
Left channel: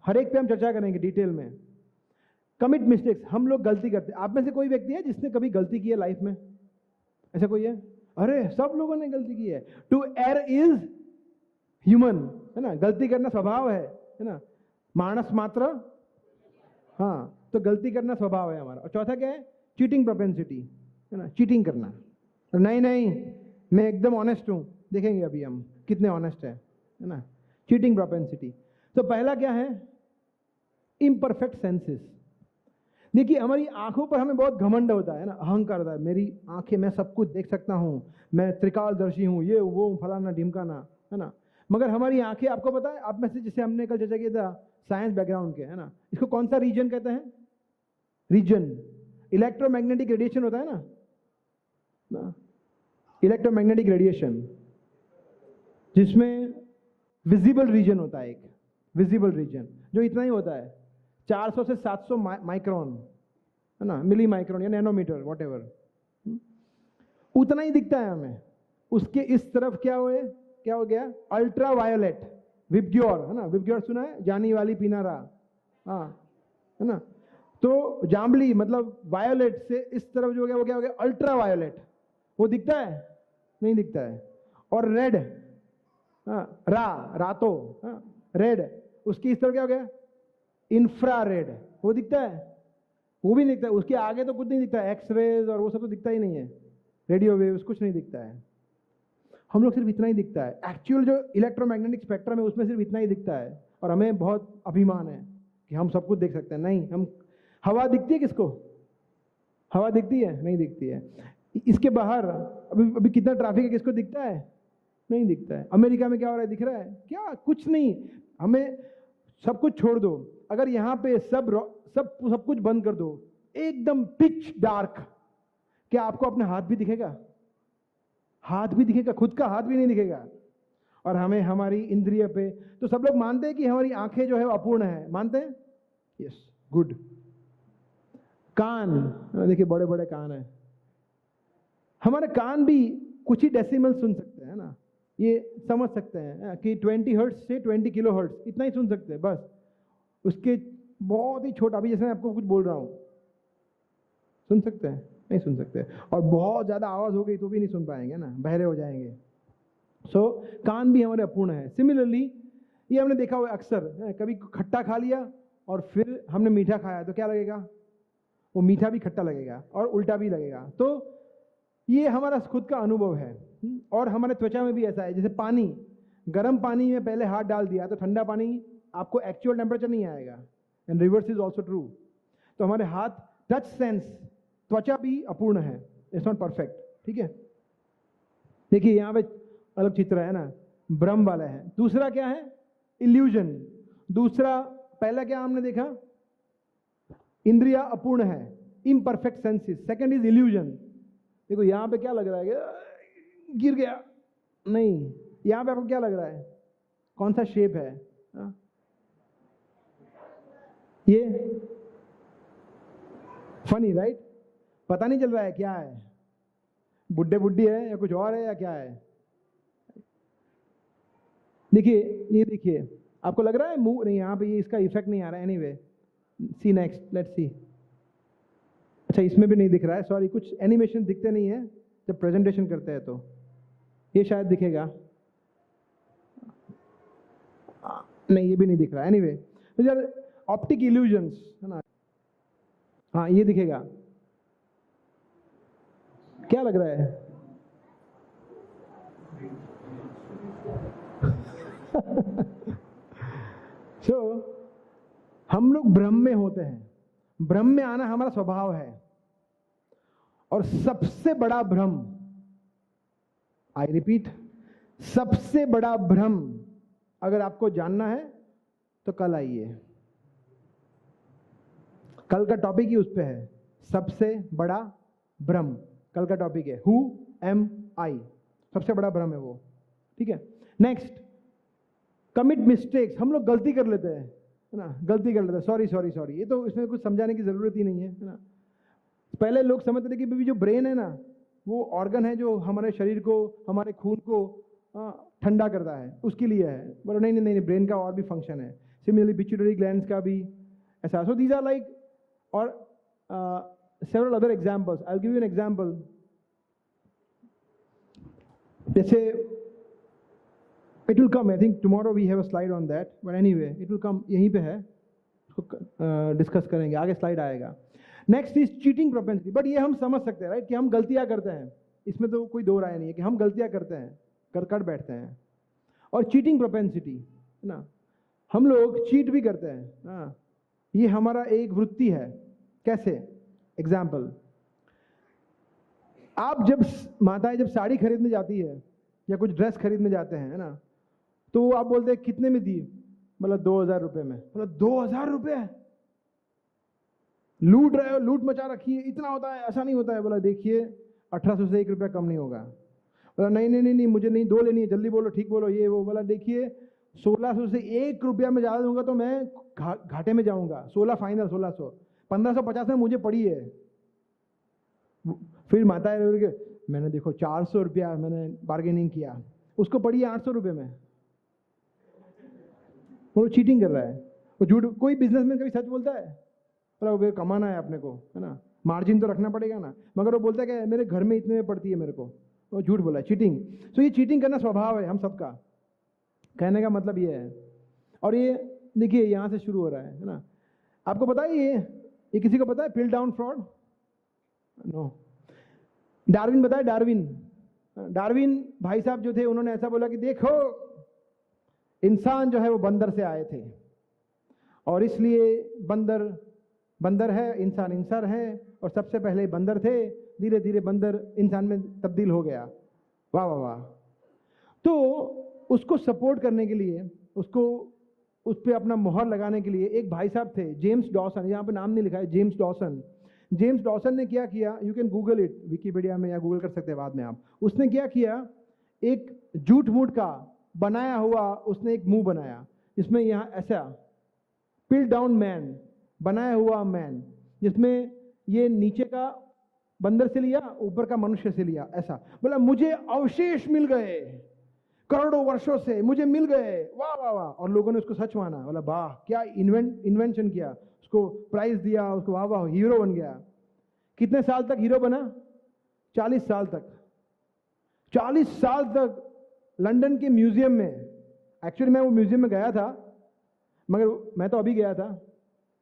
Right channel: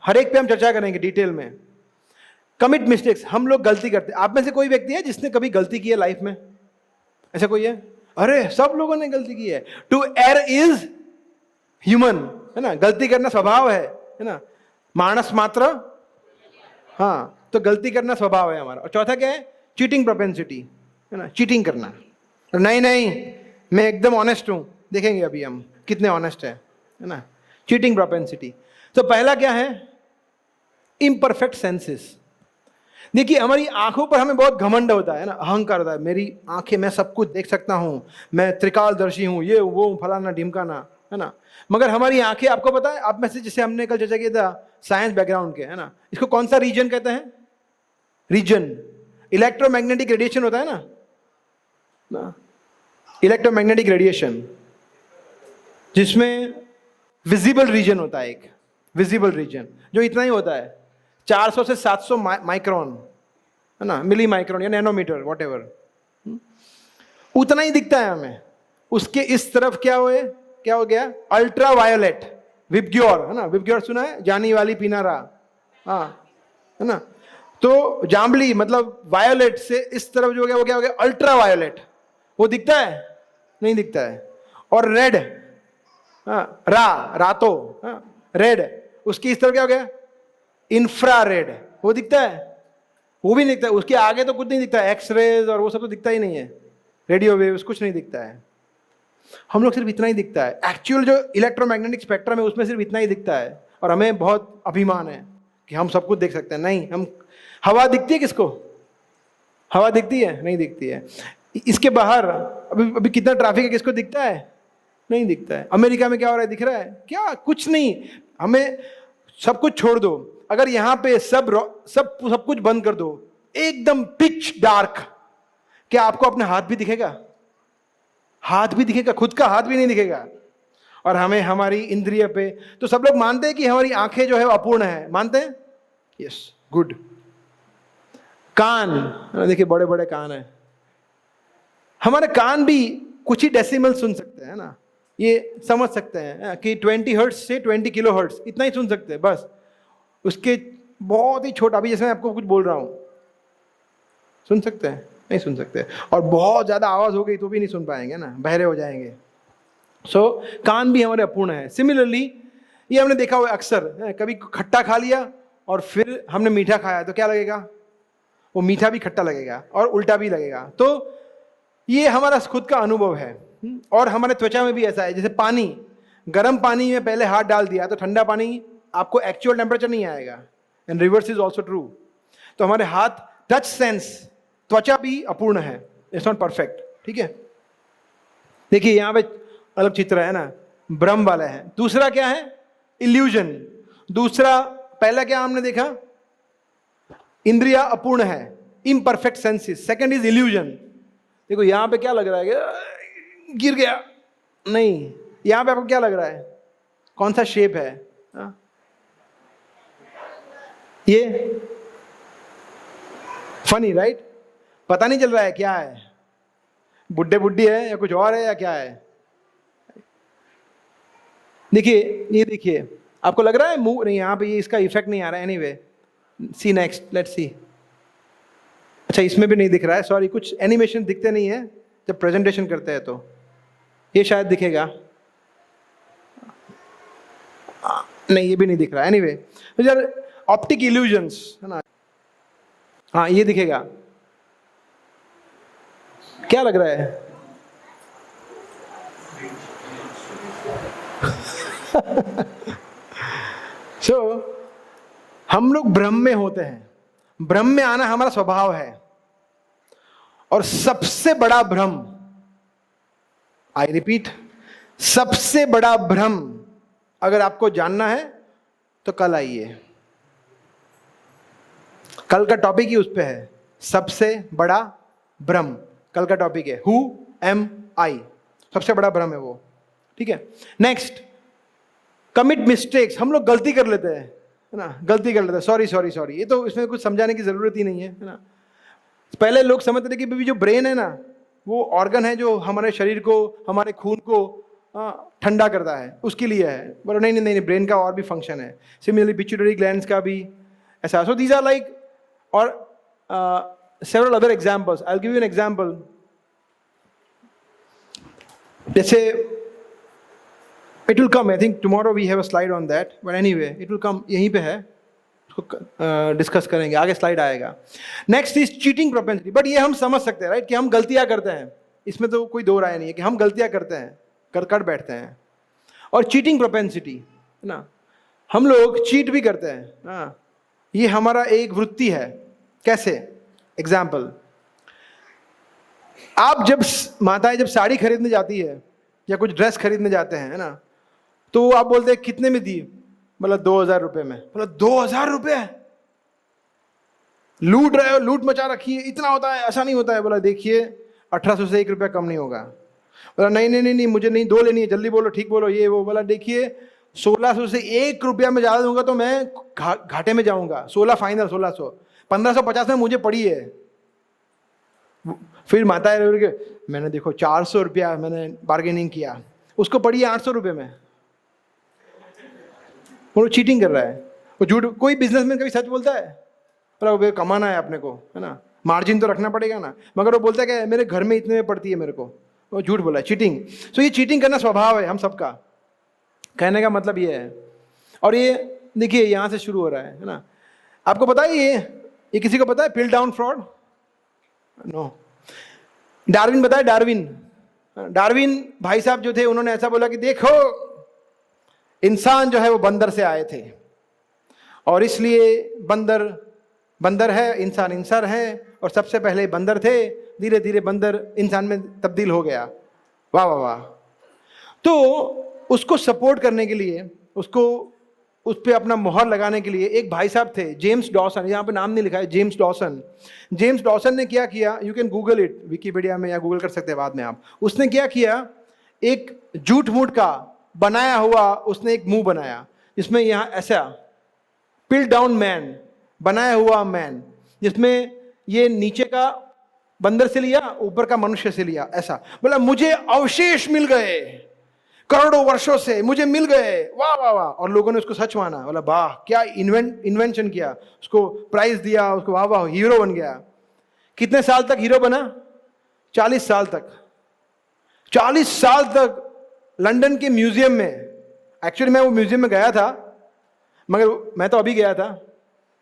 हर एक पे हम चर्चा करेंगे डिटेल में। कमिट मिस्टेक्स, हम लोग गलती करते हैं। आप में से कोई व्यक्ति है जिसने कभी गलती की है लाइफ में? ऐसा कोई है? अरे सब लोगों ने गलती की है। टू एयर इज ह्यूमन, है ना, गलती करना स्वभाव है ना, मानस मात्र, हाँ, तो गलती करना स्वभाव है हमारा। और चौथा क्या है? चीटिंग प्रोपेंसिटी, है ना, चीटिंग करना। नहीं मैं एकदम ऑनेस्ट हूं, देखेंगे अभी हम कितने ऑनेस्ट है ना। Cheating propensity. तो पहला क्या है? Imperfect senses. देखिए, हमारी आंखों पर हमें बहुत घमंड होता है ना, अहंकार होता है। मेरी आंखें, मैं सब कुछ देख सकता हूं, मैं त्रिकालदर्शी हूं, ये वो फलाना ढिमकाना, है ना। मगर हमारी आंखें, आपको पता है, आप में से जिसे हमने कल चर्चा किया था साइंस बैकग्राउंड के, है ना, इसको कौन सा रीजन कहते हैं? रीजन, इलेक्ट्रोमैग्नेटिक रेडिएशन होता है ना, इलेक्ट्रोमैग्नेटिक रेडिएशन, जिसमें विजिबल रीजन होता है, एक विजिबल रीजन जो इतना ही होता है, 400 से 700 माइक्रोन, है ना, मिली माइक्रोन या नैनोमीटर, व्हाटएवर, उतना ही दिखता है हमें। उसके इस तरफ क्या हो गया? अल्ट्रा वायोलेट, विबग्योर, है ना, विबग्योर सुना है? जानी वाली पीना रहा, हाँ, है ना। तो जांबली मतलब वायोलेट से इस तरफ जो हो गया वो क्या हो गया? Ultra violet. वो दिखता है? नहीं दिखता है। और रेड, रातो, रेड, उसकी इस तरफ क्या हो गया? इंफ्रारेड। वो दिखता है? वो भी नहीं दिखता है। उसके आगे तो कुछ नहीं दिखता है, एक्सरेज और वो सब तो दिखता ही नहीं है, रेडियो वेव्स कुछ नहीं दिखता है। हम लोग सिर्फ इतना ही दिखता है। एक्चुअल जो इलेक्ट्रोमैग्नेटिक स्पेक्ट्रम है उसमें सिर्फ इतना ही दिखता है, और हमें बहुत अभिमान है कि हम सब कुछ देख सकते हैं। नहीं, हम, हवा दिखती है किसको? हवा दिखती है? नहीं दिखती है। इसके बाहर अभी कितना ट्रैफिक है, किसको दिखता है? नहीं दिखता है। अमेरिका में क्या हो रहा है, दिख रहा है क्या? कुछ नहीं। हमें सब कुछ छोड़ दो, अगर यहां पे सब कुछ बंद कर दो, एकदम पिच डार्क, क्या आपको अपना हाथ भी दिखेगा? हाथ भी दिखेगा? खुद का हाथ भी नहीं दिखेगा। और हमें हमारी इंद्रिय पे, तो सब लोग मानते हैं कि हमारी आंखें जो है वो अपूर्ण है, मानते हैं? Yes, good. कान, देखिए बड़े बड़े कान है हमारे। कान भी कुछ ही डेसिमल सुन सकते हैं ना, ये समझ सकते हैं कि 20 हर्ट्ज से 20 किलो हर्ट्ज, इतना ही सुन सकते हैं बस। उसके बहुत ही छोटा, अभी जैसे मैं आपको कुछ बोल रहा हूं, सुन सकते हैं? नहीं सुन सकते। और बहुत ज्यादा आवाज हो गई तो भी नहीं सुन पाएंगे ना, बहरे हो जाएंगे। सो कान भी हमारे अपूर्ण है। सिमिलरली ये हमने देखा हुआ अक्सर, कभी खट्टा खा लिया और फिर हमने मीठा खाया तो क्या लगेगा? वो मीठा भी खट्टा लगेगा और उल्टा भी लगेगा। तो ये हमारा खुद का अनुभव है। और हमारे त्वचा में भी ऐसा है, जैसे पानी, गर्म पानी में पहले हाथ डाल दिया तो ठंडा पानी आपको एक्चुअल टेम्परेचर नहीं आएगा, and reverse is also true. तो हमारे हाथ, टच सेंस, त्वचा भी अपूर्ण है, इट्स नॉट परफेक्ट, ठीक है। देखिए यहाँ पे अलग चित्र है ना, ब्रह्म वाला है। दूसरा क्या है? इल्यूजन। दूसरा, पहला क्या हमने देखा? इंद्रिया अपूर्ण है, imperfect senses. Second is illusion. देखो यहां पे क्या लग रहा है, गिर गया, नहीं, यहां पे आपको क्या लग रहा है? कौन सा शेप है? ये फनी, राइट? पता नहीं चल रहा है क्या है, बुड्ढे बुड्ढी है या कुछ और है या क्या है। देखिए, ये देखिए, आपको लग रहा है मुंह? नहीं, यहां पे ये इसका इफेक्ट नहीं आ रहा है। Anyway, see next, let's see. अच्छा, इसमें भी नहीं दिख रहा है, सॉरी, कुछ एनिमेशन दिखते नहीं है जब प्रेजेंटेशन करते हैं, तो ये शायद दिखेगा। नहीं, ये भी नहीं दिख रहा है। एनीवे, तो यार ऑप्टिक इल्यूजन्स, है ना। हाँ, ये दिखेगा, क्या लग रहा है? So, हम लोग भ्रम में होते हैं, भ्रम में आना हमारा स्वभाव है। और सबसे बड़ा भ्रम, आई रिपीट, सबसे बड़ा भ्रम अगर आपको जानना है तो कल आइए। कल का टॉपिक ही उस पे है, सबसे बड़ा भ्रम। कल का टॉपिक है हु एम आई, सबसे बड़ा भ्रम है वो, ठीक है। Next, commit mistakes. हम लोग गलती कर लेते हैं, है ना, गलती कर लेते हैं, सॉरी सॉरी सॉरी। ये तो इसमें कुछ समझाने की जरूरत ही नहीं है ना। पहले लोग समझते थे कि भाई जो ब्रेन है ना, वो ऑर्गन है जो हमारे शरीर को, हमारे खून को ठंडा करता है, उसके लिए है। बोलो नहीं नहीं नहीं, ब्रेन का और भी फंक्शन है। सिमिलरली पिट्यूटरी ग्लैंड्स का भी ऐसा। सो दीज आर लाइक, और several other examples. I will give you an example. जैसे it will come, I think tomorrow we have a slide on that, but anyway it will come, यहीं पे है, discuss करेंगे, आगे slide आएगा। Next is cheating propensity. But ये हम समझ सकते हैं, राइट, कि हम गलतियां करते हैं, इसमें तो कोई दो राय नहीं है कि हम गलतियां करते हैं, कर बैठते हैं। और चीटिंग प्रोपेंसिटी, है ना, हम लोग चीट भी करते हैं, हाँ, ये हमारा एक वृत्ति है। कैसे? एग्जाम्पल, आप जब, माताएं जब साड़ी खरीदने जाती है या कुछ ड्रेस खरीदने जाते हैं, है ना, तो आप बोलते हैं कितने में दी? मतलब 2000 रुपये में। मतलब 2000 रुपये लूट रहे हो, लूट मचा रखी है, इतना होता है? ऐसा नहीं होता है। बोला देखिए 1800 से 1 रुपया कम नहीं होगा। बोला नहीं नहीं नहीं नहीं, मुझे नहीं, 2 लेनी है, जल्दी बोलो, ठीक बोलो, ये वो। बोला देखिए 1600 से 1 रुपया में ज़्यादा दूंगा तो मैं घाटे में जाऊंगा। 16 फाइनल, 1600, 1550 में मुझे पड़ी है। फिर माता है, मैंने देखो 400 रुपया मैंने बार्गेनिंग किया, उसको पड़ी है 800 रुपये में। वो चीटिंग कर रहा है, वो झूठ। कोई बिजनेसमैन कभी सच बोलता है? बोला कमाना है अपने को, है ना, मार्जिन तो रखना पड़ेगा ना। मगर वो बोलता है कि मेरे घर में इतने में पड़ती है मेरे को, वो झूठ बोला है, चीटिंग। सो ये चीटिंग करना स्वभाव है हम सबका, कहने का मतलब ये है। और ये देखिए यहाँ से शुरू हो रहा है ना। आपको पता है ये किसी को पता है पिल डाउन फ्रॉड? नो। डार्विन बताया, डार्विन भाई साहब जो थे, उन्होंने ऐसा बोला कि देखो इंसान जो है वो बंदर से आए थे, और इसलिए बंदर है, इंसान है, और सबसे पहले बंदर थे, धीरे धीरे बंदर इंसान में तब्दील हो गया। वाह वाह वाह। तो उसको सपोर्ट करने के लिए, उसको उस पर अपना मोहर लगाने के लिए एक भाई साहब थे, जेम्स डॉसन। यहाँ पे नाम नहीं लिखा है, जेम्स डॉसन। जेम्स डॉसन ने क्या किया, you can Google it, Wikipedia में, या गूगल कर सकते हैं बाद में आप। उसने क्या किया, एक जूट मूठ का बनाया हुआ उसने एक मुंह बनाया, जिसमें यहाँ ऐसा पिल डाउन मैन, बनाया हुआ मैन, जिसमें ये नीचे का बंदर से लिया, ऊपर का मनुष्य से लिया, ऐसा। बोला मुझे अवशेष मिल गए, करोड़ों वर्षों से मुझे मिल गए, वाह वाह वाह। और लोगों ने उसको सच माना, बोला वाह क्या इन्वेंशन किया, उसको प्राइज दिया, उसको वाह वाह, हीरो बन गया। कितने साल तक हीरो बना? 40 साल तक। 40 साल तक लंदन के म्यूजियम में, एक्चुअली मैं वो म्यूजियम में गया था, मगर मैं तो अभी गया था,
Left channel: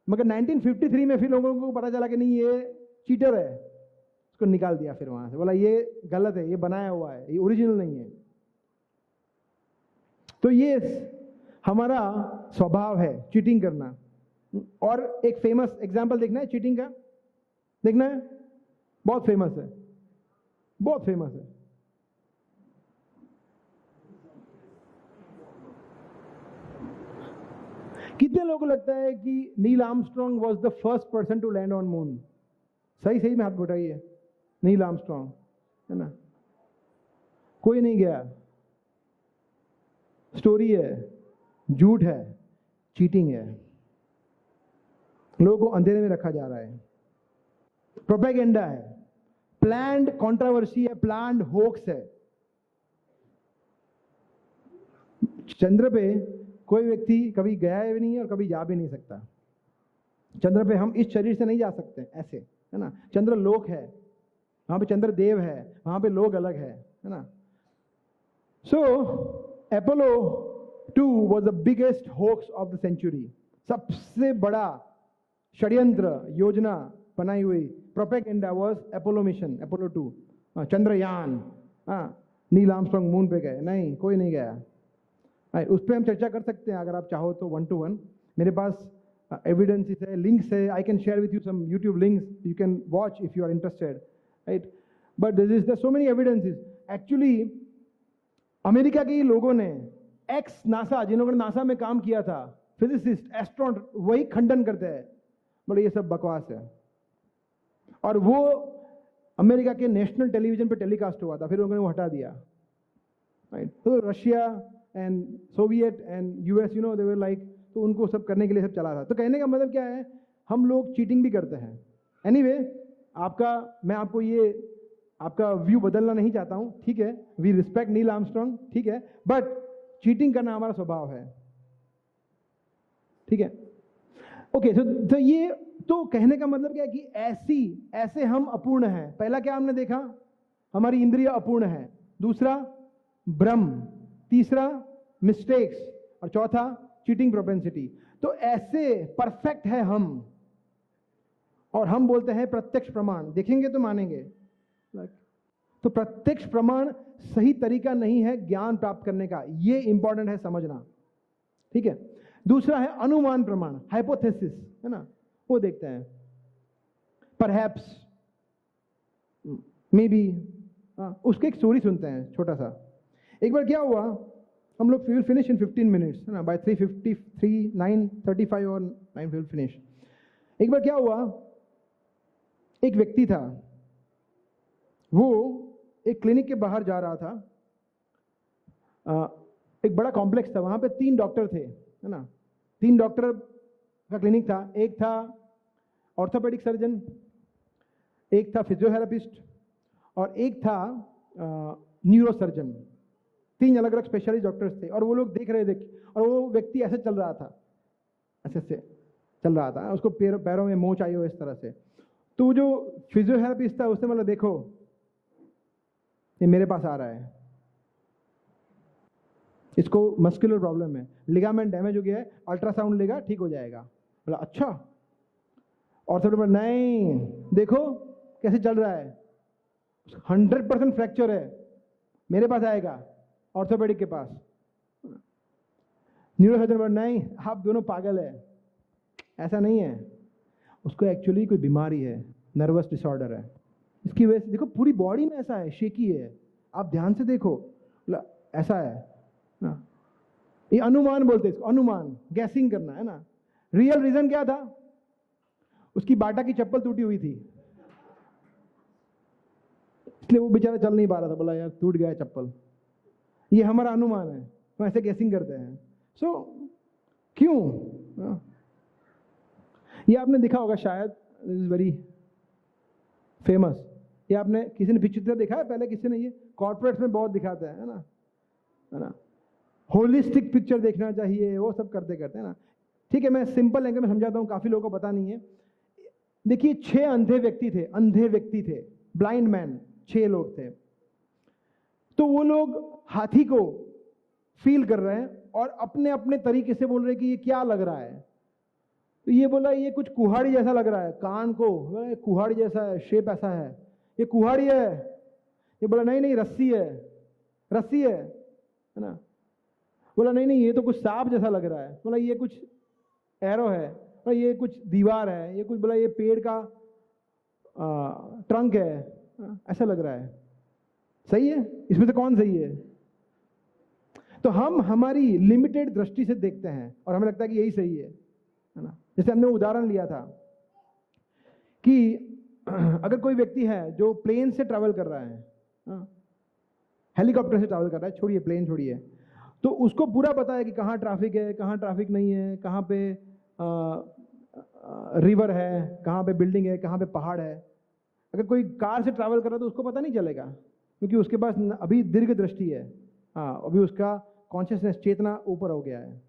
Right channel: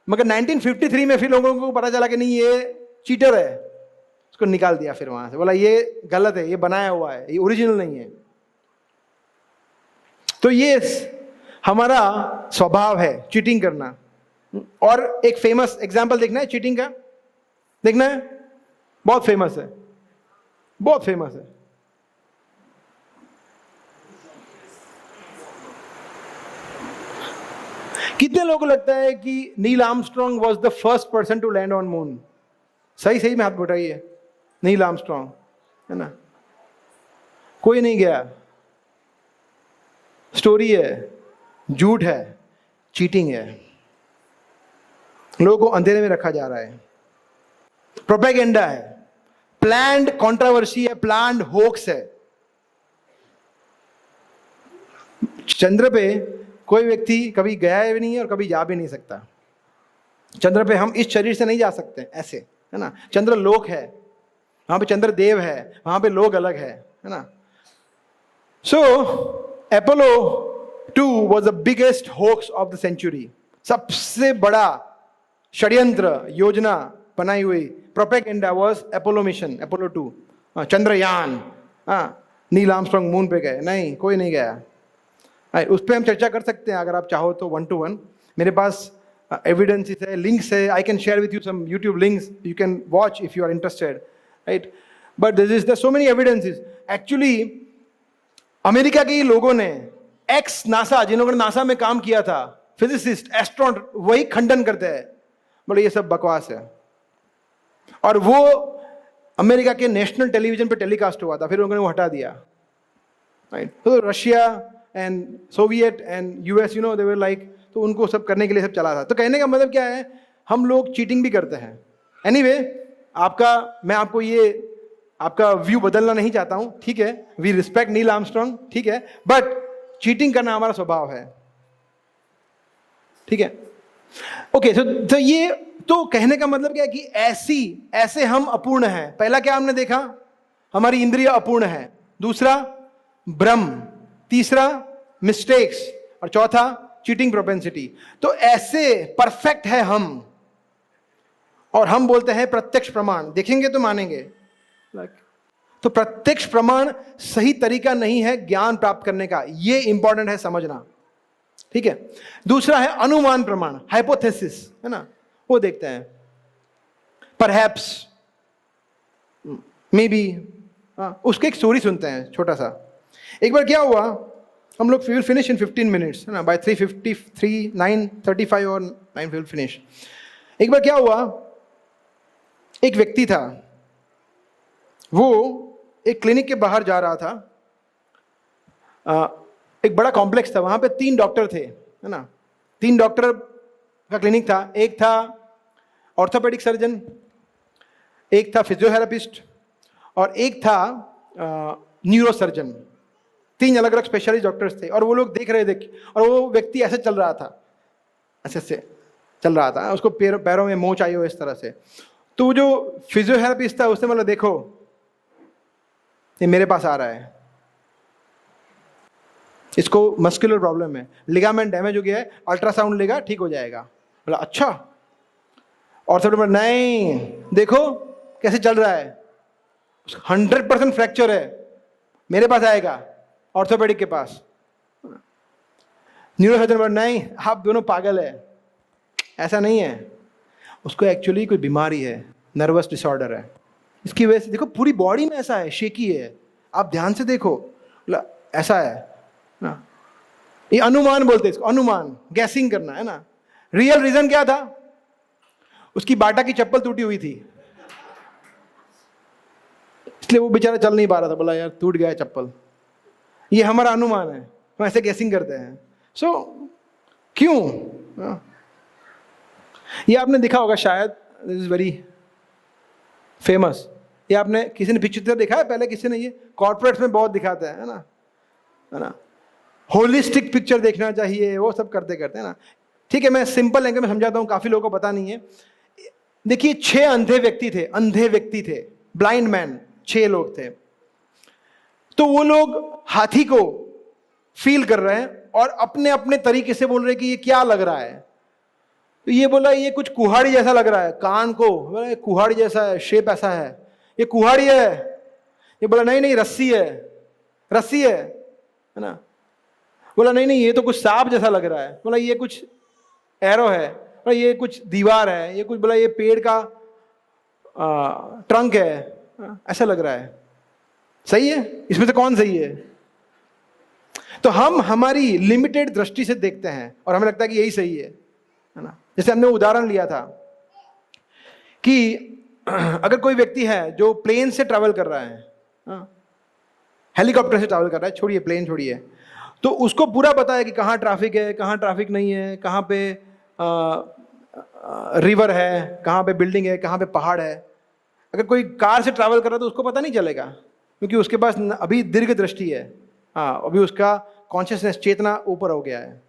मगर 1953 में फिर लोगों को पता चला कि नहीं ये चीटर है, उसको निकाल दिया फिर वहां से। बोला ये गलत है, ये बनाया हुआ है, ये ओरिजिनल नहीं है। तो ये हमारा स्वभाव है चीटिंग करना। और एक फेमस एग्जाम्पल देखना है चीटिंग का, देखना है, बहुत फेमस है, बहुत फेमस है। कितने लोगों को लगता है कि Neil Armstrong was the first person to land on moon? सही में हाथ उठाइए। नील आर्मस्ट्रॉन्ग, है ना, कोई नहीं गया। स्टोरी है, झूठ है, चीटिंग है, लोगों को अंधेरे में रखा जा रहा है, प्रोपेगेंडा है, प्लान्ड कंट्रोवर्सी है, प्लान्ड होक्स है। चंद्र पे कोई व्यक्ति कभी गया भी नहीं है और कभी जा भी नहीं सकता। चंद्र पे हम इस शरीर से नहीं जा सकते ऐसे, है ना। चंद्र लोक है, वहां पे चंद्र देव है, वहां पे लोग अलग है ना। सो Apollo 2 was the biggest hoax of the century. सबसे बड़ा षड्यंत्र योजना बनाई हुई propaganda was Apollo mission, Apollo 2, Chandrayaan. Neil Armstrong moon पे गए? नहीं, कोई नहीं गया। उस पर हम चर्चा कर सकते हैं अगर आप चाहो तो 1 to 1। मेरे पास एविडेंसेस है, लिंक्स है, I can share with you some YouTube links, you can watch if you are interested, right. But this is so many evidences. Actually America के लोगों ने, एक्स नासा, जिन्होंने नासा में काम किया था, फिजिसिस्ट, एस्ट्रोनॉट, वही खंडन करते हैं, बोले ये सब बकवास है। और वो अमेरिका के नेशनल टेलीविजन पे टेलीकास्ट हुआ था, फिर उन्होंने वो हटा दिया, राइट। तो Russia and Soviet and US, you know, they were like, तो उनको सब करने के लिए सब चला था। तो कहने का मतलब क्या है, हम लोग चीटिंग भी करते हैं। एनीवे, मैं आपको ये आपका व्यू बदलना नहीं चाहता हूं, ठीक है, वी रिस्पेक्ट नील आर्मस्ट्रांग, ठीक है, बट चीटिंग करना हमारा स्वभाव है, ठीक है। ओके, तो ये तो कहने का मतलब क्या है कि ऐसे हम अपूर्ण हैं। पहला क्या हमने देखा, हमारी इंद्रिय अपूर्ण है। दूसरा भ्रम, तीसरा मिस्टेक्स, और चौथा चीटिंग प्रोपेंसिटी। तो ऐसे परफेक्ट है हम, और हम बोलते हैं प्रत्यक्ष प्रमाण देखेंगे तो मानेंगे। तो प्रत्यक्ष प्रमाण सही तरीका नहीं है ज्ञान प्राप्त करने का, यह इंपॉर्टेंट है समझना, ठीक है। दूसरा है अनुमान प्रमाण, हाइपोथेसिस, है ना, वो देखते हैं। परहैप्स, मे बी, उसके एक स्टोरी सुनते हैं छोटा सा। एक बार क्या हुआ, हम लोग विल फिनिश इन 15 मिनट्स, है ना, बाय 3:53, 9:35 और 9 विल फिनिश। एक बार क्या हुआ, एक व्यक्ति था, वो एक क्लिनिक के बाहर जा रहा था। एक बड़ा कॉम्प्लेक्स था, वहां पे 3 डॉक्टर थे, है ना, 3 डॉक्टर का क्लिनिक था। एक था ऑर्थोपेडिक सर्जन, एक था फिजियोथेरेपिस्ट, और एक था न्यूरो सर्जन। 3 अलग अलग स्पेशलिस्ट डॉक्टर्स थे, और वो लोग देख रहे थे, और वो व्यक्ति ऐसे चल रहा था, ऐसे चल रहा था, उसको पैरों में मोच आई हो इस तरह से। तो जो फिजियोथेरेपिस्ट था उसने बोला, देखो ये मेरे पास आ रहा है, इसको मस्कुलर प्रॉब्लम है, लिगामेंट डैमेज हो गया है, अल्ट्रासाउंड लेगा ठीक हो जाएगा। बोला अच्छा। ऑर्थोपेडिक, नहीं देखो कैसे चल रहा है, 100% फ्रैक्चर है, मेरे पास आएगा, ऑर्थोपेडिक के पास। न्यूरोसर्जन बोला, नहीं आप दोनों पागल है, ऐसा नहीं है, उसको एक्चुअली कोई बीमारी है, नर्वस डिसऑर्डर है, इसकी वजह से देखो पूरी बॉडी में ऐसा है, शेकी है, आप ध्यान से देखो, ऐसा है ना। ये अनुमान बोलते हैं इसको, अनुमान, गैसिंग करना, है ना। रियल रीजन क्या था, उसकी बाटा की चप्पल टूटी हुई थी, इसलिए वो बेचारा चल नहीं पा रहा था। बोला यार टूट गया चप्पल, ये हमारा अनुमान है, हम ऐसे गैसिंग करते हैं। सो क्यों, ये आपने देखा होगा शायद, दिस इज वेरी फेमस, ये आपने किसी ने पिक्चर देखा है पहले, किसी ने, ये कॉर्पोरेट्स में बहुत दिखाते हैं, है ना, होलिस्टिक पिक्चर देखना चाहिए, वो सब करते करते, है ना। ठीक है, मैं सिंपल लैंग्वेज में समझाता हूँ, काफी लोगों को पता नहीं है। देखिए 6 अंधे व्यक्ति थे, ब्लाइंड मैन, 6 लोग थे। तो वो लोग हाथी को फील कर रहे हैं और अपने अपने तरीके से बोल रहे हैं कि ये क्या लग रहा है। तो ये बोला ये कुछ कुहाड़ी जैसा लग रहा है, कान को कुहाड़ी जैसा है, शेप ऐसा है, ये कुहाड़ी है। ये बोला नहीं रस्सी है ना। बोला नहीं ये तो कुछ सांप जैसा लग रहा है। बोला ये कुछ एरो है, बोला ये कुछ दीवार है, ये कुछ, बोला ये पेड़ का ट्रंक है, ऐसा लग रहा है। सही है, इसमें से कौन सही है? तो हम हमारी लिमिटेड दृष्टि से देखते हैं और हमें लगता है कि यही सही है ना। जैसे हमने उदाहरण लिया था कि अगर कोई व्यक्ति है जो प्लेन से ट्रैवल कर रहा है, हेलीकॉप्टर से ट्रैवल कर रहा है, छोड़िए प्लेन छोड़िए, तो उसको पूरा पता है कि कहाँ ट्रैफिक है, कहाँ ट्रैफिक नहीं है, कहाँ पे रिवर है, कहाँ पे बिल्डिंग है, कहाँ पे पहाड़ है। अगर कोई कार से ट्रैवल कर रहा है तो उसको पता नहीं चलेगा, क्योंकि उसके पास अभी दीर्घ दृष्टि है, अभी उसका कॉन्शियसनेस, चेतना ऊपर हो गया है।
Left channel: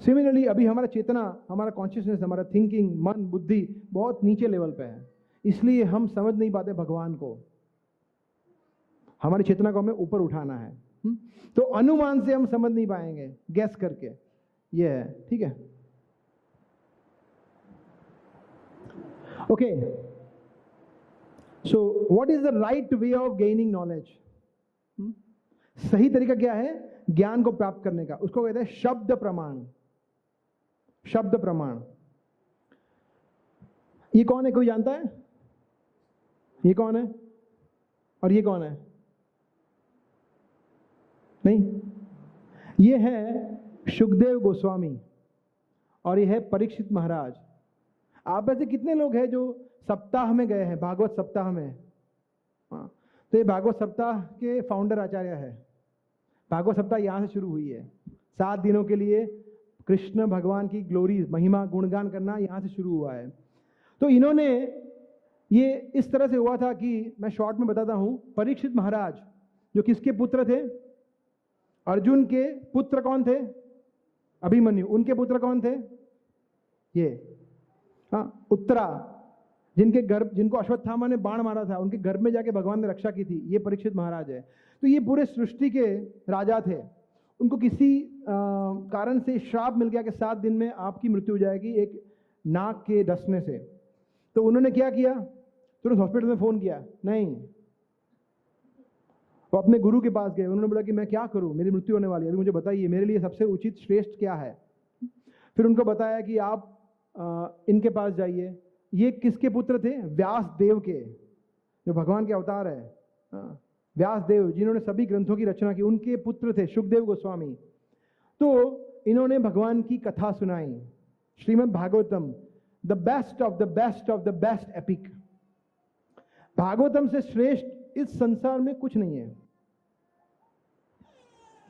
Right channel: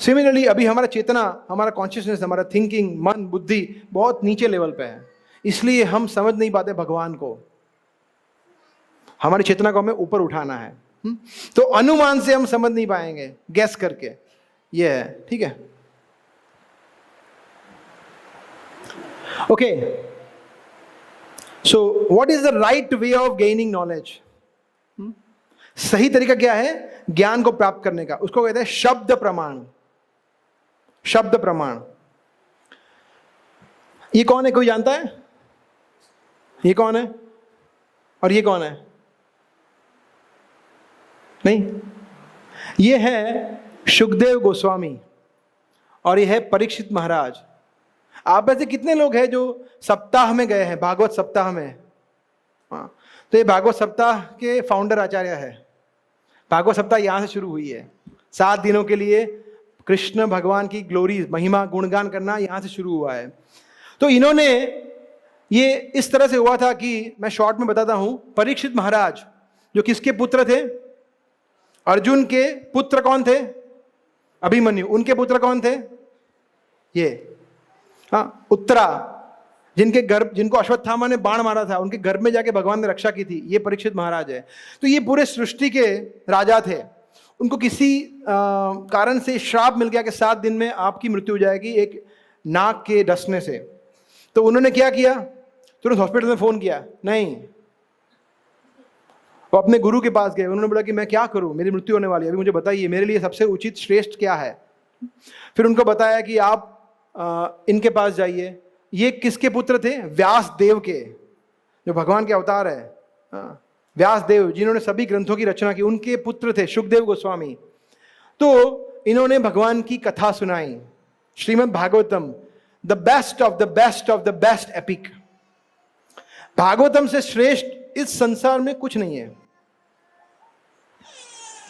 सिमिलरली अभी हमारा चेतना, हमारा कॉन्शियसनेस, हमारा थिंकिंग, मन, बुद्धि बहुत नीचे लेवल पे है, इसलिए हम समझ नहीं पाते भगवान को। हमारी चेतना को हमें ऊपर उठाना है। तो अनुमान से हम समझ नहीं पाएंगे, गैस करके, ये है, ठीक है। Okay, so what is the right way of gaining knowledge? सही तरीका क्या है ज्ञान को प्राप्त करने का? उसको कहते हैं शब्द प्रमाण। शब्द प्रमाण। ये कौन है, कोई जानता है? ये कौन है और ये कौन है? नहीं, ये है शुकदेव गोस्वामी और ये है परीक्षित महाराज। आप में से कितने लोग हैं जो सप्ताह में गए हैं, भागवत सप्ताह में? हाँ, तो ये भागवत सप्ताह के फाउंडर आचार्य है। भागवत सप्ताह यहाँ से शुरू हुई है। 7 दिनों के लिए कृष्ण भगवान की ग्लोरी, महिमा, गुणगान करना यहाँ से शुरू हुआ है। तो इन्होंने, ये इस तरह से हुआ था कि मैं शॉर्ट में बताता हूँ। परीक्षित महाराज जो किसके पुत्र थे? अर्जुन के पुत्र कौन थे? अभिमन्यु। उनके पुत्र कौन थे? ये, हाँ, उत्तरा, जिनके गर्भ, जिनको अश्वत्थामा ने बाण मारा था, उनके गर्भ में जाके भगवान ने रक्षा की थी, ये परीक्षित महाराज है। तो ये पूरे सृष्टि के राजा थे। उनको किसी कारण से श्राप मिल गया कि 7 दिन में आपकी मृत्यु हो जाएगी एक नाक के डसने से। तो उन्होंने क्या किया? तुरंत हॉस्पिटल में फोन किया? नहीं, वो अपने गुरु के पास गए। उन्होंने बोला कि मैं क्या करूं, मेरी मृत्यु होने वाली है, अभी मुझे बताइए मेरे लिए सबसे उचित श्रेष्ठ क्या है। फिर उनको बताया कि आप इनके पास जाइए। ये किसके पुत्र थे? व्यास देव के, जो भगवान के अवतार है। व्यास देव जिन्होंने सभी ग्रंथों की रचना की, उनके पुत्र थे शुकदेव गोस्वामी। तो इन्होंने भगवान की कथा सुनाई, Shrimad Bhagavatam, the best of the best of the best epic. Bhagavatam से श्रेष्ठ इस संसार में कुछ नहीं है।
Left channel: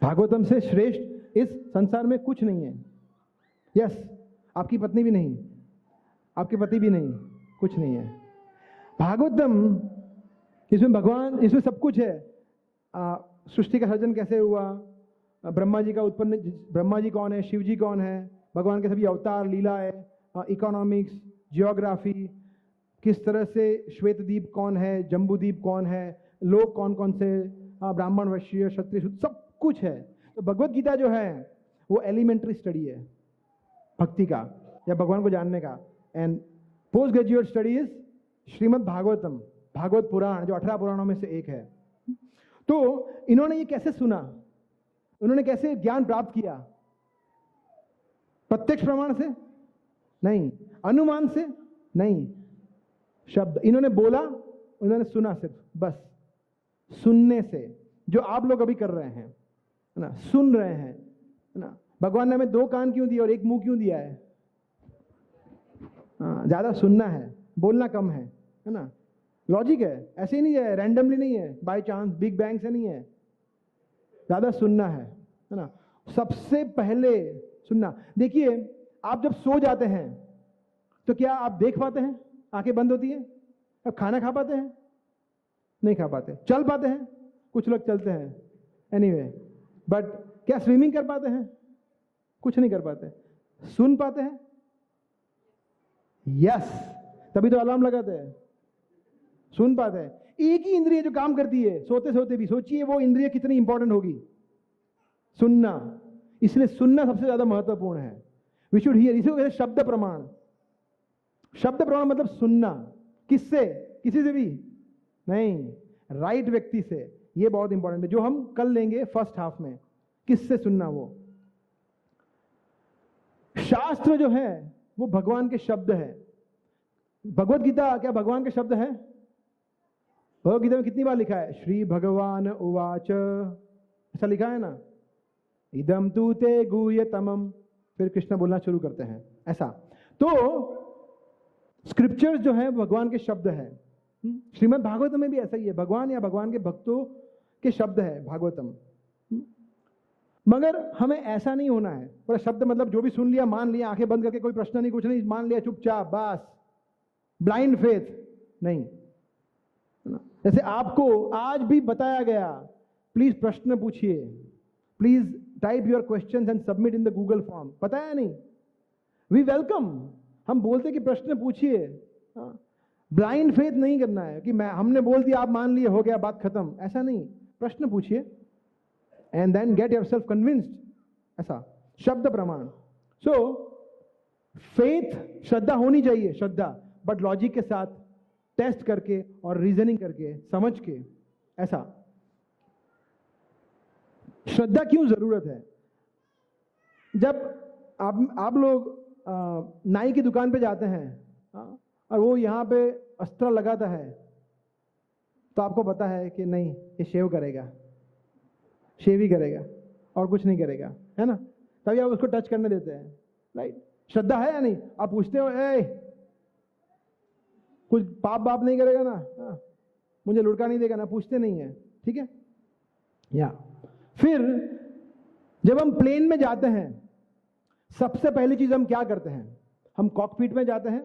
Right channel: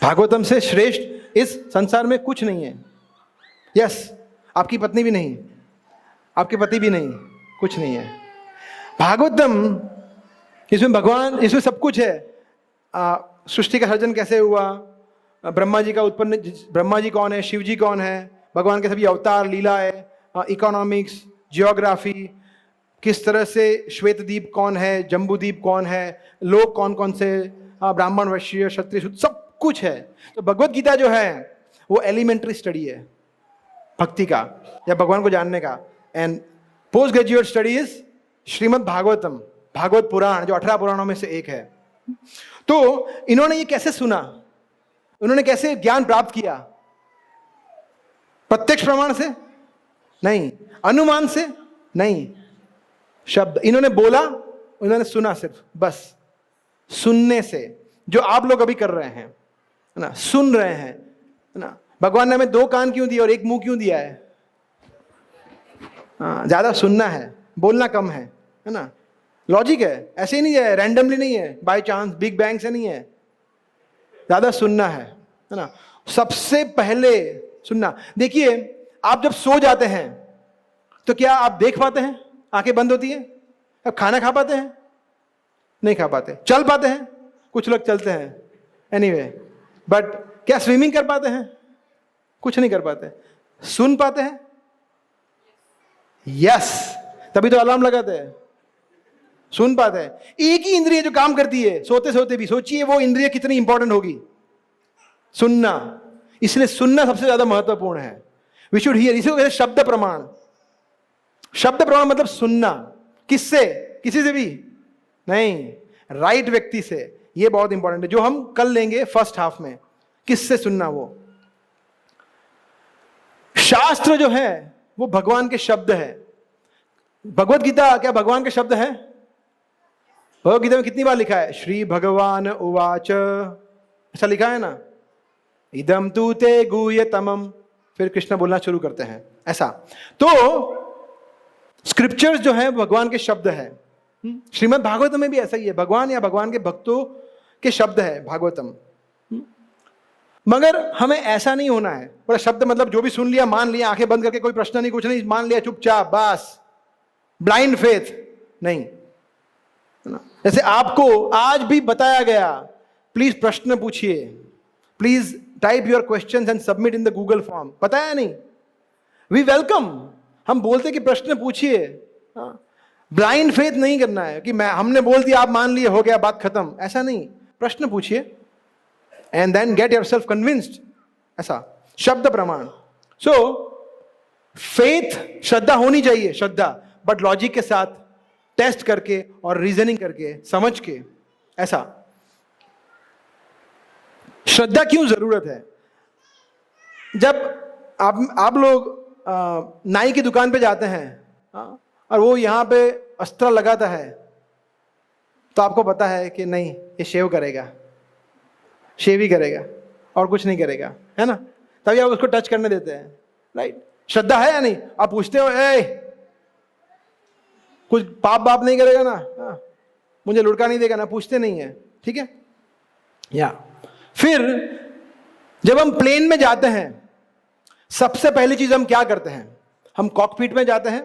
भागवतम से श्रेष्ठ इस संसार में कुछ नहीं है। यस, आपकी पत्नी भी नहीं, आपके पति भी नहीं, कुछ नहीं है। भागवतम, इसमें भगवान, इसमें सब कुछ है। सृष्टि का सर्जन कैसे हुआ, ब्रह्मा जी का उत्पन्न, ब्रह्मा जी कौन है, शिव जी कौन है, भगवान के सभी अवतार, लीलाएं, इकोनॉमिक्स, जियोग्राफी, किस तरह से श्वेतद्वीप कौन है, जम्बूद्वीप कौन है, लोग कौन कौन से, ब्राह्मण, वैश्य, क्षत्रिय, शूद्र, सब कुछ है। तो भगवत गीता जो है वो एलिमेंट्री स्टडी है भक्ति का या भगवान को जानने का। And post graduate study is Shrimad Bhagavatam, Bhagavat Purana, जो 18 पुराणों में से एक है। तो इन्होंने ये कैसे सुना, उन्होंने कैसे ज्ञान प्राप्त किया? प्रत्यक्ष प्रमाण से नहीं, अनुमान से नहीं, शब्द इन्होंने बोला, इन्होंने सुना, सिर्फ बस सुनने से, जो आप लोग अभी कर रहे हैं, है ना, सुन रहे हैं, है ना। भगवान ने हमें 2 कान क्यों दिए और 1 मुंह क्यों दिया है? ज्यादा सुनना है, बोलना कम है ना। लॉजिक है, ऐसे ही नहीं है, रैंडमली नहीं है, बाय चांस, बिग बैंग से नहीं है। ज्यादा सुनना है ना। सबसे पहले सुनना। देखिए, आप जब सो जाते हैं तो क्या आप देख पाते हैं? आंखें बंद होती है। अब खाना खा पाते हैं? नहीं खा पाते। चल पाते हैं? कुछ लोग चलते हैं, एनीवे, बट क्या स्विमिंग कर पाते हैं? कुछ नहीं कर पाते। सुन पाते हैं? यस, तभी तो अलार्म लगाते हैं। सुन पाते हैं। एक ही इंद्रिय जो काम करती है सोते सोते भी, सोचिए वो इंद्रिय कितनी इंपॉर्टेंट होगी, सुनना। इसलिए सुनना सबसे ज्यादा महत्वपूर्ण है। वी शुड हियर, इसी को कहते हैं शब्द प्रमाण। शब्द प्रमाण मतलब सुनना। किससे? किसी से भी नहीं, राइट व्यक्ति से। ये बहुत इंपॉर्टेंट है, जो हम कल लेंगे फर्स्ट हाफ में। किससे सुनना? वो शास्त्र जो है वो भगवान के शब्द है। भगवत गीता क्या भगवान के शब्द है? भगवत गीता में कितनी बार लिखा है? श्री भगवान उवाच, ऐसा लिखा है ना, इदम तू ते गुह्यतमम। फिर कृष्ण बोलना शुरू करते हैं, ऐसा। तो स्क्रिप्चर्स जो है भगवान के शब्द है। श्रीमद् भागवतम में भी ऐसा ही है, भगवान या भगवान के भक्तों के शब्द है भागवतम। मगर हमें ऐसा नहीं होना है। पूरा शब्द मतलब जो भी सुन लिया, मान लिया, आंखें बंद करके, कोई प्रश्न नहीं, कुछ नहीं, मान लिया चुपचाप, बस ब्लाइंड फेथ नहीं, है ना। जैसे आपको आज भी बताया गया, प्लीज प्रश्न पूछिए, please type your questions and submit in the Google form. बताया नहीं? We welcome. हम बोलते कि प्रश्न पूछिए। ब्लाइंड फेथ नहीं करना है कि मैं, हमने बोल दिया, आप मान लिए, हो गया, बात खत्म, ऐसा नहीं। प्रश्न पूछिए and then get yourself convinced, ऐसा। शब्द प्रमाण। सो फेथ, श्रद्धा होनी चाहिए। श्रद्धा, बट लॉजिक के साथ, टेस्ट करके और रीजनिंग करके, समझ के। ऐसा श्रद्धा क्यों जरूरत है? जब आप लोग नाई की दुकान पे जाते हैं और वो यहाँ पे अस्त्र लगाता है, तो आपको पता है कि नहीं, ये शेव करेगा, शेव ही करेगा और कुछ नहीं करेगा, है ना? तभी आप उसको टच करने देते हैं, राइट? श्रद्धा है या नहीं? आप पूछते हो, ए कुछ पाप बाप नहीं करेगा ना? मुझे लुढ़का नहीं देगा ना? पूछते नहीं है, ठीक है? या फिर जब हम प्लेन में जाते हैं, सबसे पहली चीज हम क्या करते हैं? हम कॉकपिट में जाते हैं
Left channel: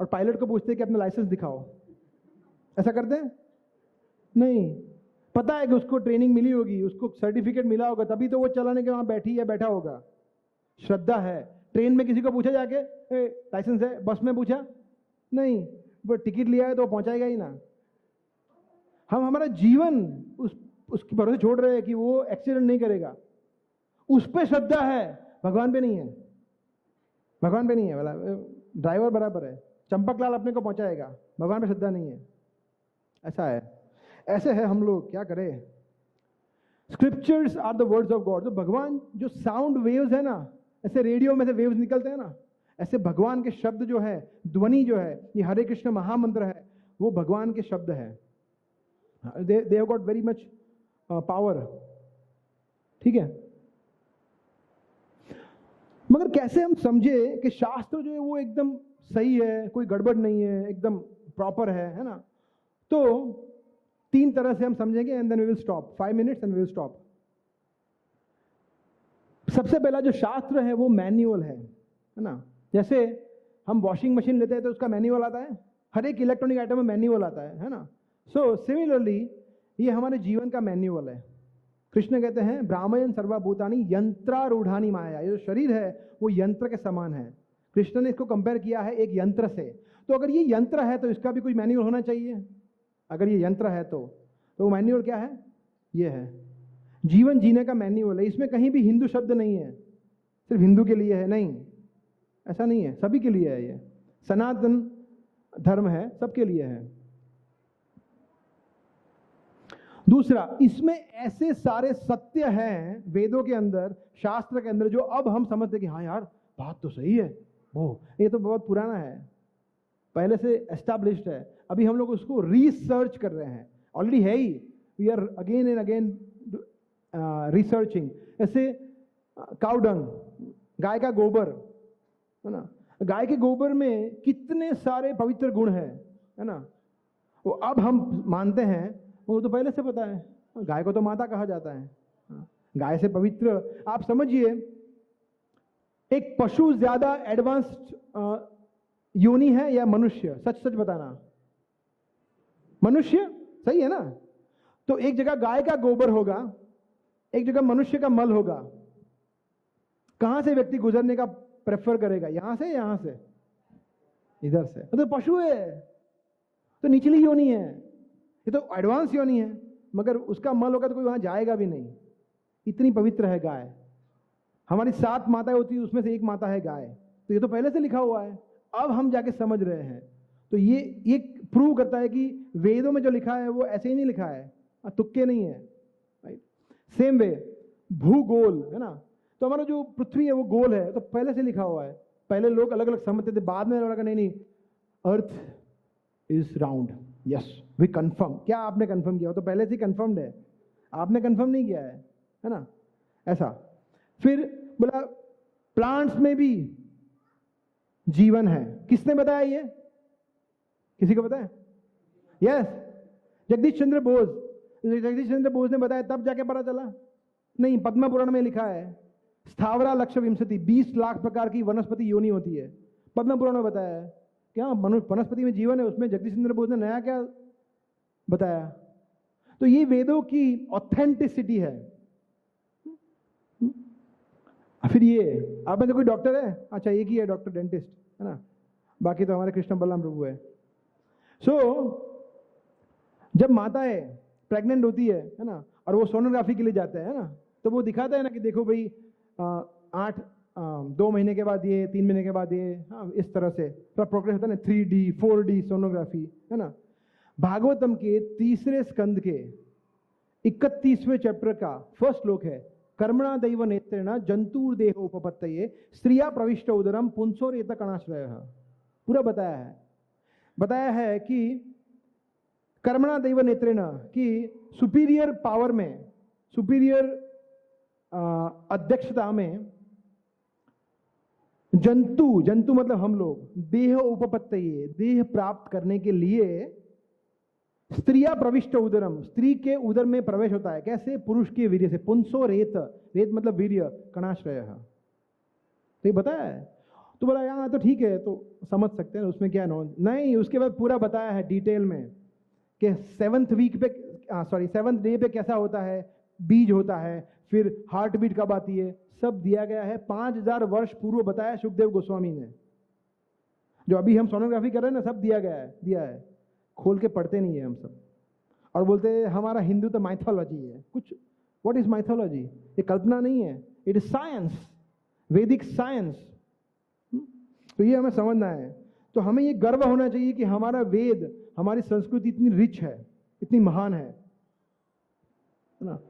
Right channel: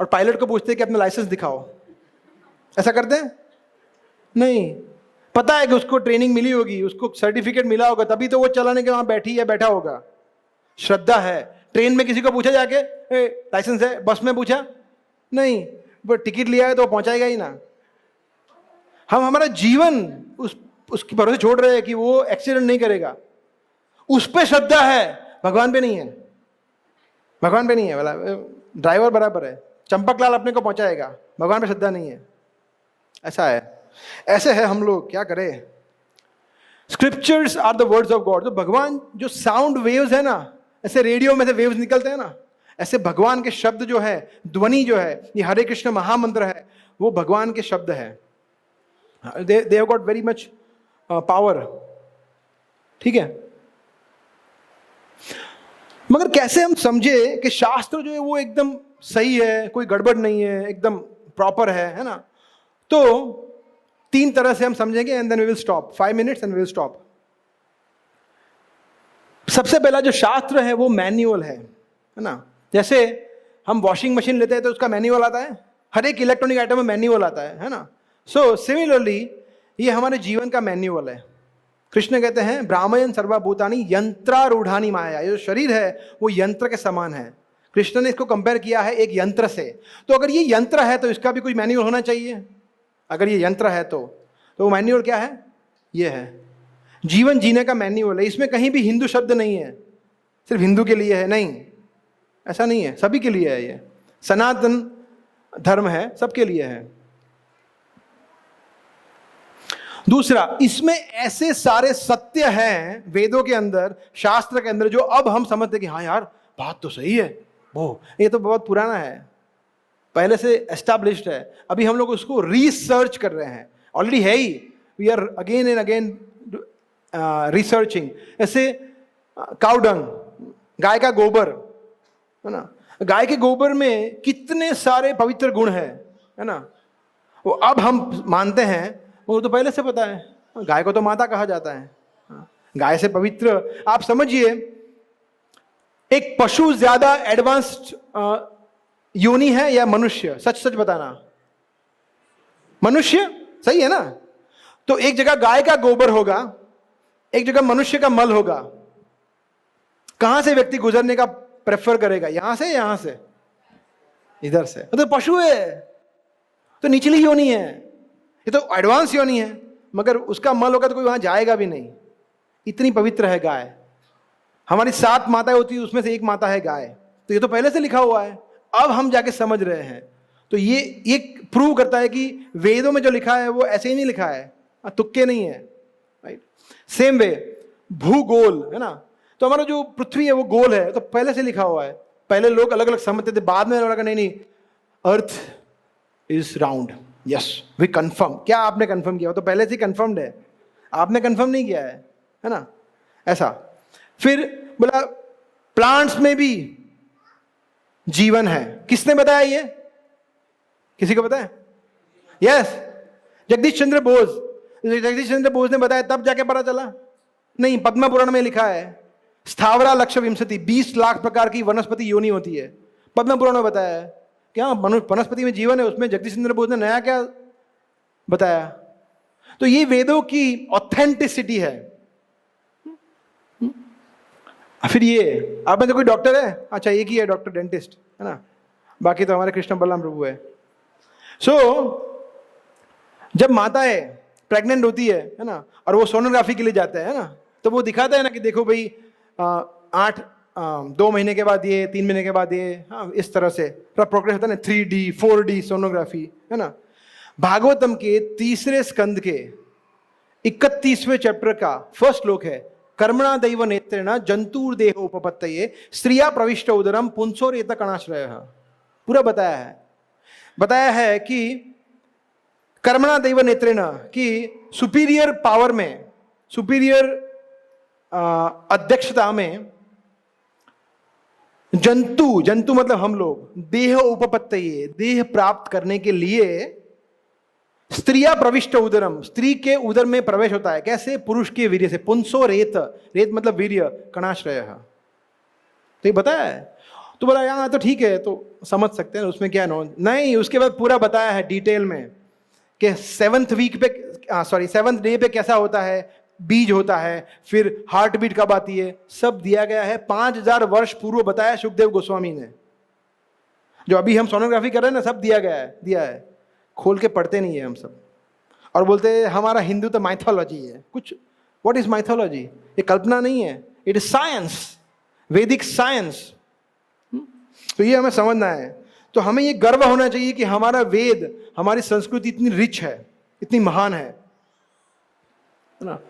और पायलट को पूछते हैं कि अपना लाइसेंस दिखाओ। ऐसा करते हैं? नहीं। पता है कि उसको ट्रेनिंग मिली होगी, उसको सर्टिफिकेट मिला होगा, तभी तो वो चलाने के वहां बैठी या बैठा होगा। श्रद्धा है। ट्रेन में किसी को पूछा जाके, लाइसेंस है? बस में पूछा? नहीं। वो टिकट लिया है तो पहुंचाएगा ही ना। हम हमारा जीवन उसके भरोसे छोड़ रहे हैं कि वो एक्सीडेंट नहीं करेगा। उस पे श्रद्धा है, भगवान पे नहीं है। भगवान पे नहीं है, बोला ड्राइवर बराबर है, चंपकलाल अपने को पहुंचाएगा, भगवान पे श्रद्धा नहीं है। ऐसा है, ऐसे है हम लोग, क्या करें? Scriptures are the words of God. तो भगवान जो साउंड वेव्स है ना, ऐसे रेडियो में से वेव्स निकलते हैं ना, ऐसे भगवान के शब्द जो है, ध्वनि जो है, ये हरे कृष्ण महामंत्र है, वो भगवान के शब्द है। They have got very much power, ठीक है? मगर कैसे हम समझे कि शास्त्र जो है वो एकदम सही है, कोई गड़बड़ नहीं है, एकदम प्रॉपर है ना? तो 3 तरह से हम समझेंगे and then we will stop, 5 minutes and we will stop. सबसे पहला जो शास्त्र है वो मैन्युअल है ना? जैसे हम वॉशिंग मशीन लेते हैं तो उसका मैन्युअल आता है, हर एक इलेक्ट्रॉनिक आइटम में मैन्युअल आता है ना? सो सिमिलरली ये हमारे जीवन का मैन्युअल है। कृष्ण कहते हैं ब्राह्मण सर्वभूतानि यंत्रारूढ़ानि माया। ये जो शरीर है वो यंत्र के समान है। कृष्ण ने इसको कंपेयर किया है एक यंत्र से। तो अगर ये यंत्र है तो इसका भी कोई मैन्युअल होना चाहिए। अगर ये यंत्र है तो वो मैन्युअल क्या है? ये है जीवन जीने का मैन्युअल है। इसमें कहीं भी हिंदू शब्द नहीं है, सिर्फ हिंदू के लिए है, नहीं, ऐसा नहीं है, सभी के लिए है। ये सनातन धर्म है, सबके लिए है। दूसरा, इसमें ऐसे सारे सत्य हैं वेदों के अंदर, शास्त्र के अंदर, जो अब हम समझते कि हाँ यार बात तो सही है, वो ये तो बहुत पुराना है, पहले से एस्टैब्लिश्ड है, अभी हम लोग उसको रिसर्च कर रहे हैं। ऑलरेडी है ही, we are again and again researching. ऐसे काउ डंग, गाय का गोबर है ना, गाय के गोबर में कितने सारे पवित्र गुण है ना? वो अब हम मानते हैं, वो तो पहले से पता है। गाय को तो माता कहा जाता है, गाय से पवित्र। आप समझिए, एक पशु ज्यादा एडवांस्ड योनि है या मनुष्य? सच सच बताना। मनुष्य, सही है ना? तो एक जगह गाय का गोबर होगा, एक जगह मनुष्य का मल होगा। कहां से व्यक्ति गुजरने का प्रेफर करेगा? यहां से, यहां से, इधर से? तो पशु है, तो निचली योनि है, ये तो एडवांस योनि है, मगर उसका मल होगा तो कोई वहां जाएगा भी नहीं। इतनी पवित्र है गाय। हमारी 7 माताएं होती है, उसमें से एक माता है गाय। तो ये तो पहले से लिखा हुआ है, अब हम जाके समझ रहे हैं। तो ये प्रूव करता है कि वेदों में जो लिखा है वो ऐसे ही नहीं लिखा है, तुक्के नहीं है, राइट? सेम वे भूगोल है ना, तो हमारा जो पृथ्वी है वो गोल है, तो पहले से लिखा हुआ है। पहले लोग अलग अलग समझते थे, बाद में लगा नहीं, earth is round. Yes, we confirm. क्या आपने कंफर्म किया? तो पहले से ही कंफर्म्ड है, आपने कंफर्म नहीं किया है ना? ऐसा। फिर बोला प्लांट्स में भी जीवन है। किसने बताया ये? किसी को पता है? यस, जगदीश चंद्र बोस ने बताया, तब जाके पता चला? नहीं, पद्म पुराण में लिखा है स्थावरा लक्ष विंशति, 20 लाख प्रकार की वनस्पति योनि होती है। पद्म पुराण में बताया है क्या वनस्पति में जीवन है। उसमें जगदीश चंद्र बोस ने नया क्या बताया? तो ये वेदों की ऑथेंटिसिटी है। फिर ये आप में तो कोई डॉक्टर है? अच्छा, एक ही है डॉक्टर, डेंटिस्ट है ना, बाकी तो हमारे कृष्ण बलराम प्रभु है। सो जब माताएं प्रेग्नेंट होती है ना, और वो सोनोग्राफी के लिए जाते हैं ना, तो वो दिखाता है ना कि देखो भाई 8 2 महीने के बाद ये, 3 महीने के बाद ये, हाँ इस तरह से पूरा प्रोग्रेस होता है ना, 3D 4D सोनोग्राफी, है ना। भागवतम के 3 स्कंद के 31वें चैप्टर का फर्स्ट श्लोक है, कर्मणा दैव नेत्रेण जंतुर देह उपपत्तये स्त्रिया प्रविष्ट उदरम पुंसोरेत कणाश्रय। पूरा बताया है कि कर्मणा दैव नेत्रेण कि सुपीरियर पावर में, सुपीरियर अध्यक्षता में जंतु मतलब हम लोग, देह उपपत्तये देह प्राप्त करने के लिए स्त्रिया प्रविष्ट उदरम स्त्री के उदर में प्रवेश होता है। कैसे? पुरुष के वीर्य से। पुंसो रेत, रेत मतलब वीर्य, कणाश्रय। तो ये बताया है। तो बोला यहाँ तो ठीक है, तो समझ सकते हैं उसमें क्या नहीं। उसके बाद पूरा बताया है डिटेल में कि 7th डे पे कैसा होता है, बीज होता है, फिर हार्ट बीट कब आती है, सब दिया गया है। 5000 वर्ष पूर्व बताया सुखदेव गोस्वामी ने। जो अभी हम सोनोग्राफी कर रहे हैं ना, सब दिया है। खोल के पढ़ते नहीं है हम सब, और बोलते हैं हमारा हिंदू तो माइथोलॉजी है। कुछ व्हाट इज माइथोलॉजी? ये कल्पना नहीं है, इट इज साइंस, वैदिक साइंस। तो ये हमें समझना है। तो हमें ये गर्व होना चाहिए कि हमारा वेद, हमारी संस्कृति इतनी रिच है, इतनी महान है ना।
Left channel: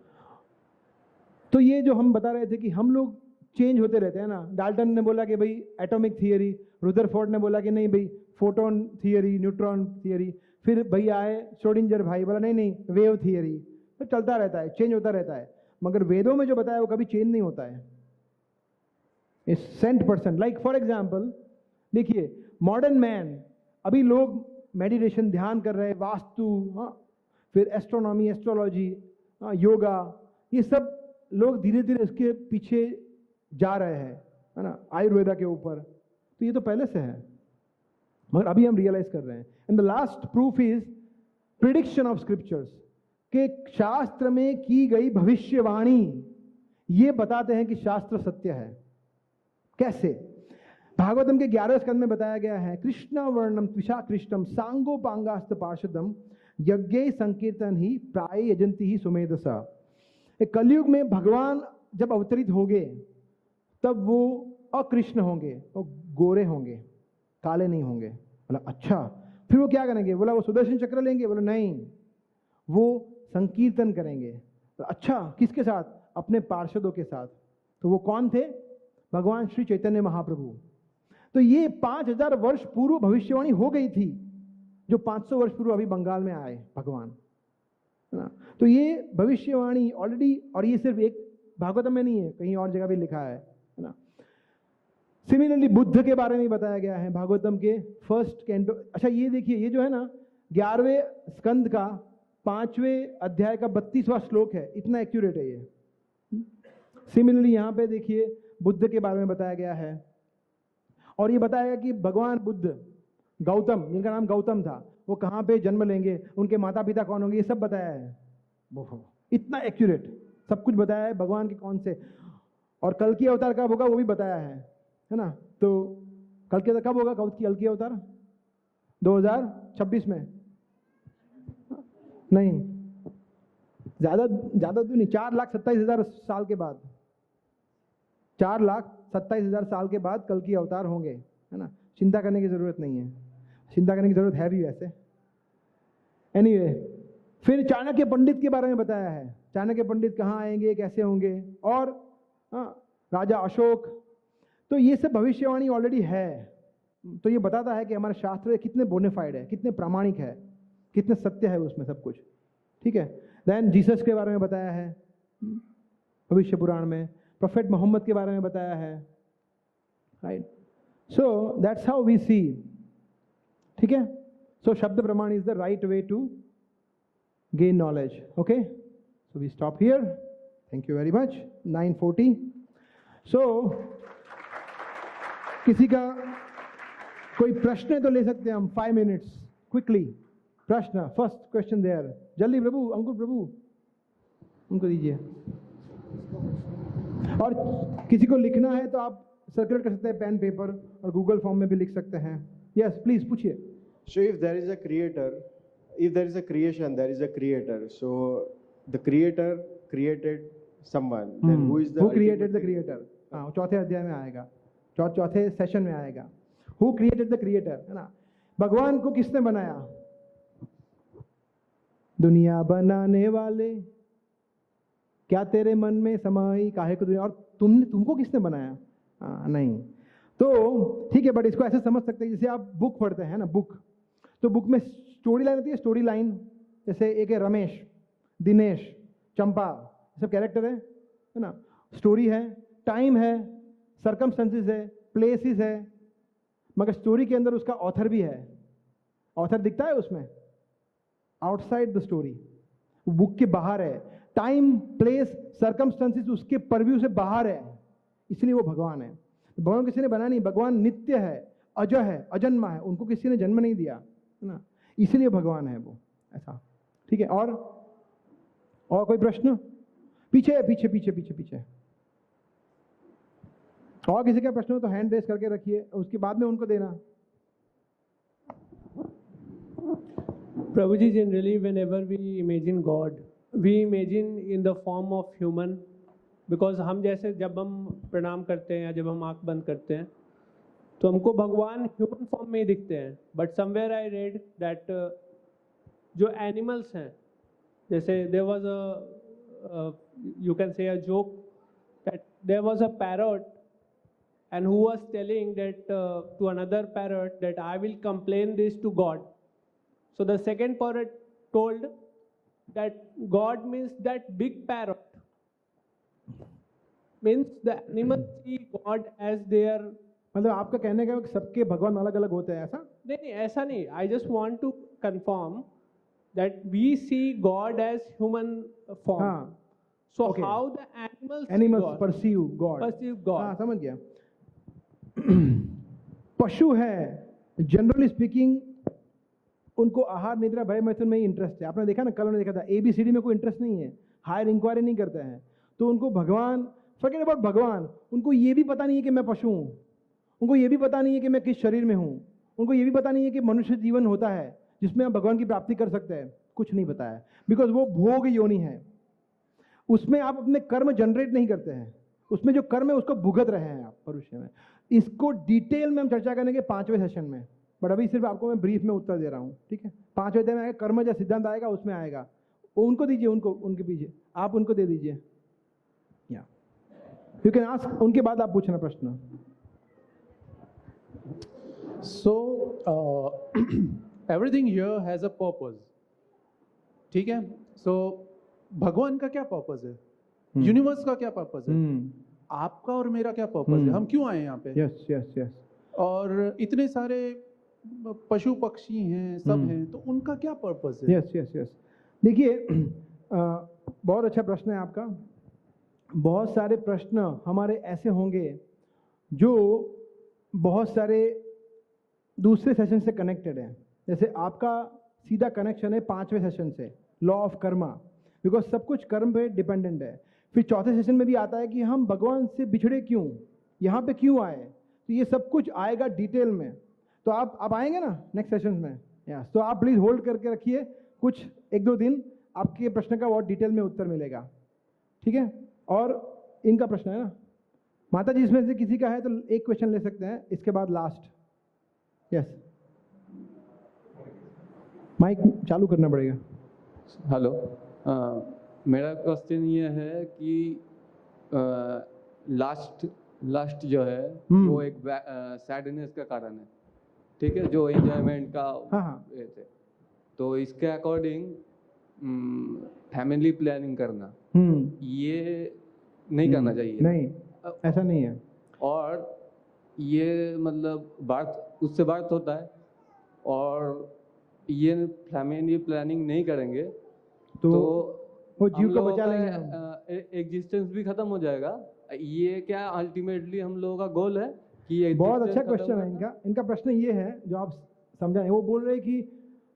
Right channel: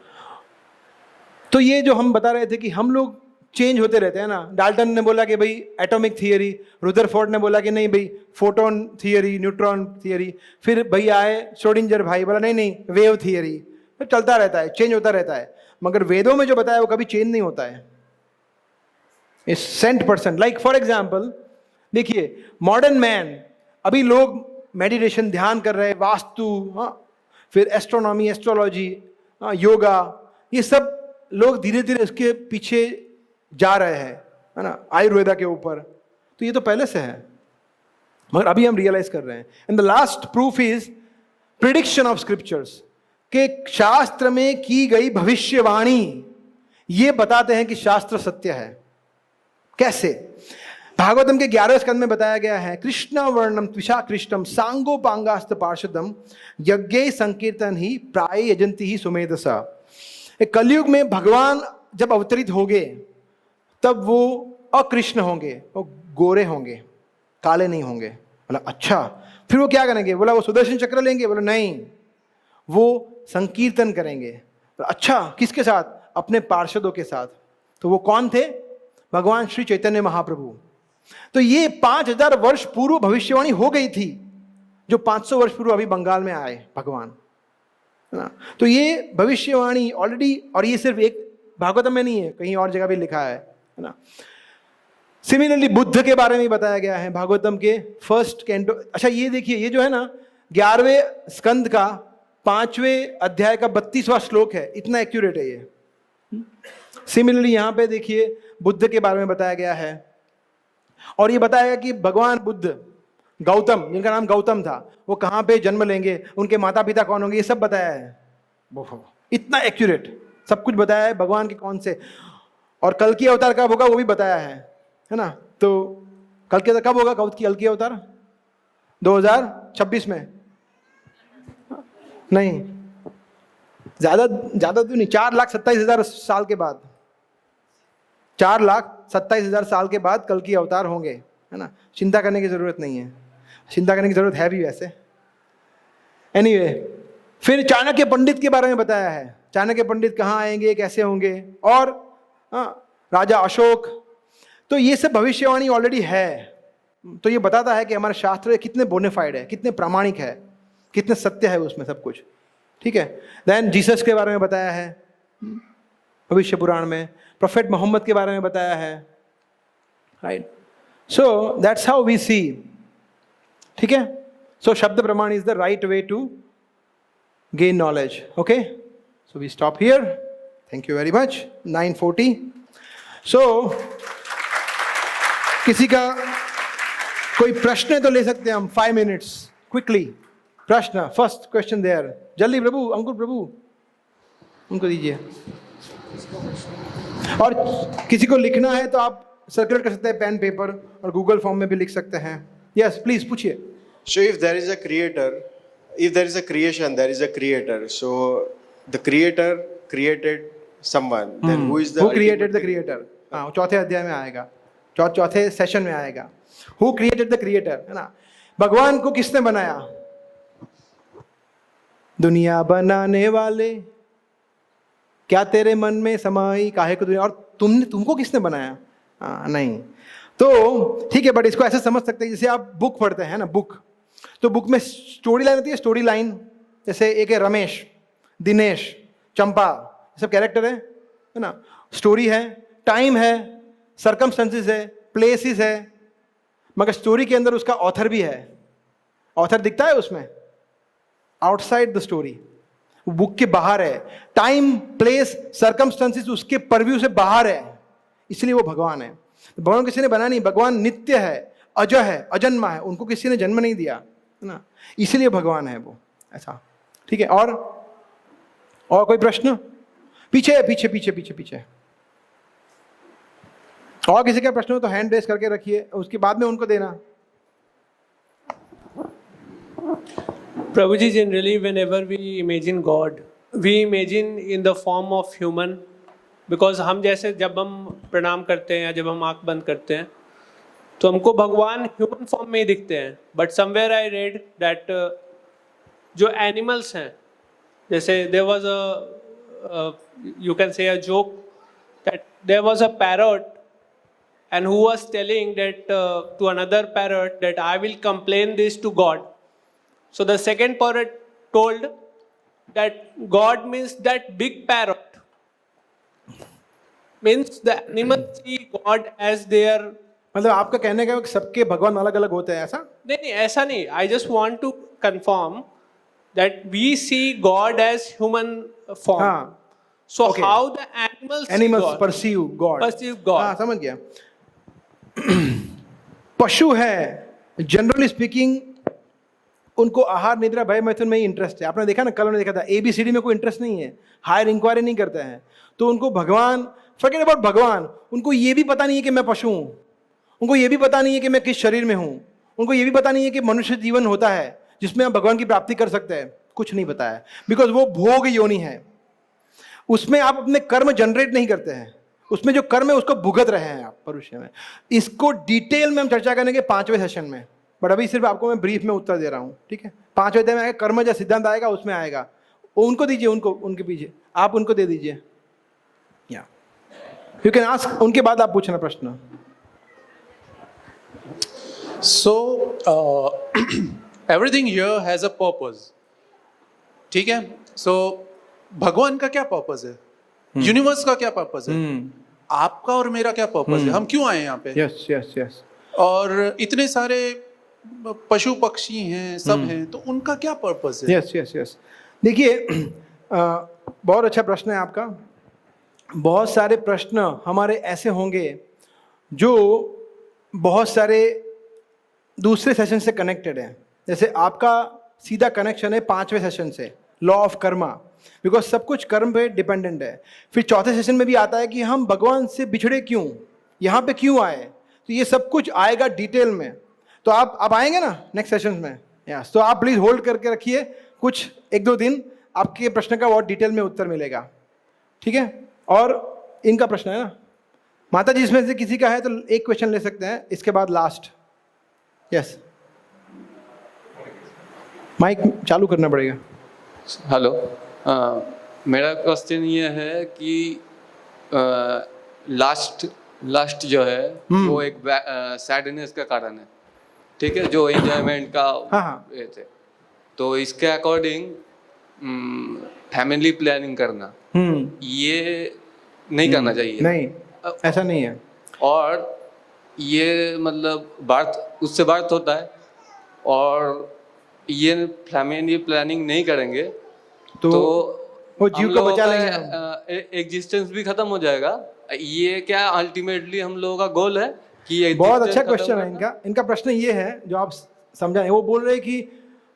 तो ये जो हम बता रहे थे कि हम लोग चेंज होते रहते हैं ना। डाल्टन ने बोला कि भाई एटॉमिक थियरी, रुदरफोर्ड ने बोला कि नहीं भाई फोटोन थियरी, न्यूट्रॉन थियरी, फिर भाई आए श्रोडिंजर भाई, बोला नहीं वेव थियरी। फिर चलता रहता है, चेंज होता रहता है। मगर वेदों में जो बताया वो कभी चेंज नहीं होता है। इस 100%। लाइक फॉर एग्जाम्पल देखिए, मॉडर्न मैन, अभी लोग मेडिटेशन ध्यान कर रहे हैं, वास्तु, फिर एस्ट्रोनॉमी, एस्ट्रोलॉजी, योगा, ये सब लोग धीरे धीरे इसके पीछे जा रहे हैं, है ना, आयुर्वेदा के ऊपर। तो ये तो पहले से है, मगर अभी हम रियलाइज कर रहे हैं। And the last proof is prediction of scriptures, के शास्त्र में की गई भविष्यवाणी ये बताते हैं कि शास्त्र सत्य है। कैसे? भागवतम के 11वें स्कंद में बताया गया है, कृष्ण वर्णम त्विषा कृष्णम सांगोपांगास्त पार्षदम यज्ञ संकीर्तन ही प्राय यजंती ही सुमेधसा। कलयुग में भगवान जब अवतरित होंगे तब वो अकृष्ण होंगे, वो गोरे होंगे, काले नहीं होंगे। बोला अच्छा, फिर वो क्या करेंगे? बोला वो सुदर्शन चक्र लेंगे। बोला नहीं, वो संकीर्तन करेंगे। बोला अच्छा, किसके साथ? अपने पार्षदों के साथ। तो वो कौन थे? भगवान श्री चैतन्य महाप्रभु। तो ये 5000 वर्ष पूर्व भविष्यवाणी हो गई थी, जो 500 वर्ष पूर्व अभी बंगाल में आए भगवान, है ना। तो ये भविष्यवाणी ऑलरेडी, और ये सिर्फ एक भागवतम में नहीं है, कहीं और जगह भी लिखा है ना। सिमिलरली बुद्ध के बारे में बताया गया है भागवतम के फर्स्ट कैंटो। अच्छा ये देखिए, ये जो है ना 11वें स्कंद का 5वें अध्याय का 32वां श्लोक है, इतना एक्यूरेट है ये। सिमिलरली यहाँ पे देखिए बुद्ध के बारे में बताया गया है, और ये बताया गया कि भगवान बुद्ध, गौतम, जिनका नाम गौतम था, वो कहाँ पे जन्म लेंगे, उनके माता पिता कौन होंगे, ये सब बताया है। इतना एक्यूरेट सब कुछ बताया है भगवान के कौन से, और कल की अवतार कब होगा वो भी बताया है ना। तो कल के कब होगा कल की अवतार? 2026 में? नहीं, ज्यादा तो नहीं, 4,27,000 साल के बाद, 4,27,000 साल के बाद कल की अवतार होंगे, है ना। चिंता करने की जरूरत नहीं है, चिंता करने की जरूरत है भी वैसे। एनीवे, फिर चाणक्य पंडित के बारे में बताया है, चाणक्य पंडित कहाँ आएंगे, कैसे होंगे, और राजा अशोक। तो ये सब भविष्यवाणी ऑलरेडी है। तो ये बताता है कि हमारे शास्त्र कितने बोनेफाइड है, कितने प्रामाणिक है, कितने सत्य है उसमें सब कुछ, ठीक है। देन जीसस के बारे में बताया है भविष्य पुराण में, प्रोफेट मोहम्मद के बारे में बताया है, right. So that's how we see, ठीक है। So shabda pramana is the right way to gain knowledge. Okay, so we stop here. Thank you very much. 9:40. So किसी का कोई प्रश्न तो ले सकते हैं हम 5 minutes quickly. प्रश्न, फर्स्ट क्वेश्चन देयर, जल्दी प्रभु, अंकुर प्रभु उनको दीजिए। और किसी को लिखना है तो आप सर्कुलेट कर सकते हैं पेन पेपर, और गूगल फॉर्म में भी लिख सकते हैं। यस प्लीज पूछिए। So if there is a creator, if there is a creation, there is a creator. So the creator created someone. Then who is the Who created the creator? हाँ, चौथे अध्याय में आएगा, चौथे सेशन में आएगा। Who created the creator, है ना? भगवान को किसने बनाया? दुनिया बनाने वाले, क्या तेरे मन में समाई काहे को दुनिया, और तुमको किसने बनाया? नहीं। तो ठीक है, बट इसको ऐसे समझ सकते हैं जैसे आप बुक पढ़ते हैं ना, बुक, तो बुक में स्टोरी लाइन होती है, स्टोरी लाइन। जैसे एक है रमेश, दिनेश, चंपा, ये सब कैरेक्टर है ना? स्टोरी है, टाइम है, सर्कमस्टेंसेस है, प्लेसेस है, मगर स्टोरी के अंदर उसका ऑथर भी है। ऑथर दिखता है उसमें, आउटसाइड द स्टोरी, बुक के बाहर है। टाइम, प्लेस, सर्कमस्टेंसेस उसके परव्यू से बाहर है, इसलिए वो भगवान है। भगवान किसी ने बनाया नहीं, भगवान नित्य है, अजय है, अजन्मा है, उनको किसी ने जन्म नहीं दिया, है ना? इसीलिए भगवान है वो, ऐसा। ठीक है, और कोई प्रश्न? पीछे पीछे पीछे पीछे पीछे और किसी का प्रश्न हो तो हैंड रेस करके रखिए, उसके बाद में उनको देना। Prabhuji, generally whenever we imagine God, we imagine in the form of human, because हम जैसे जब हम प्रणाम करते हैं या जब हम आँख बंद करते हैं तो हमको भगवान ह्यूमन फॉर्म में ही दिखते हैं। But somewhere I read that जो एनिमल्स हैं, जैसे there was a you can say a joke that there was a parrot and who was telling that to another parrot that I will complain this to God. So the second parrot told that God means that big parrot. Means the animals see God as their. मतलब आपका कहने का सबके भगवान अलग अलग होते हैं, ऐसा? नहीं, ऐसा नहीं. I just want to confirm that we see God as human form. हाँ, So okay. how the animals perceive God. Perceive God. हाँ, समझ गया। पशु है, जनरली स्पीकिंग, उनको आहार, निद्रा, भय, मैथुन में ही इंटरेस्ट है। आपने देखा ना, कल हमने देखा था, ABCD में कोई इंटरेस्ट नहीं है, हायर इंक्वायरी नहीं करते हैं। तो उनको भगवान, फॉरगेट अबाउट भगवान, उनको ये भी पता नहीं है कि मैं पशु हूँ, उनको ये भी पता नहीं है कि मैं किस शरीर में हूँ, उनको ये भी पता नहीं है कि मनुष्य जीवन होता है जिसमें आप भगवान की प्राप्ति कर सकते हैं। कुछ नहीं पता है, बिकॉज वो भोग योनि है, उसमें आप अपने कर्म जनरेट नहीं करते हैं, उसमें जो कर्म है उसको भुगत रहे हैं आप परुष्य में। इसको डिटेल में हम चर्चा करेंगे 5वें सेशन में, बट अभी सिर्फ आपको मैं ब्रीफ में उत्तर दे रहा हूँ। ठीक है, 5वें अध्याय में आएगा, कर्म जो सिद्धांत आएगा उसमें आएगा, वो उनको दीजिए, उनको, उनके पीछे आप उनको दे दीजिए, या यू कैन आस्क, उनके बाद आप पूछना प्रश्न। So everything here has a purpose. ठीक है, so भगवान का क्या पर्पस है, यूनिवर्स का क्या पर्पस है, आपका और मेरा क्या पर्पस है, हम क्यों आए यहाँ पे? Yes yes yes. और इतने सारे पशु पक्षी हैं, सब हैं, तो उनका क्या पर्पस है? Yes yes yes. देखिए, बहुत अच्छा प्रश्न है आपका। बहुत सारे प्रश्न हमारे ऐसे होंगे जो बहुत सारे दूसरे सेशन से कनेक्टेड है। जैसे आपका सीधा कनेक्शन है 5वें सेशन से, लॉ ऑफ कर्मा, बिकॉज सब कुछ कर्म पे डिपेंडेंट है। फिर चौथे सेशन में भी आता है कि हम भगवान से बिछड़े क्यों, यहाँ पे क्यों आए, तो ये सब कुछ आएगा डिटेल में। तो आप आएंगे ना नेक्स्ट सेशन में, यस, तो आप प्लीज़ होल्ड करके रखिए, कुछ 1-2 दिन आपके प्रश्न का बहुत डिटेल में उत्तर मिलेगा। ठीक है, और इनका प्रश्न है ना, माता जी इसमें से किसी का है तो एक क्वेश्चन ले सकते हैं, इसके बाद लास्ट। यस, माइक चालू करना पड़ेगा। हेलो, मेरा क्वेश्चन ये है कि लास्ट जो है वो एक सैडनेस का कारण है, ठीक है, जो एंजॉयमेंट का ये थे, तो इसके अकॉर्डिंग फैमिली प्लानिंग करना ये नहीं करना चाहिए। नहीं, ऐसा नहीं है। और ये मतलब उससे बात होता है, और ये फैमिली प्लानिंग नहीं करेंगे तो वो जीव को बचा लेंगे, एग्जिस्टेंस भी खत्म हो जाएगा। ये क्या अल्टीमेटली हम लोगों का गोल है कि बहुत अच्छा क्वेश्चन है इनका प्रश्न ये है जो आप समझा है। वो बोल रहे हैं कि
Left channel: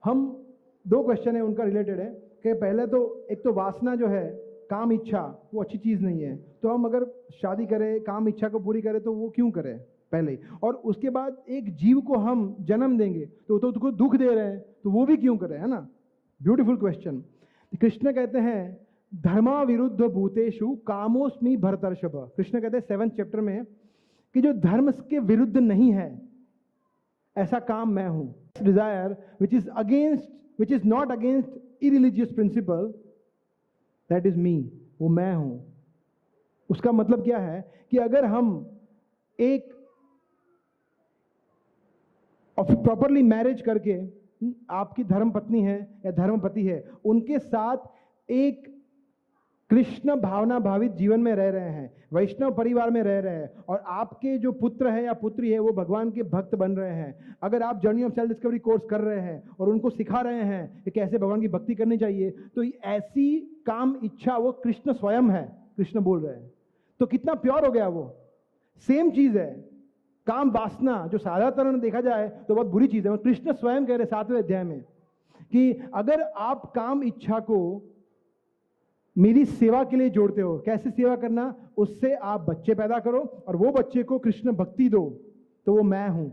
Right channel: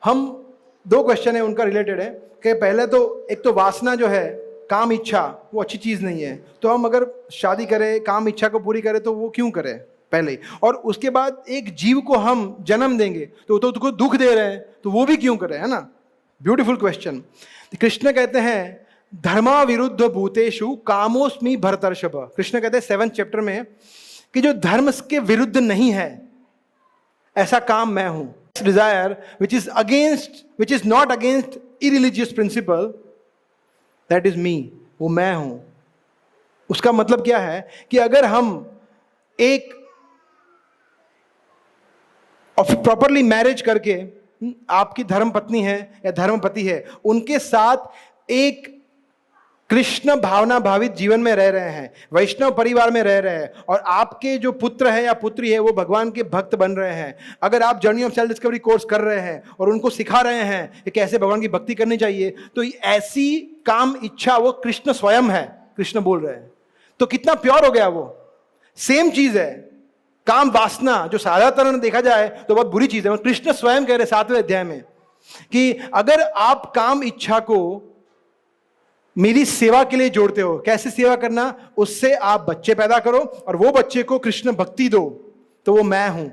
हम, 2 क्वेश्चन है उनका रिलेटेड है कि पहले तो एक तो वासना जो है, काम इच्छा, वो अच्छी चीज़ नहीं है, तो हम अगर शादी करें, काम इच्छा को पूरी करें तो वो क्यों करें पहले ही, और उसके बाद एक जीव को हम जन्म देंगे तो उसको दुख दे रहे हैं तो वो भी क्यों करें, है ना। Beautiful question. कृष्ण कहते हैं धर्मा विरुद्ध भूतेषु कामोस्मि भरतर्षभ। कृष्ण कहते हैं 7th चैप्टर में कि जो धर्म के विरुद्ध नहीं है ऐसा काम मैं हूं। Desire which is not against irreligious principle, that is me, वो मैं हूं। उसका मतलब क्या है कि अगर हम एक प्रॉपरली मैरिज करके, आपकी धर्म पत्नी है या धर्म पति है, उनके साथ एक कृष्ण भावना भावित जीवन में रह रहे हैं, वैष्णव परिवार में रह रहे हैं, और आपके जो पुत्र है या पुत्री है वो भगवान के भक्त बन रहे हैं, अगर आप journey of self discovery course कर रहे हैं और उनको सिखा रहे हैं कि कैसे भगवान की भक्ति करनी चाहिए, तो ऐसी काम इच्छा वो कृष्ण स्वयं है, कृष्ण बोल रहे हैं। तो कितना प्योर हो गया वो। सेम चीज है काम वासना, जो साधारण देखा जाए तो बहुत बुरी चीज है। कृष्ण स्वयं कह रहे 7वें अध्याय में कि अगर आप काम इच्छा को मेरी सेवा के लिए जोड़ते हो, कैसे सेवा करना, उससे आप बच्चे पैदा करो और वो बच्चे को कृष्ण भक्ति दो, तो वो मैं हूं,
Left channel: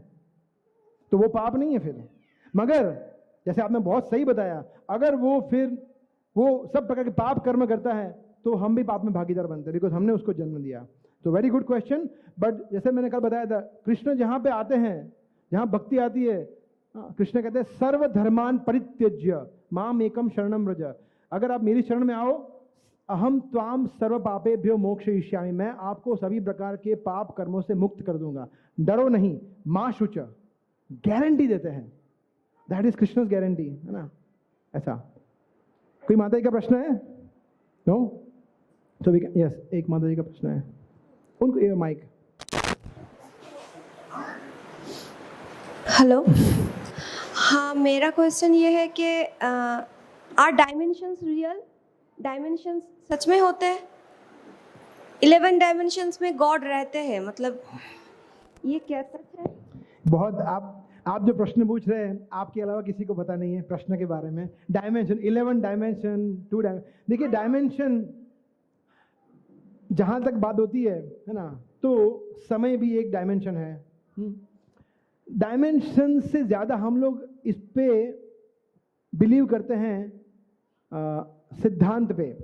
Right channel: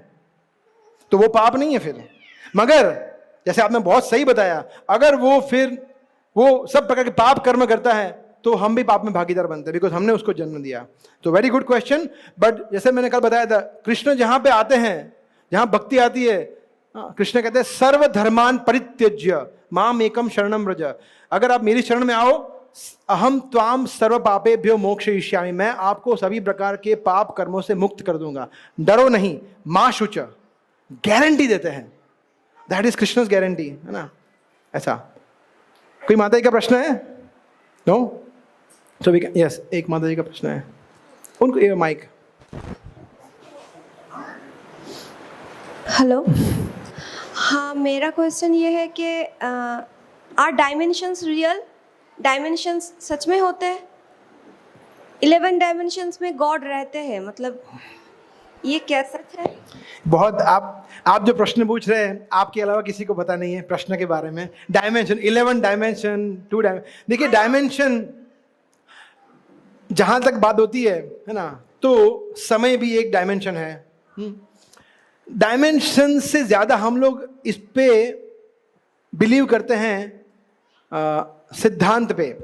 तो वो पाप नहीं है फिर। मगर जैसे आपने बहुत सही बताया, अगर वो फिर वो सब प्रकार के पाप कर्म करता है तो हम भी पाप में भागीदार बनते हैं, बिकॉज हमने उसको जन्म दिया। तो वेरी गुड क्वेश्चन। बट जैसे मैंने कल बताया था, कृष्ण जहां पे आते हैं, जहां भक्ति आती है, कृष्ण कहते हैं सर्वधर्मान परित्यज्य माम एकम शरणम व्रज। अगर आप मेरी शरण में आओ, अहम त्वाम सर्व पापेभ्यो मोक्षयिष्यामि, मैं आपको सभी प्रकार के पाप कर्मों से मुक्त कर दूंगा, डरो नहीं, मां शुच, गारंटी देते हैं। दैट इज कृष्णस गारंटी, है ना। ऐसा कोई माता जी का प्रश्न है? No? So we can, yes, एक माता जी का प्रश्न है, उनको ये माइक। हेलो, हाँ, मेरा क्वेश्चन ये है कि आर डायमेंशंस रियल? डायमेंशंस सच में होते हैं? 11 डायमेंशंस में गॉड रहते हैं, मतलब ये क्या सच है? बहुत आप जो प्रश्न पूछ रहे हैं, आपके अलावा किसी को पता नहीं है प्रश्न के बारे में। Dimension, 11 dimension, 2 dimension. देखिए डायमेंशन जहां तक बात होती है ना, तो समय भी एक डायमेंशन है। डायमेंशन से ज्यादा हम लोग इस पे बिलीव करते हैं सिद्धांत पे।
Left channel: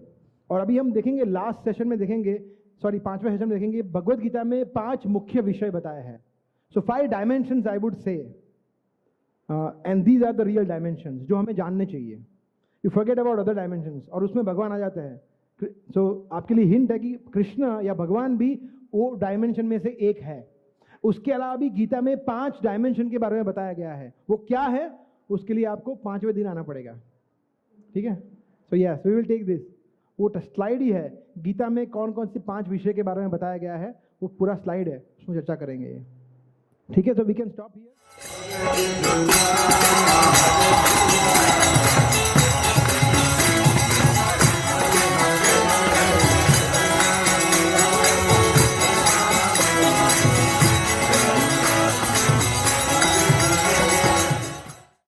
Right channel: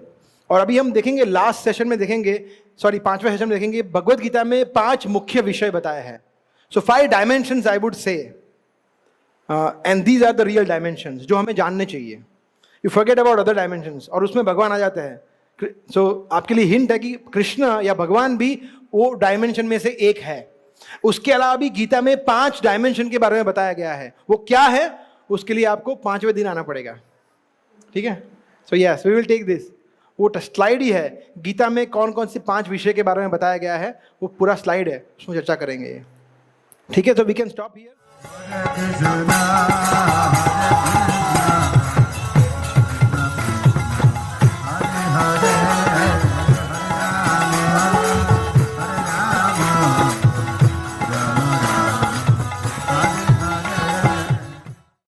और अभी हम देखेंगे, लास्ट सेशन में देखेंगे, 5वें सेशन में देखेंगे, भगवत गीता में 5 मुख्य विषय बताए हैं। So 5 dimensions I would say, and these are the real dimensions जो हमें जानने चाहिए। You forget about other dimensions, और उसमें भगवान आ जाते हैं। सो आपके लिए हिंट है कि कृष्ण या भगवान भी वो डायमेंशन में से एक है। उसके अलावा भी गीता में 5 डायमेंशन के बारे में बताया गया है। वो क्या है, उसके लिए आपको 5वें दिन आना पड़ेगा, ठीक है। So yes, we will take this. वो स्लाइड ही है, गीता में कौन कौन से 5 विषय के बारे में बताया गया है, वो पूरा स्लाइड है, उसमें चर्चा करेंगे, ठीक है। तो वी कैन स्टॉप हियर।